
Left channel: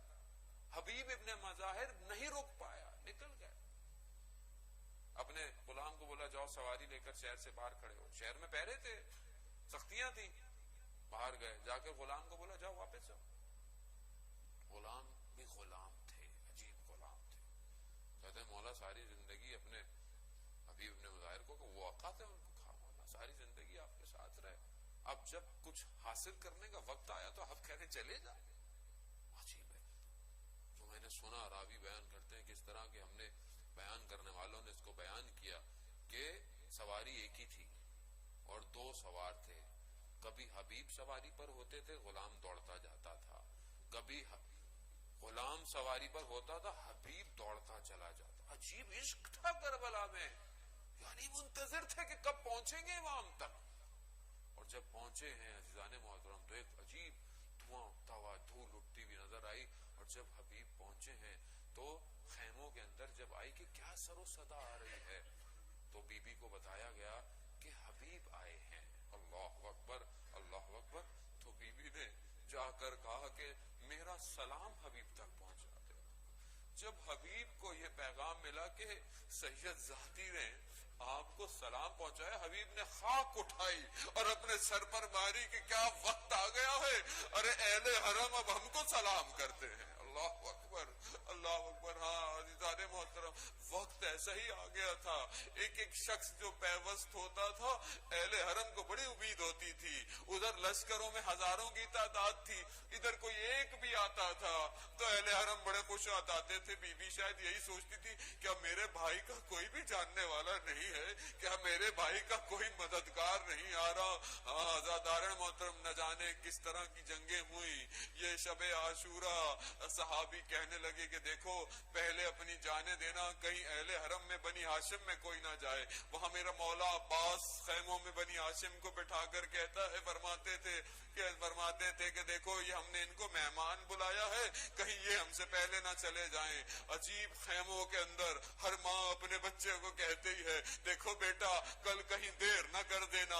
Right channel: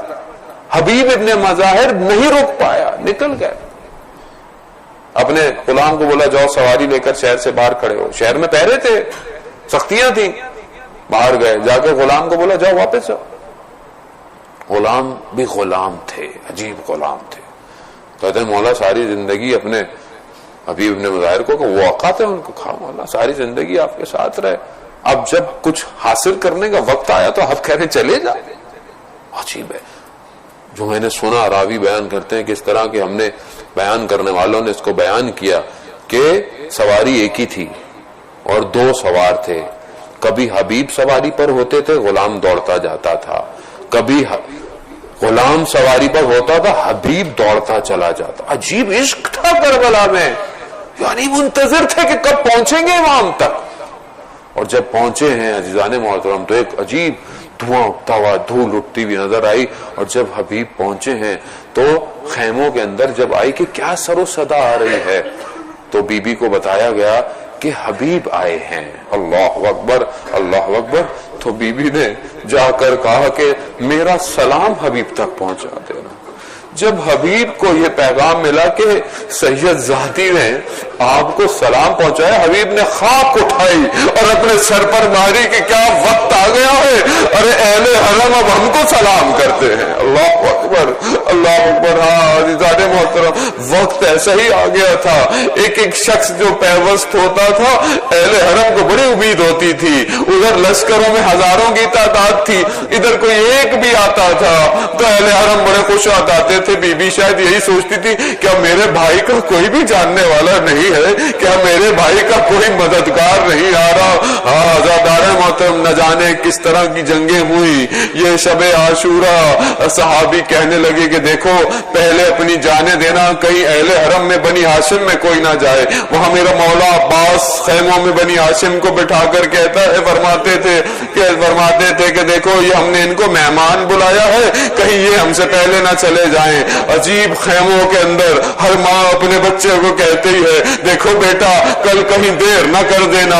حبیب ابن مظاہر نہیں روک پایا، نکل گئے. اپنے غلام کو بولا جاؤ سواری لے کر شہر سے باہر کھڑے ہو. شہر میں پہرے تھے، سختیاں تھیں، باہر گئے. جا کے غلام کو بولا جاؤ واپس جاؤ. غلام بھی غلام تھے، عجیب غلام تھے. کہتے ہیں مولا ساری زندگی اپنے حبیب ابن مظاہر کو کہ وہ اوقات ہے ان کو، کھا مولا ساری زندگی آپ کے ساتھ رہے، اب جب کچھ حاصل کرنے کا وقت آیا تو آپ کہہ رہے چلے جا. عجیب ہے. جو میں نے سنا راوی بیان کرتے ہیں کہ اس طرح کہ ہم نے بیان کرنے والوں نے اس کو بیان کیا کہ سواری ایک ہی تھی اور دو سوار تھے. کبھی حبیب سواری پر ہوتے تھے، غلام دوڑتا جاتا تھا. کبھی غلام سواری پر ہوتا تھا، حبیب دوڑتا چلا جاتا. عجیب عشق تھا کربلا میں. یعنی منتظر تھے کہ کب پہنچیں گے امام تک. اور جب پہنچے ہیں عزیزان محترم تو ایک عجیب دھواں اٹھتا ہوا، دھول اٹھتی ہوئی نظر آئی. اور جب حبیب پہنچے ہیں تو خیموں کے اندر جب آئی کہ کیا سر و صدا آ رہی ہے، تو بی بی کو بتایا گیا کہ حبیب آئے ہیں. اللہ اکبر اللہ اکبر. تو بی بی نے جا کر کہا کہ میرا سلام حبیب تک پہنچا دینا. جب حبیب کو یہ پیغام ملا کہ سید ذاتی نے آپ کو سلام پہنچایا، حبیب نے خاک اٹھائی اور اپنے سر پر ماری کہ کیا وقت آ گیا ہے، ارے اہل حرم اب ہم کو سلام کرتے ہیں. اللہ اکبر اللہ اکبر. ہاں عزیزان محترم وقت ایسا ہی آ گیا تھا. ایک ایک شخص جو پیوست ہوتا تھا اہل حرم کو بڑی امید ہوتی تھی. ادھر لشکروں میں ہزاروں کی تعداد تھی، ادھر کوئی ایک بھی آتا تھا تو اہل حرم بڑے خوش آتے تھے. بی بی شاید یہی سوچتی تھی کیا میرے بھائی کا کوئی بھی جاننے والا نہیں ہے، کیا میرے بھائی کا کوئی مددگار نہیں آ رہا. ہاں عزادار محترم نہ جانے کس طرح کی جنگیں ہوئی. یہ شب عاشورہ صحابی کہنے لگے کہ دیکھو پہلے اپنی جانیں دینا، کہیں اہل حرم میں بنی ہاشم میں کوئی نہ جائے. وہاں میرا مولا عباس خیموں میں بنی ہاشم کو بٹھا کر کہتا ہے فرماتے تھے کہ دیکھو یہ ہم نے ان کو مہمان بلایا ہے، کہیں یہ ہم سے پہلے نہ چلے جائیں. عجیب خیموں کے اندر ہر ماں اپنے بچے کو کہتی ہے دیکھو بیٹا کل کہیں دیر نہ کر دینا،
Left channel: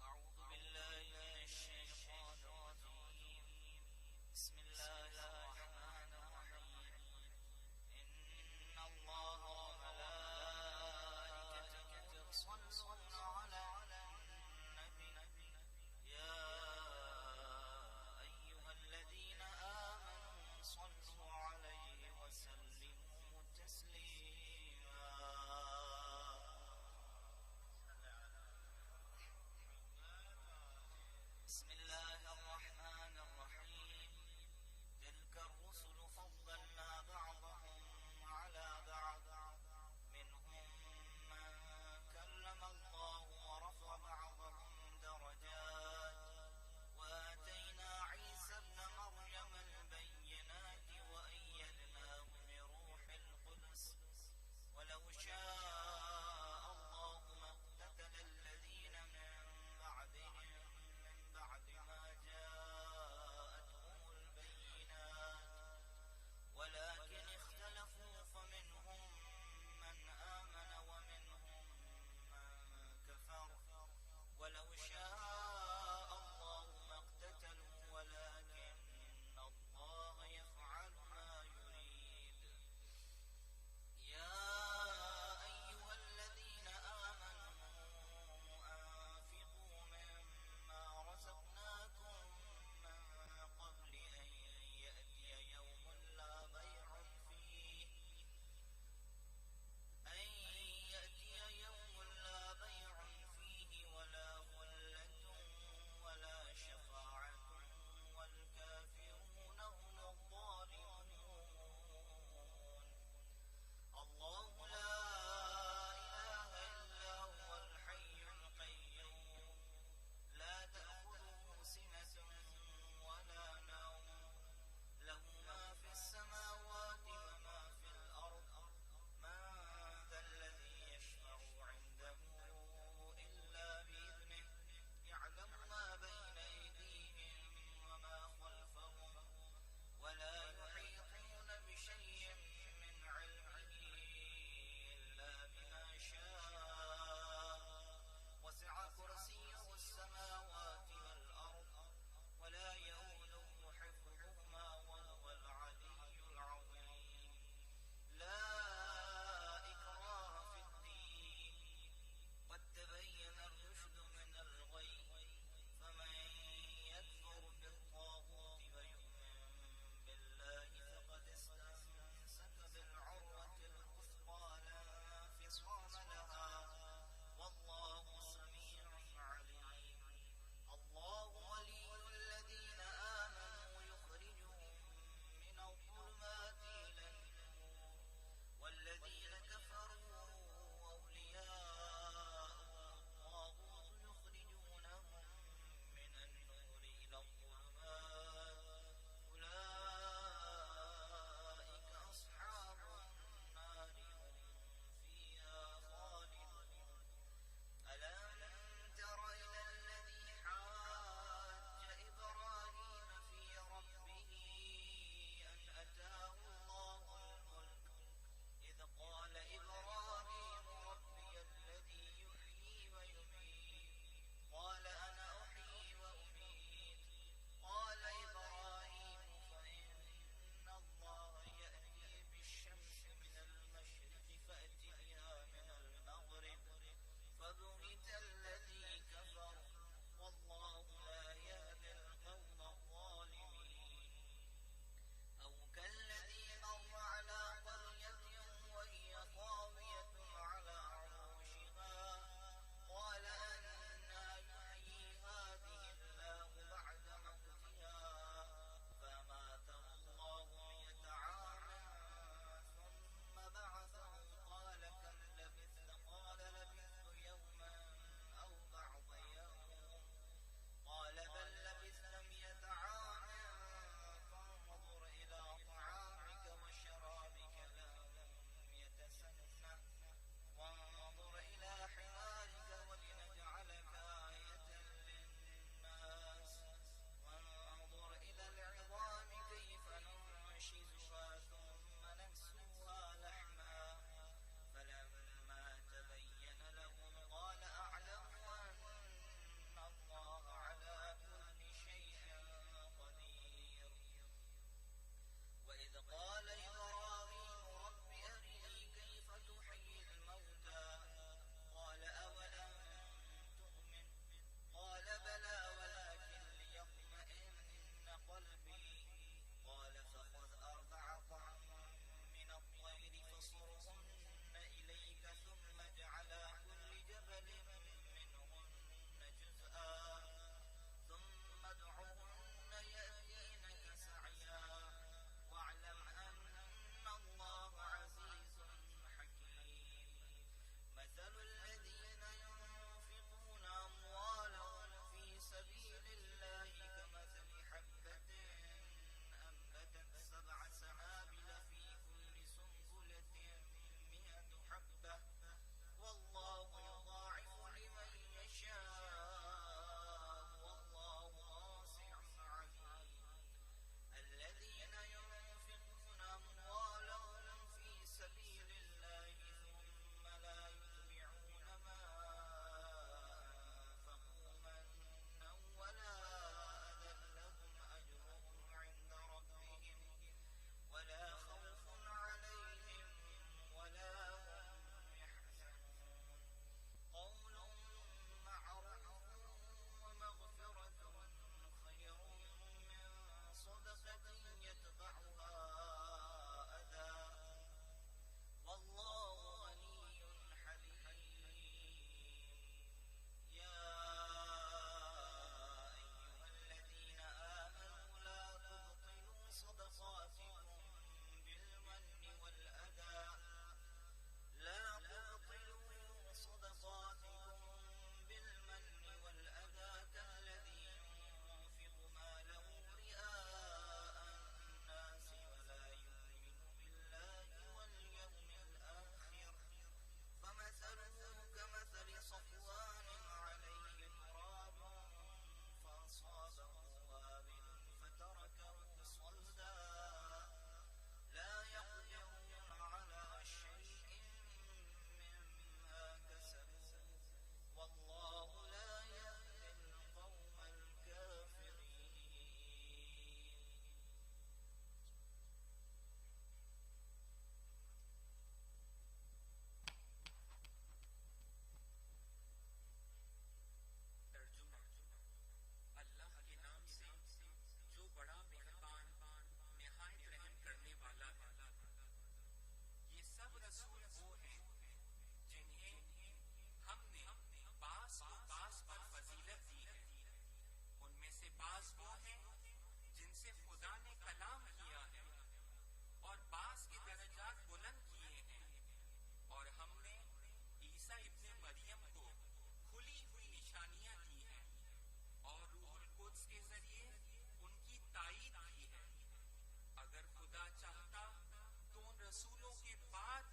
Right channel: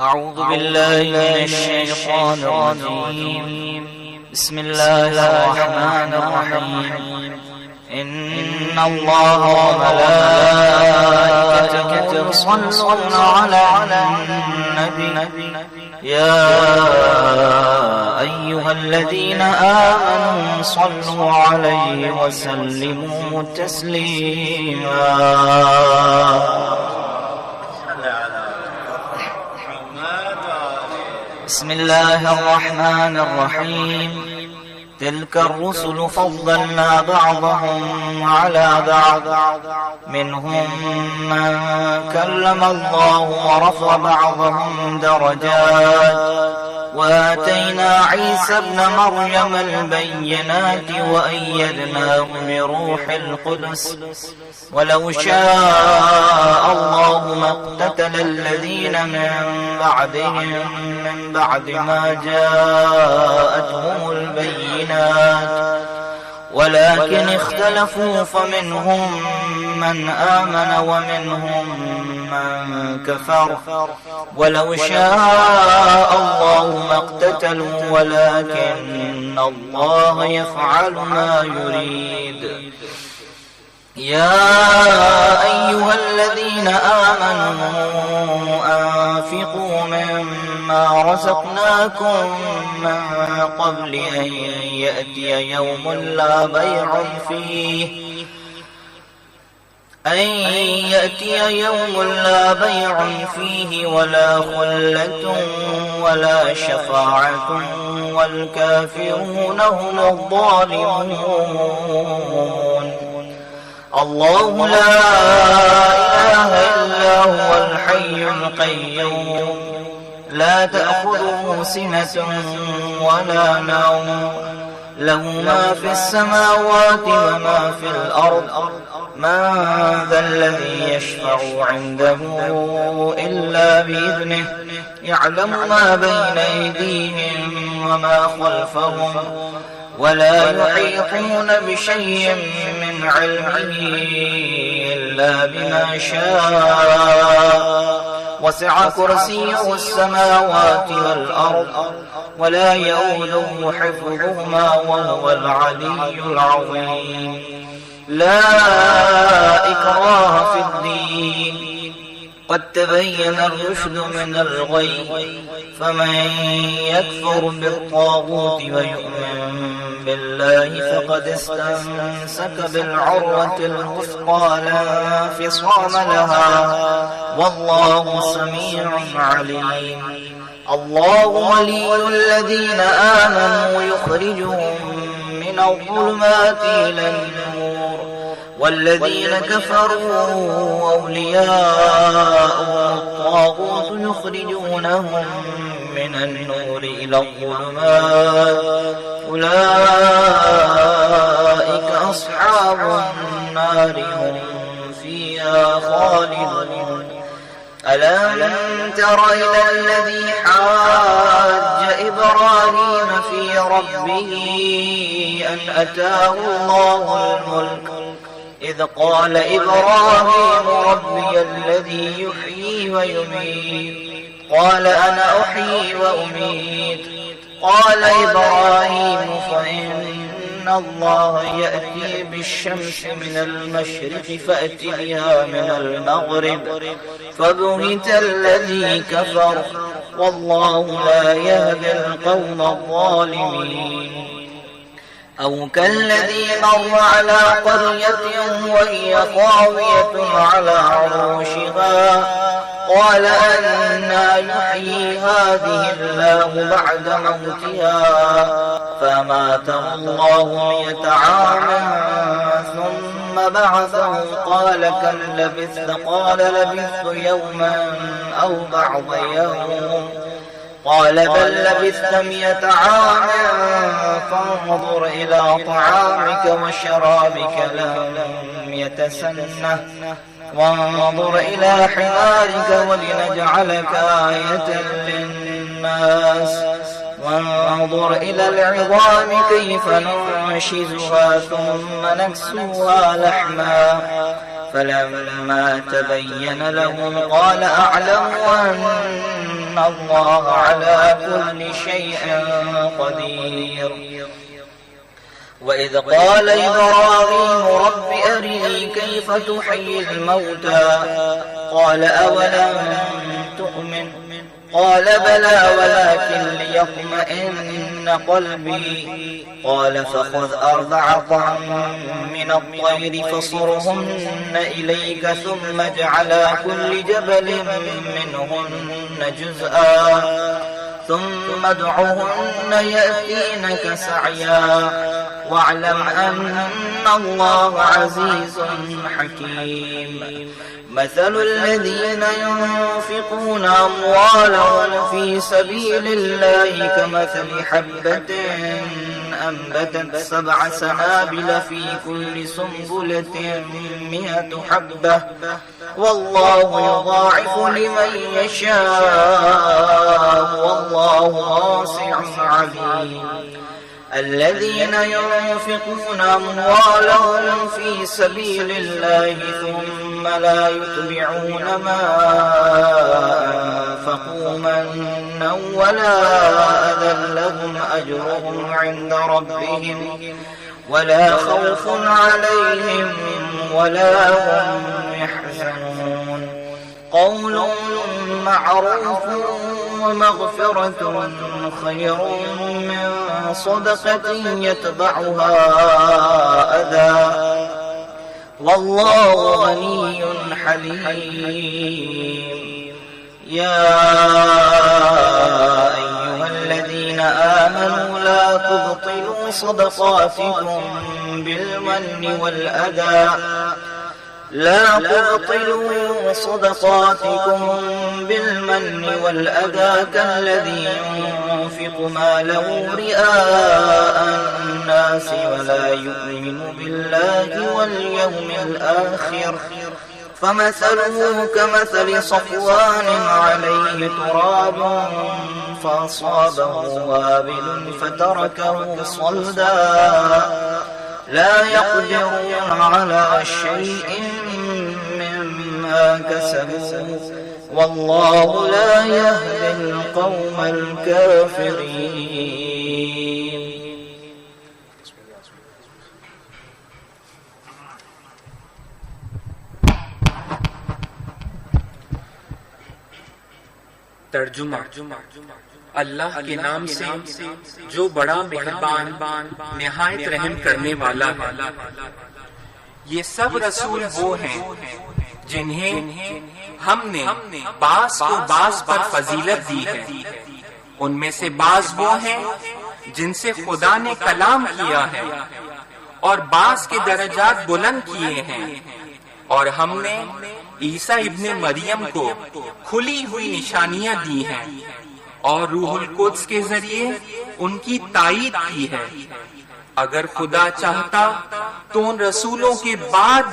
أعوذ بالله من الشيطان الرجيم. بسم الله الرحمن الرحيم. إن الله وملائكته يصلون على النبي يا أيها الذين آمنوا صلوا عليه وسلموا تسليما. بسم الله الرحمن الرحيم. تلك الرسل فضلنا بعضهم على بعض منهم من كلم الله ورفع بعضهم درجات وآتينا عيسى ابن مريم البينات وأيدناه بروح القدس ولو شاء الله ما اقتتل الذين من بعدهم من بعد ما جاءتهم البينات ولكن اختلفوا فمنهم من آمن ومنهم من كفر ولو شاء الله ما اقتتلوا ولكن الله يفعل ما يريد. يا أيها الذين آمنوا أنفقوا مما رزقناكم من قبل أن يأتي يوم لا بيع فيه ولا خلة ولا شفاعة والكافرون هم الظالمون. الله لا إله إلا هو الحي القيوم لا تأخذه سنة ولا نوم له ما في السماوات وما في الأرض من ذا الذي يشفع عنده إلا بإذنه يعلم ما بين أيديهم وما خلفهم ولا يحيطون بشيء من علمه إلا بما شاء وسع كرسيه السماوات والأرض ولا يؤوده حفظهما وهو العلي العظيم. لا إكراه في الدين قد تبين الرشد من الغي فمن يكفر بالطاغوت ويؤمن بالله فقد استمسك بالعروة الوثقى لا انفصام لها والله سميع عليم. الله ولي الذين آمنوا يخرجهم من الظلمات إلى النور والذين كفروا أولياءهم الطاغوت يخرجونهم من النور إلى الظلمات أولئك أصحاب النار هم فيها خالدون. ألم تر إلى الذي حاج إبراهيم في ربه أن أتاه الله الملك إذ قال إبراهيم ربي الذي يحيي ويميت قال أنا أحيي وأميت قال إبراهيم فإن الله يأتي بالشمس من المشرق فأت بها من المغرب فبهت الذي كفر والله لا يهدي القوم الظالمين. أو كالذي مر على قرية وهي خاوية على عروشها قال أنى يحيي هذه الله بعد موتها فأماته الله 100 عام ثم بعثه قال كم لبثت قال لبثت يوما أو بعض يوم قال بل لبثت 100 عام فانظر إلى طعامك وشرابك لم يتسنه وانظر إلى حمارك ولنجعلك آية للناس وانظر إلى العظام كيف ننشزها ثم نكسوها لحما فلما تبين له قال أعلم أن الله على كل شيء قدير. وإذ قال إبراهيم رب أرني كيف تحيي الموتى قال أولم تؤمن قال بلى ولكن ليطمئن قلبي قال فخذ أربعة من الطير فصرهن إليك ثم اجعل كل جبل منهن جزءا ثم ادعهن يأتينك سعيا واعلم أن الله عزيز حكيم. مثل الذين ينفقون أموالهم في سبيل الله كمثل حبة أنبتت 7 سنابل في كل سنبلة 100 حبة والله يضاعف لمن يشاء والله واسع عليم. الذين ينفقون أموالهم في سبيل الله ثم لا يتبعون ما أنفقوا منا ولا أذى لهم أجرهم عند ربهم ولا خوف عليهم ولا هم يحزنون. قول معروف ومغفرة خير من صدقة يتبعها أذى والله غني حليم. يا أيها الذين آمنوا لا تبطلوا صدقاتكم بالمن والأذى كالذي ينفق ماله رئاء الناس ولا يؤمن بالله واليوم الآخر فمثله كمثل صفوان عليه تراب فأصابه وابل فتركه صلدا لا يقدرون على شيء مما كسبوا والله لا يهدي القوم الكافرين. ترجمہ اللہ کے نام سے جو بڑا مہربان نہایت رحم کرنے والا ہے. یہ سب رسول وہ ہیں جنہیں ہم نے بعض کو بعض پر فضیلت دی ہے. ان میں سے بعض وہ ہیں جن سے خدا نے کلام کیا ہے اور بعض کے درجات بلند کیے ہیں. اور ہم نے عیسیٰ ابن مریم کو کھلی ہوئی نشانیاں دی ہیں اور روح القدس کے ذریعے ان کی تائید کی ہے. اگر خدا چاہتا تو ان رسولوں کے بعد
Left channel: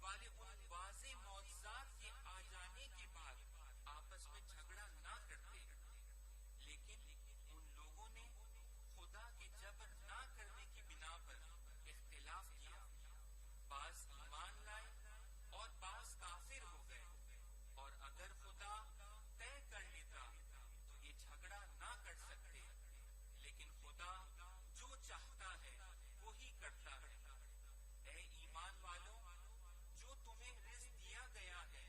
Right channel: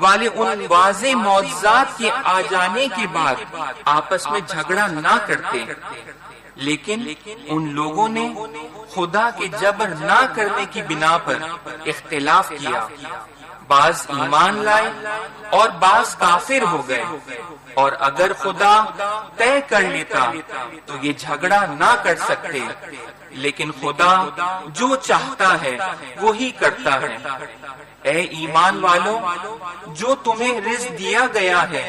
والے ان واضح معجزات کے آ جانے کے بعد آپس میں جھگڑا نہ کرتے، لیکن ان لوگوں نے خدا کے جبر نہ کرنے کی بنا پر اختلاف کیا. بعض ایمان لائے اور بعض کافر ہو گئے. اور اگر خدا طے کر لیتا تو یہ جھگڑا نہ کر سکتے، لیکن خدا جو چاہتا ہے وہی کرتا ہے. اے ایمان والو، جو تمہیں رزق دیا گیا ہے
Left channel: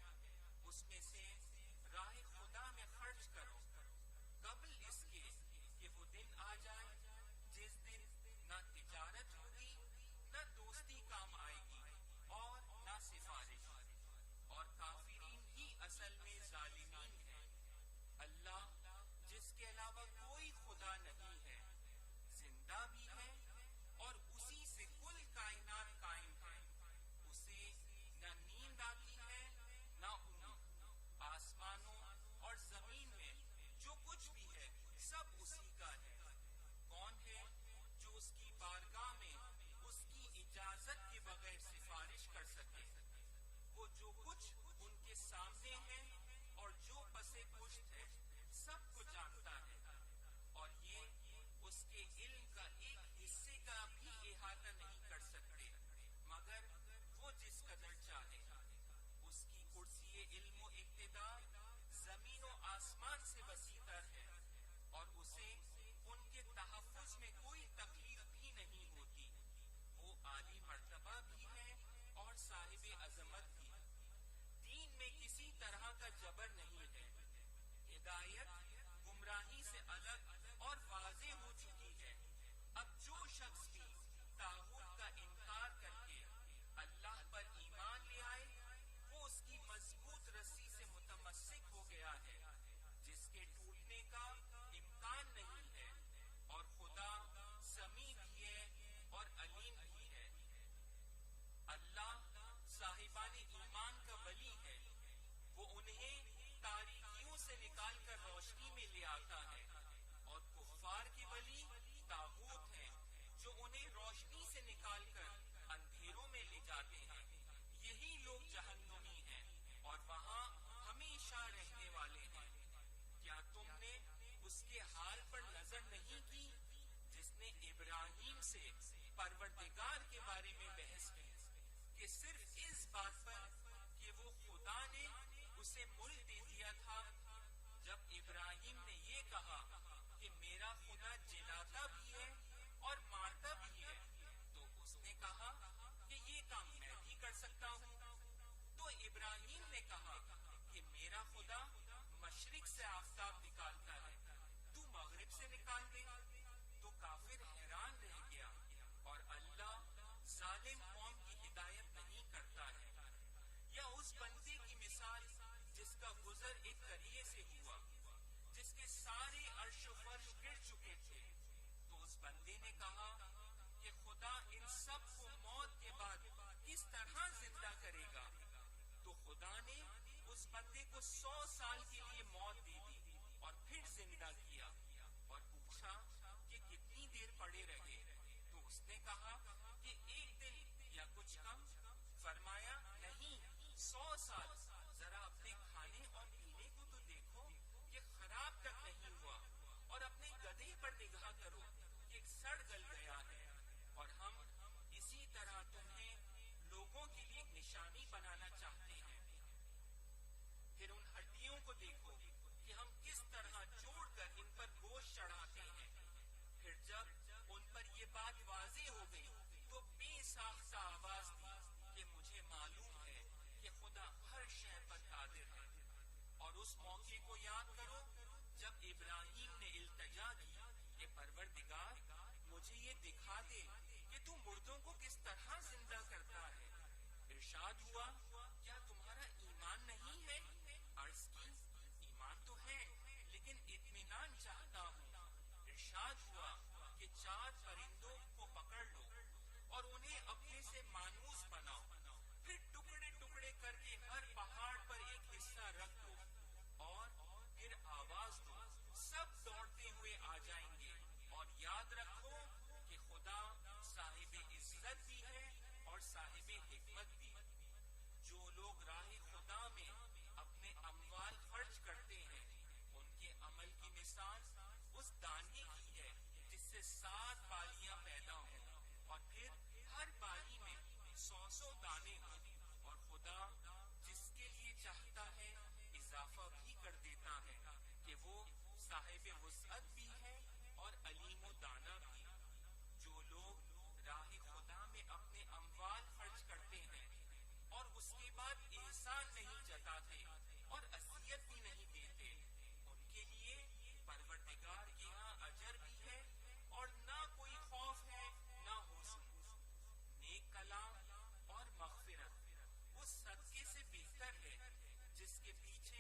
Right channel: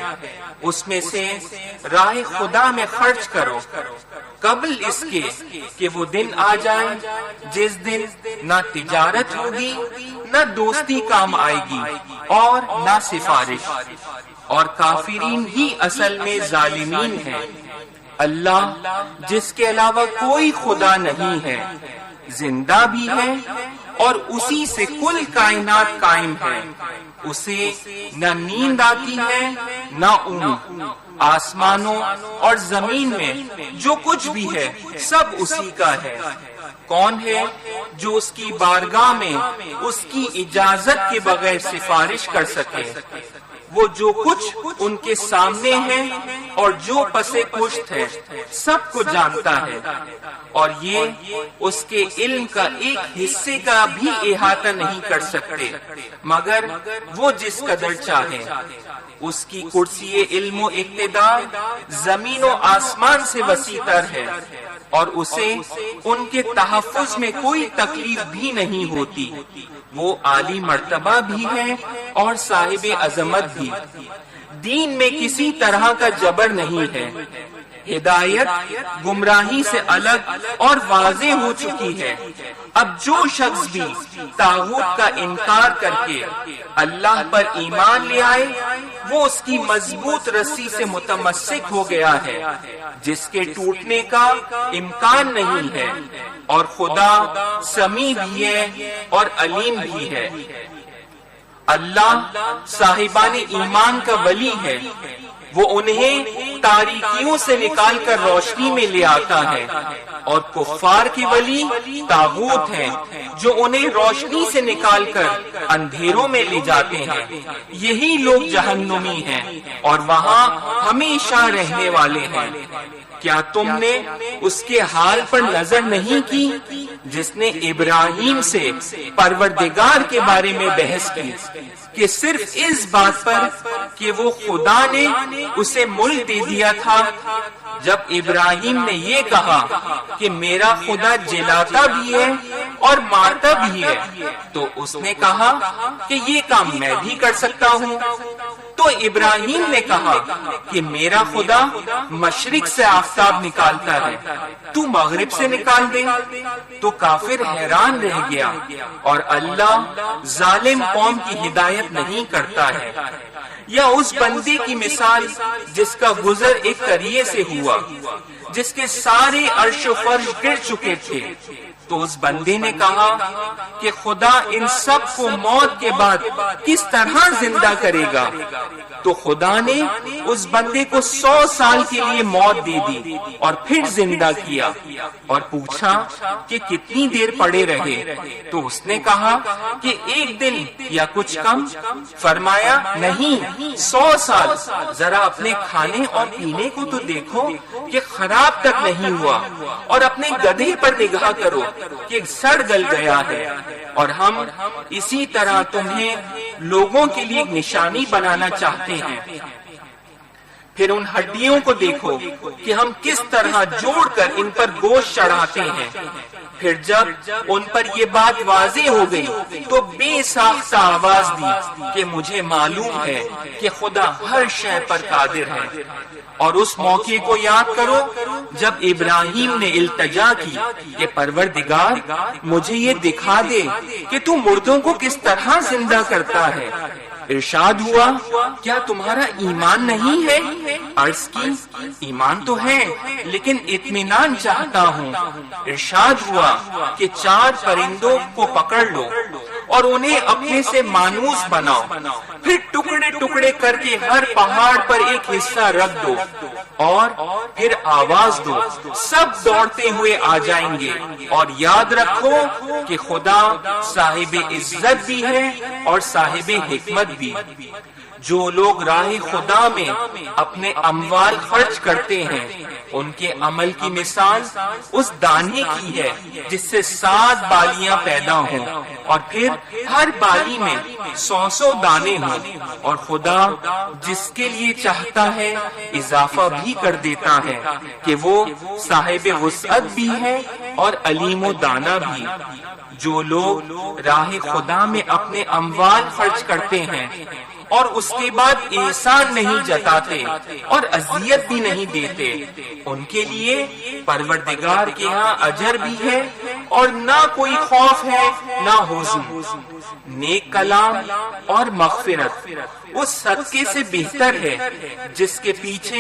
اس میں سے راہ خدا میں خرچ کرو قبل اس کے کہ وہ دن آ جائے جس دن نہ تجارت ہوگی نہ دوستی کام آئے گی اور نہ سفارش، اور کافرین ہی اصل میں ظالمین ہیں. اللہ جس کے علاوہ کوئی خدا نہیں ہے زندہ بھی ہے اور اسی سے کل کائنات قائم ہے. اسے نہ نیند آتی ہے نہ اونگ. آسمانوں اور زمین میں جو کچھ بھی ہے سب اسی کا ہے. کون ہے جو اس کی بارگاہ میں اس کی اجازت کے بغیر سفارش کر سکے؟ وہ جو کچھ ان کے سامنے ہے اور جو پسے پشت ہے سب کو جانتا ہے، اور یہ اس کے علم کا ایک حصے کا بھی احاطہ نہیں کر سکتے مگر وہ جس قدر چاہے. اس کی کرسی علم و اقتدار زمین و آسمان سے وسیع تر ہے، اور اسے ان کے تحفظ میں کوئی تکلیف بھی نہیں ہوتی۔ وہ عالی مرتبہ بھی ہے اور صاحب عظمت بھی۔ دین میں کسی طرح کا جبر نہیں ہے۔ ہدایت گمراہی سے الگ اور واضح ہو چکی ہے۔ اب جو شخص بھی طاغوت کا انکار کر کے اللہ پر ایمان لے آئے، وہ اس کی مضبوط رسی سے متمسک ہو گیا ہے، جس کے ٹوٹنے کا امکان نہیں ہے، اور خدا سمیع بھی ہے اور علیم بھی ہے۔ اللہ صاحبان ایمان کا ولی ہے، وہ انہیں تاریکیوں سے نکال کر روشنی میں لے آتا ہے، اور کفار کے ولی طاغوت ہیں جو انہیں روشنی سے نکال کر اندھیروں میں لے جاتے ہیں۔ یہی لوگ جہنمی ہیں اور وہاں ہمیشہ رہنے والے ہیں۔ کیا تم نے اس کے حال پر نظر نہیں کی جس نے ابراہیم سے پروردگار کے بارے میں بحث کی، کہ صرف اس بات پر کہ وہ خدا نے اسے ملک دے دیا تھا؟ جب ابراہیم نے یہ کہا کہ میرا خدا جلاتا بھی ہے اور مارتا بھی ہے، تو اس نے کہا کہ یہ کام میں بھی کر سکتا ہوں۔ تو ابراہیم نے کہا کہ میرا خدا مشرق سے آفتاب نکالتا ہے، تو مغرب سے نکال دے۔ تو کافر حیران رہ گیا، اور اللہ ظالم قوم کی ہدایت نہیں کرتا ہے۔ یا اس بندے کی مثال جس کا گزر ایک قریے سے ہوا، جس کے سارے عرش و فرش گر چکے تھے۔ تو اس بندے نے کہا کہ خدا ان سب کو موت کے بعد کس طرح زندہ کرے گا؟ تو خدا نے اس بندے کو 100 سال کے لیے موت دے دی اور پھر زندہ کیا، اور پوچھا کہ کتنی دیر پڑے رہے؟ تو اس نے کہا کہ 1 دن یا کچھ کم۔ فرمایا نہیں، 100 سال۔ ذرا اپنے کھانے اور پینے کو تو دیکھو کہ خراب تک نہیں ہوا، اور اپنے گدھے پر نگاہ کرو کہ سڑ گل گیا ہے۔ اور ہم اسی طرح تمہیں لوگوں کے لیے ایک نشانی بنانا چاہتے ہیں۔ پھر ان ہڈیوں کو دیکھو کہ ہم کس طرح جوڑ کر ان پر گوشت چڑھاتے ہیں۔ پھر جب ان پر یہ بات واضح ہو گئی تو بے ساختہ آواز دی کہ مجھے معلوم ہے کہ خدا ہر شے پر قادر ہے۔ اور اس موقع کو یاد کرو جب ابراہیم نے التجا کی کہ پروردگار مجھے یہ دکھا دے کہ تو مردوں کو کس طرح زندہ کرتا ہے۔ ارشاد ہوا کیا تمہارا ایمان نہیں ہے؟ عرض کی ایمان تو ہے لیکن اطمینان چاہتا ہوں۔ ارشاد ہوا کہ 4 پرندوں کو پکڑ لو اور انہیں اپنے سے مانوس بناؤ، پھر ٹکڑے ٹکڑے کر کے ہر پہاڑ پر ایک حصہ رکھ دو اور پھر آواز دو، سب دوڑتے ہوئے آ جائیں گے۔ اور یاد رکھو کہ خدا صاحب عزت بھی ہے اور صاحب حکمت بھی۔ جو لوگ راہ خدا میں اپنے اموال خرچ کرتے ہیں ان کے عمل کی مثال اس دانے کی ہے جس سے 7 بالیاں پیدا ہوں اور پھر ہر بالی میں 100 دانے ہوں، اور خدا جس کے لیے چاہتا ہے اضافہ بھی کر دیتا ہے کہ وہ صاحب وسعت بھی ہے اور علیم و دانا بھی۔ جو لوگ راہ خدا میں اپنے اموال خرچ کرتے ہیں اور اس کے بعد احسان نہیں جتاتے اور اذیت بھی نہیں دیتے، ان کے لیے پروردگار کے ہاں اجر بھی ہے اور نہ کوئی خوف ہے نہ حزن۔ نیک کلام اور مغفرت اس صدقے سے بہتر ہے جس کے پیچھے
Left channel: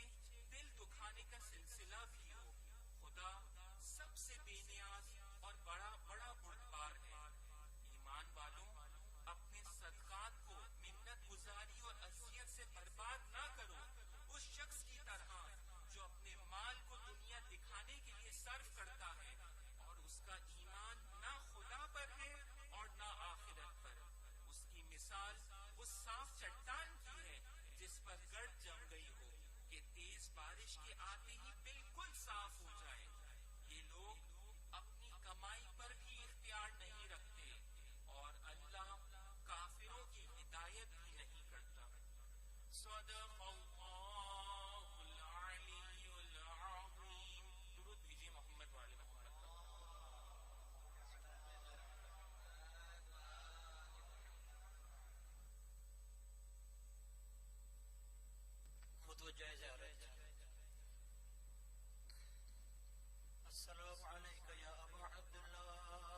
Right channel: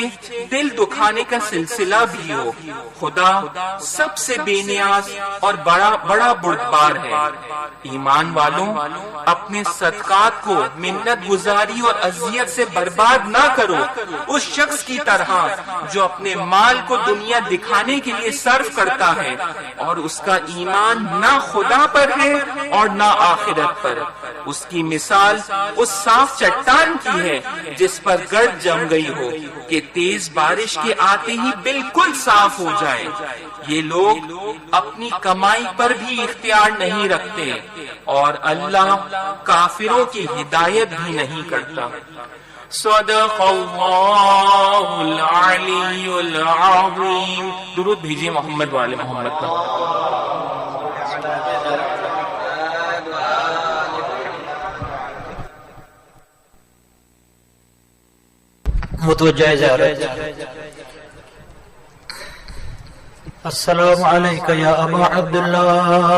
دل دکھانے کا سلسلہ بھی ہو۔ خدا سب سے بے نیاز اور بڑا بردبار ہے۔ ایمان والوں اپنے صدقات کو منت گزاری اور اذیت سے برباد نہ کرو اس شخص کی طرح جو اپنے مال کو دنیا دکھانے کے لیے صرف کرتا ہے اور اس کا ایمان نہ خدا پر ہے اور نہ آخرت پر۔ اس کی مثال اس صاف چٹان کی ہے جس پر گرد جم گئی ہو کہ تیز بارش کے آتے ہی بالکل صاف ہو جائے۔ یہ لوگ اپنی کمائی پر بھی اختیار نہیں رکھتے اور اللہ کافروں کی ہدایت بھی نہیں کرتا۔ صدق اللہ العلی العظیم. درود بھیجیے محمد والے محمد پر. متوجہ جا رہے. السلام علیکہ یا ابا عبداللہ،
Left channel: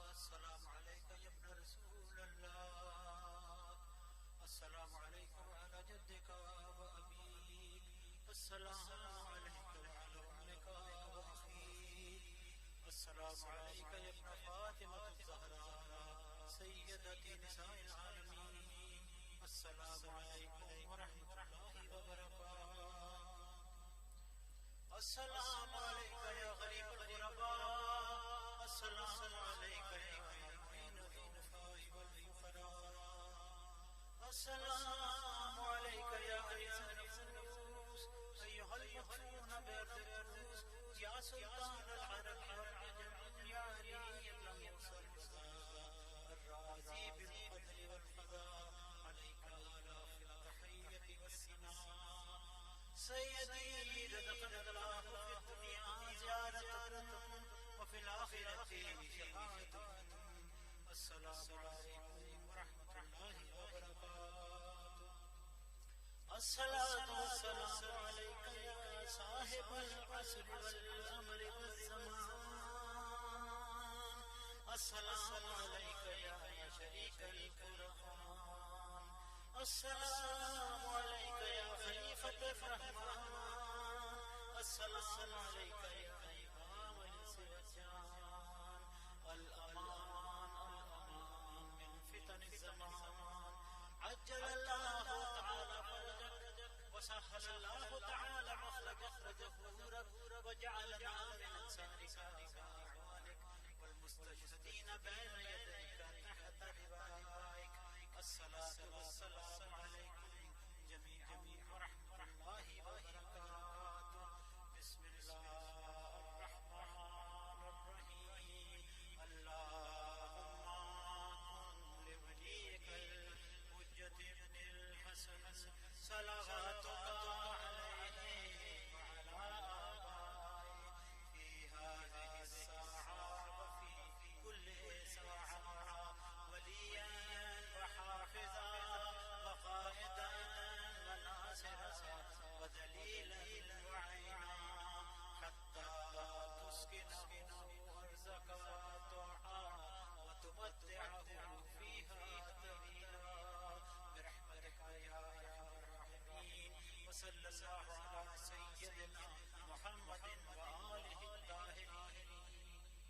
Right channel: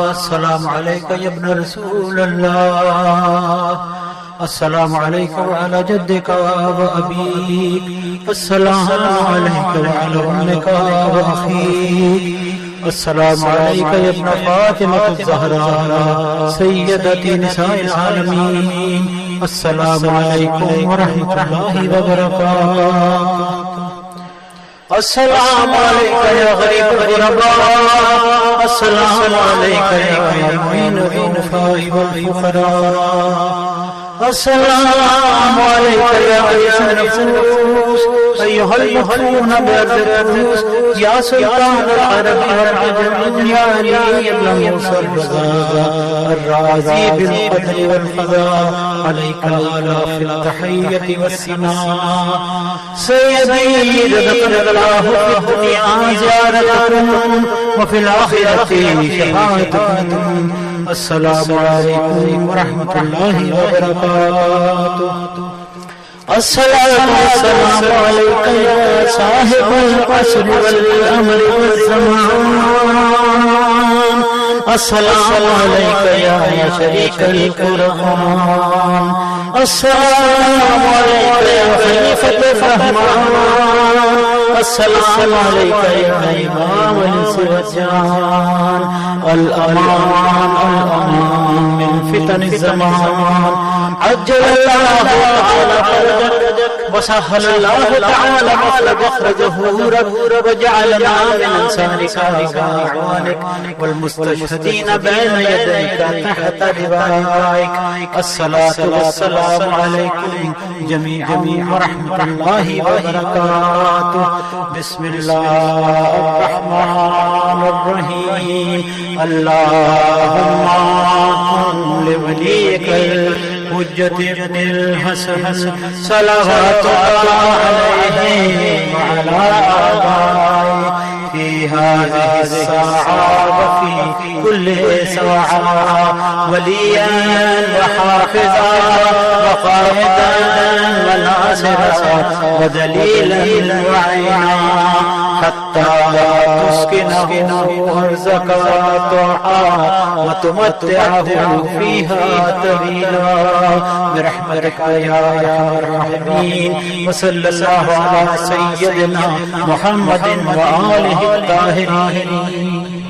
السلام علیکہ یا ابن رسول اللہ، السلام علیکہ وعلی جدک وابیک، السلام علیکہ وعلی امک واخیک، السلام علیکہ یا ابن فاطمہ الزہراء سیدتی نساء العالمین، السلام علیکم ورحمۃ اللہ وبرکاتہ. السلام علیکہ یا غریب الغرباء، السلام علیکہ یا معین الضعفاء والفقراء، السلام علیکہ یا عزیز النفوس ایھا المحفون بأرض القدس، یا سلطان العرب والعجم، یا علی بن موسى الرضا الرازی بالقدر والقضاء، علیک الآلاف التحیۃ والثناء، سیدی رزقنا اللہ فی الدنیا زیارتکم وفی الآخرۃ شفاعتکم. السلام علیکم ورحمۃ اللہ وبرکاتہ. السلام علیکہ یا صاحب العصر والامر والزمان، السلام علیکہ یا شریک القرآن، السلام علیکہ یا خلیفۃ الرحمن، السلام علیکہ یا امام الانس والجان، الامان الامان من فتن الزمان، عجل اللہ تعالی فرجک وسهل الله تعالى مخرجه وجعلنا من انصارك واعوانك والمستشهدين بين يديك تحت لوائك. الصلاة والسلام عليكم جميعا ورحمة الله وبركاته. بسم الله الرحمن الرحيم. اللهم كن لوليك الحجة ابن الحسن صلوات الله عليه وعلى آبائه في هذه الساعة وفي كل ساعة وليا وحافظا وقائدا وناصرا ودليلا وعينا حتى تسكنه أرزك طاعة وتمتعه فيها طويلا برحمتك يا أرحم الراحمين. وصلى الله على سيدنا محمد وآله الطاهرين.